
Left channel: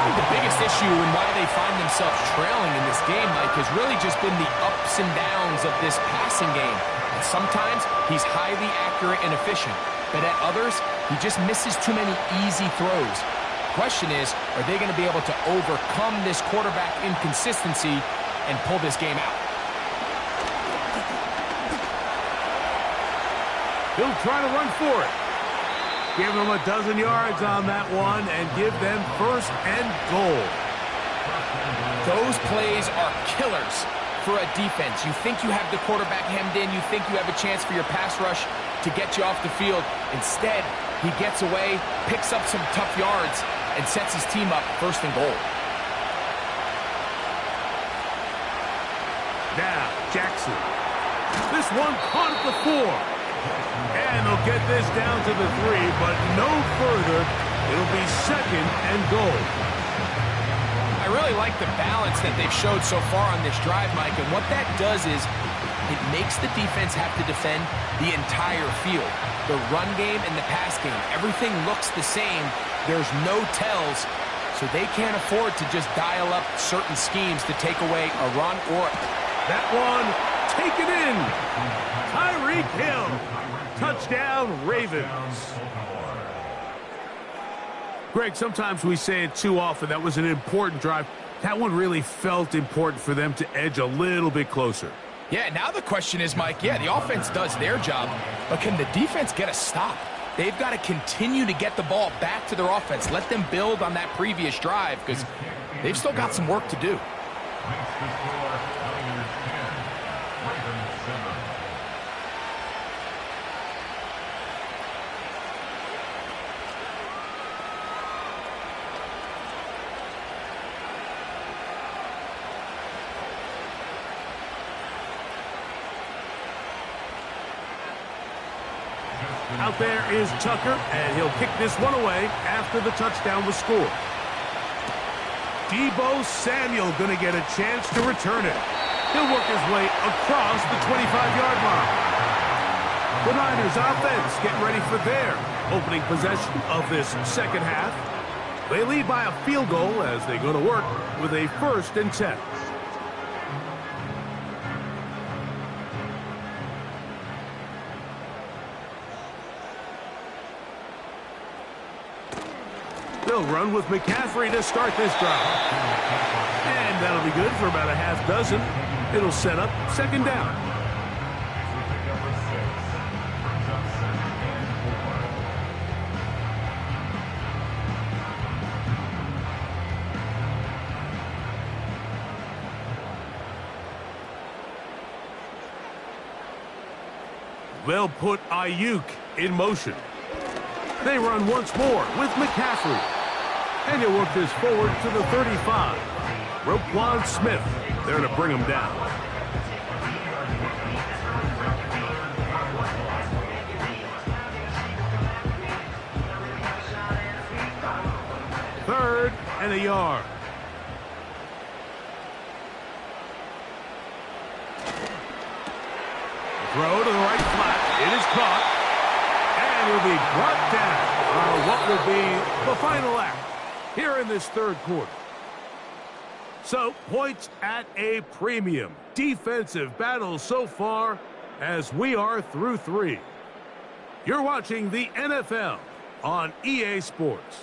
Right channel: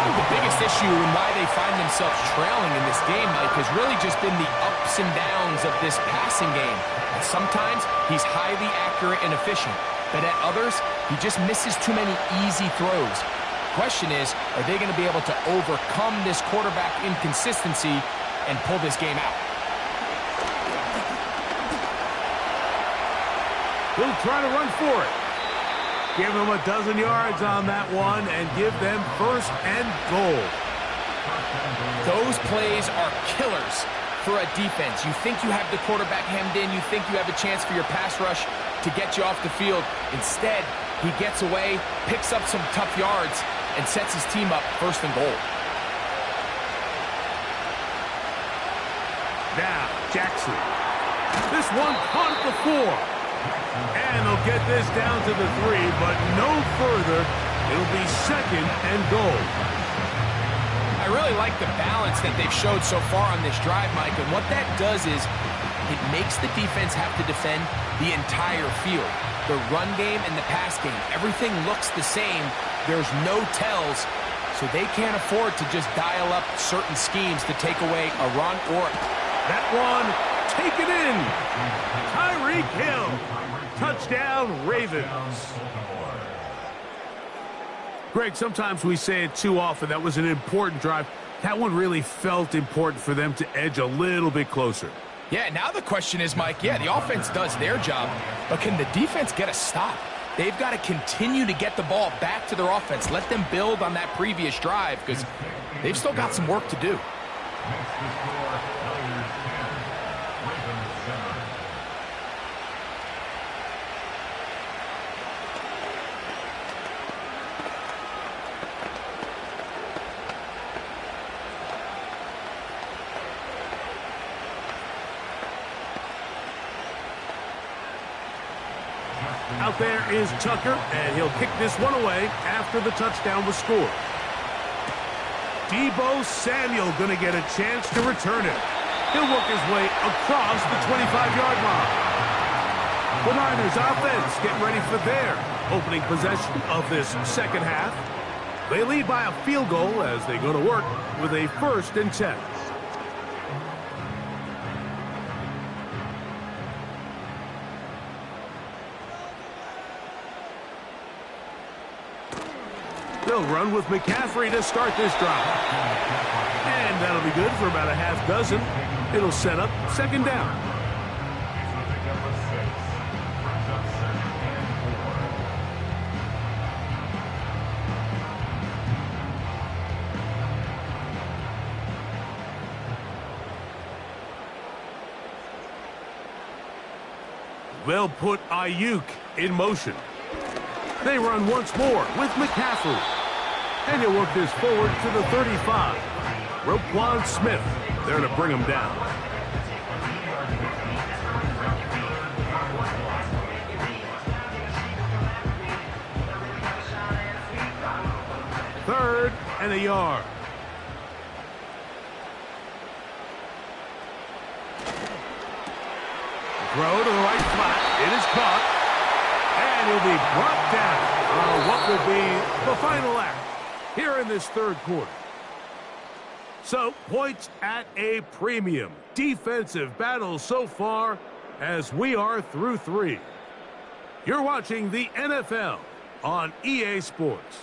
think the biggest issue and why they find themselves trailing in this game, Mike, has really just been the ups and downs of this passing game. And sometimes he's highly accurate and efficient, but at others, he just misses too many easy throws. Question is, are they going to be able to overcome this quarterback inconsistency and pull this game out? He'll try to run for it. Give him a dozen yards on that one and give them 1st and goal. Those plays are killers for a defense. You think you have the quarterback hemmed in. You think you have a chance for your pass rush to get you off the field. Instead, he gets away, picks up some tough yards, and sets his team up 1st and goal. Now, Jackson. This one caught at the 4. And they'll get this down to the 3, but no further. It'll be 2nd and goal. I really like the balance that they've showed so far on this drive, Mike, and what that does is it makes the defense have to defend the entire field. The run game and the pass game, everything looks the same. There's no tells, so they can't afford to just dial up certain schemes to take away a run or... That one taken in. Tyreek Hill. Touchdown, Ravens. Greg, sometimes we say it too often. That was an important drive. That one really felt important for them to edge a little bit closer. Yeah, now the question is, Mike, yeah, the offense does their job, but can the defense get a stop? They've got to continue to get the ball back to their offense. Let them build on that previous drive because they've still got some work to do. Out there is Tucker, and he'll kick this one away after the touchdown was scored. Deebo Samuel going to get a chance to return it. He'll work his way across the 25-yard line. The Niners offense getting ready for their opening possession of this 2nd half. They lead by a field goal as they go to work with a 1st and 10. They'll run with McCaffrey to start this drive. And that'll be good for about a half dozen. It'll set up 2nd down. They'll put Ayuk in motion. They run once more with McCaffrey. And he'll work this forward to the 35. Roquan Smith there to bring him down. Third and a yard. Throw to the right flat. It is caught. And he'll be brought down on what will be the final act here in this 3rd quarter. So, points at a premium. Defensive battle so far as we are through 3. You're watching the NFL on EA Sports.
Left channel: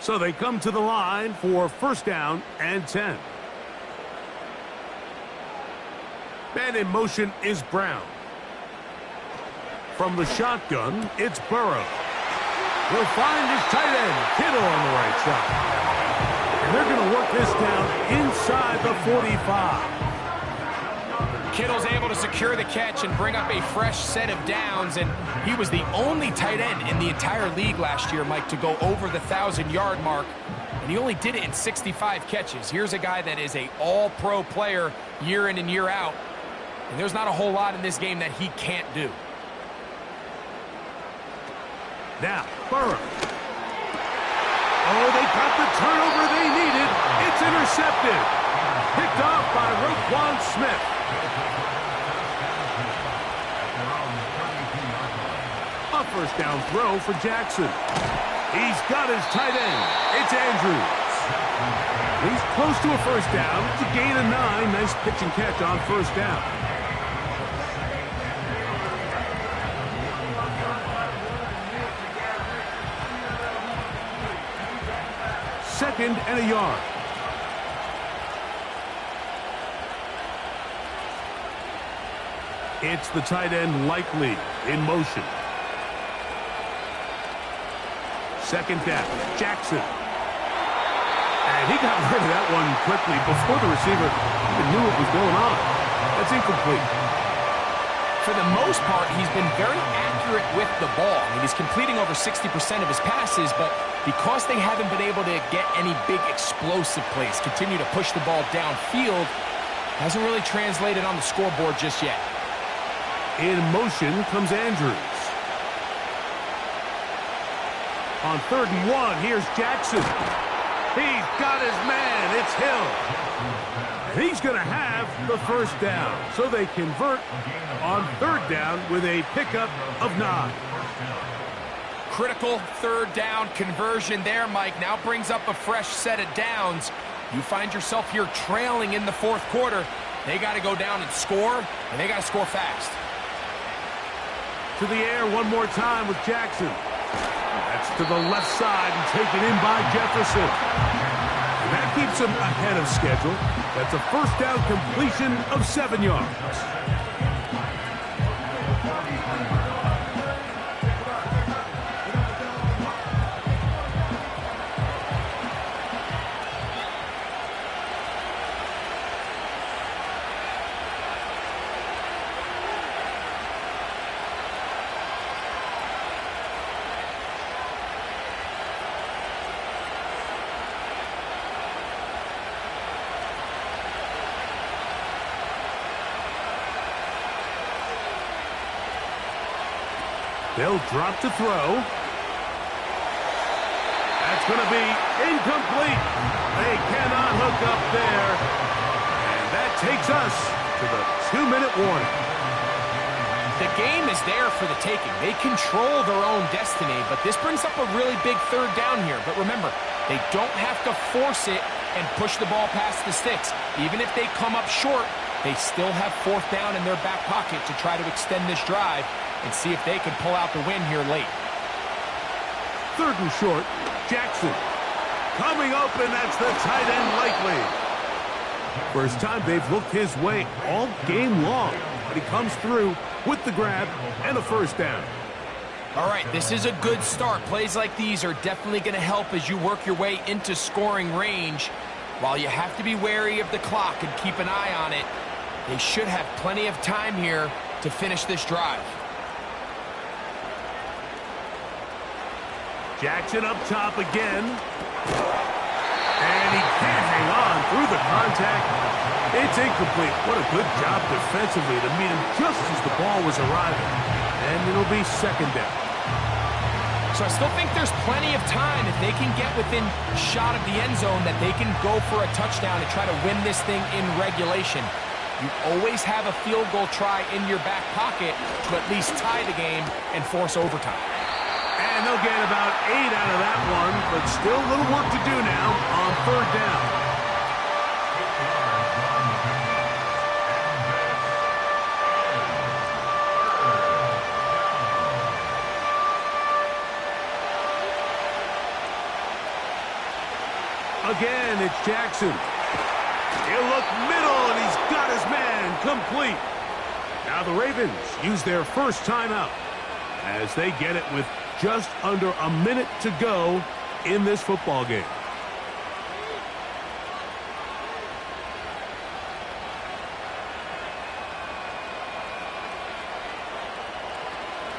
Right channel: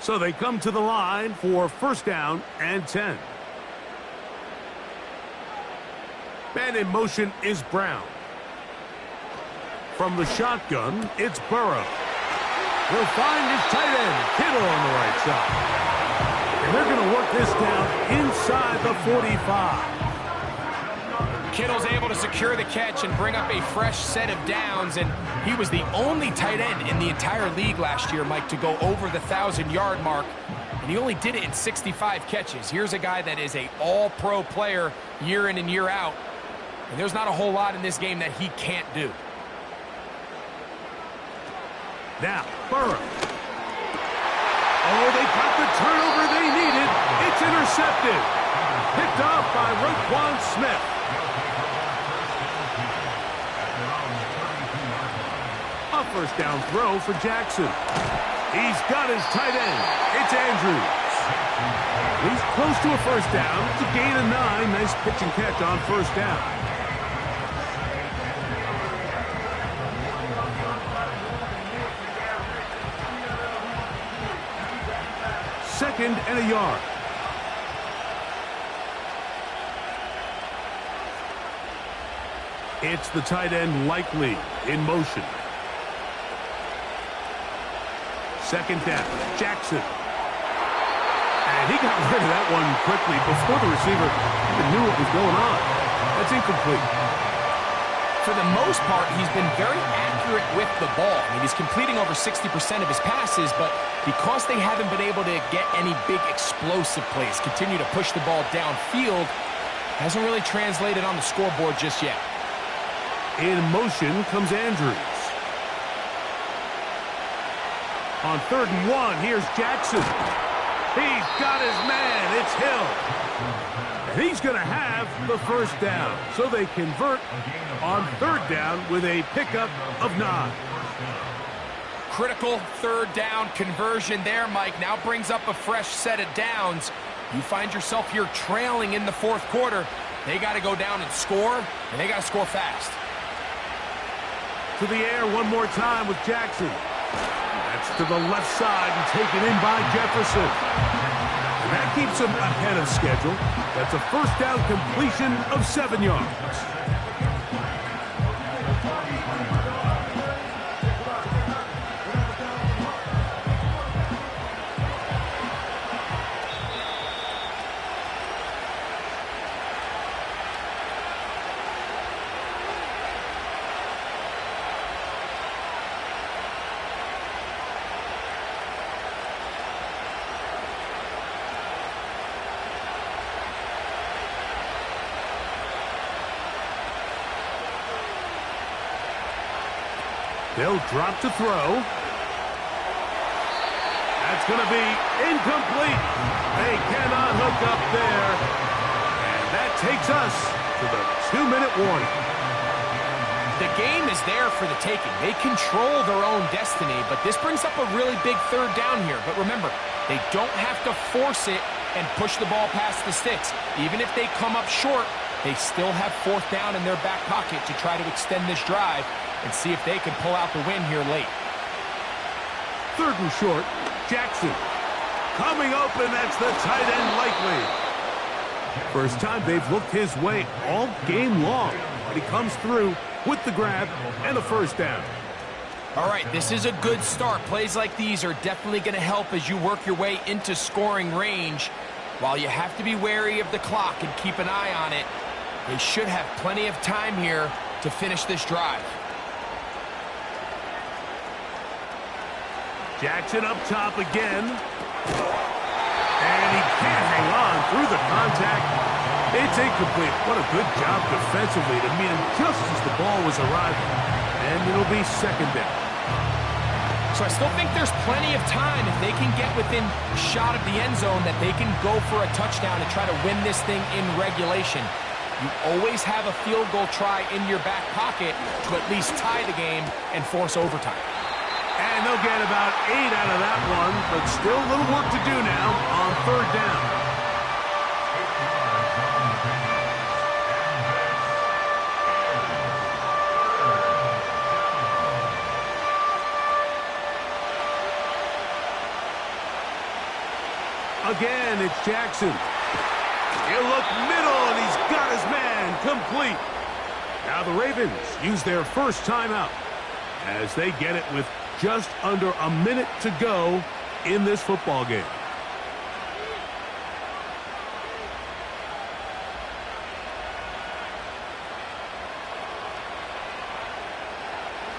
So they come to the line for 1st down and 10. Man in motion is Brown. From the shotgun, it's Burrow. He'll find his tight end, Kittle, on the right side. And they're going to work this down inside the 45. Kittle's able to secure the catch and bring up a fresh set of downs, and he was the only tight end in the entire league last year, Mike, to go over the 1,000-yard mark, and he only did it in 65 catches. Here's a guy that is an all-pro player year in and year out, and there's not a whole lot in this game that he can't do. Now, Burrow. Oh, they got the turnover they needed. It's intercepted. Picked off by Roquan Smith. A A first down throw for Jackson. He's got his tight end. It's Andrews. He's close to a first down. It's a gain of 9. Nice pitch and catch on first down. Second and a yard. It's the tight end Likely in motion. Second down, Jackson. And he got rid of that one quickly before the receiver even knew what was going on. That's incomplete. For the most part, he's been very accurate with the ball. I mean, he's completing over 60% of his passes, but because they haven't been able to get any big explosive plays, continue to push the ball downfield, hasn't really translated on the scoreboard just yet. In motion comes Andrews. On 3rd and 1, here's Jackson. He's got his man. It's Hill. And he's going to have the first down. So they convert on 3rd down with a pickup of 9. Critical 3rd down conversion there, Mike. Now brings up a fresh set of downs. You find yourself here trailing in the 4th quarter. They got to go down and score, and they got to score fast. To the air one more time with Jackson. That's to the left side and taken in by Jefferson. And that keeps him ahead of schedule. That's a first down completion of 7 yards. They'll drop to throw. That's going to be incomplete. They cannot hook up there. And that takes us to the 2-minute warning. The game is there for the taking. They control their own destiny, but this brings up a really big 3rd down here. But remember, they don't have to force it and push the ball past the sticks. Even if they come up short, they still have 4th down in their back pocket to try to extend this drive and see if they can pull out the win here late. 3rd and short, Jackson. Coming open, that's the tight end Likely. First time they've looked his way all game long. And he comes through with the grab and a first down. All right, this is a good start. Plays like these are definitely going to help as you work your way into scoring range. While you have to be wary of the clock and keep an eye on it, they should have plenty of time here to finish this drive. Jackson up top again. And he can't hang on through the contact. It's incomplete. What a good job defensively to meet him just as the ball was arriving. And it'll be 2nd down. So I still think there's plenty of time if they can get within shot of the end zone that they can go for a touchdown and try to win this thing in regulation. You always have a field goal try in your back pocket to at least tie the game and force overtime. And they'll get about 8 out of that one, but still a little work to do now on 3rd down. Again, it's Jackson. He'll look middle, and he's got his man complete. Now the Ravens use their first timeout as they get it with just under a minute to go in this football game.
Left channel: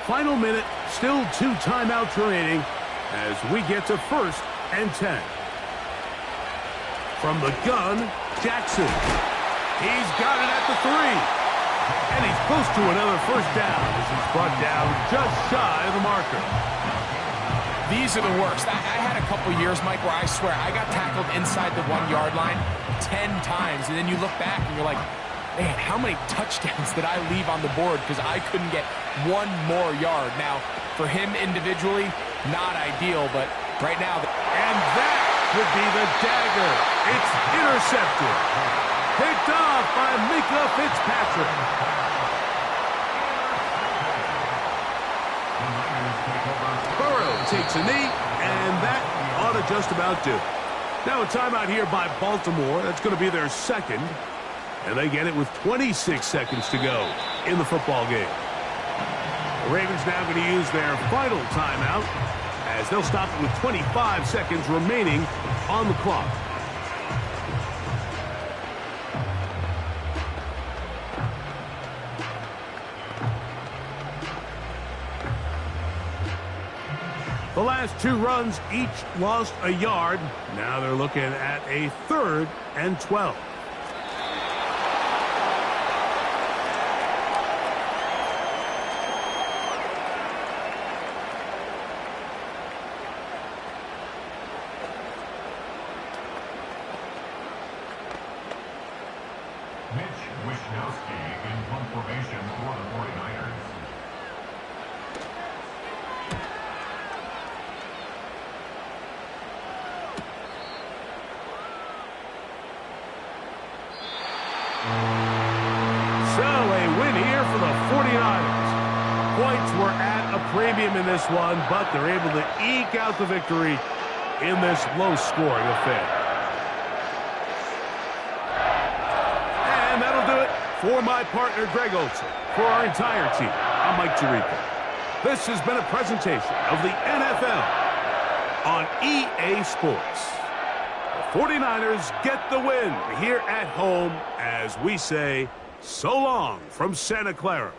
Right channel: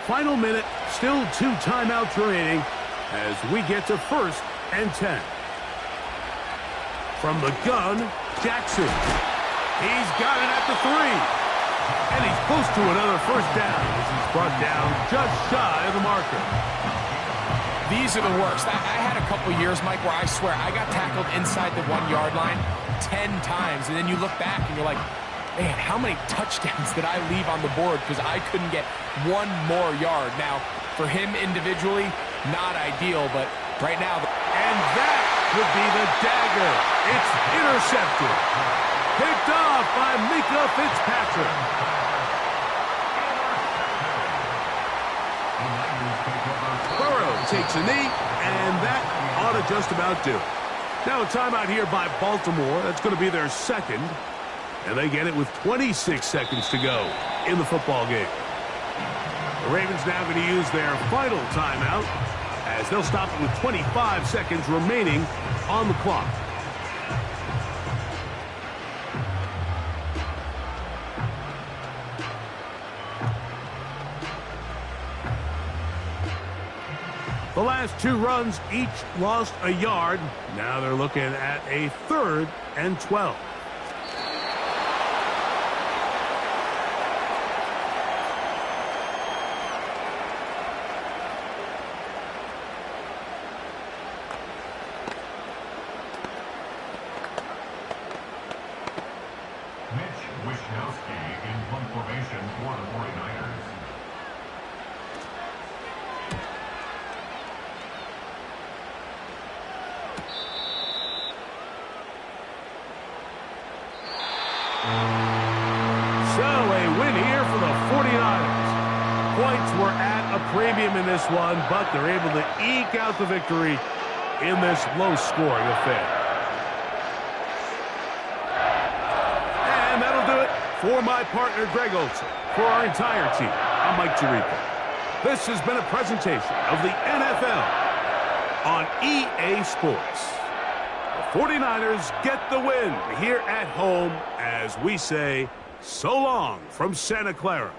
Final minute, still 2 timeouts remaining as we get to 1st and 10. From the gun, Jackson. He's got it at the 3. And he's close to another first down as he's brought down just shy of the marker. These are the worst. I had a couple years, Mike, where I swear I got tackled inside the 1-yard line 10 times. And then you look back and you're like, Man, how many touchdowns did I leave on the board because I couldn't get one more yard? Now, for him individually, not ideal, but right now... And that would be the dagger. It's intercepted. Picked off by Minkah Fitzpatrick. Burrow takes a knee, and that ought to just about do it. Now a timeout here by Baltimore. That's going to be their second. And they get it with 26 seconds to go in the football game. The Ravens now going to use their final timeout as they'll stop it with 25 seconds remaining on the clock. The last two runs each lost a yard. Now they're looking at a 3rd and 12. Premium in this one, but they're able to eke out the victory in this low-scoring affair. And that'll do it for my partner, Greg Olsen. For our entire team, I'm Mike Tirico. This has been a presentation of the NFL on EA Sports. The 49ers get the win here at home as we say so long from Santa Clara.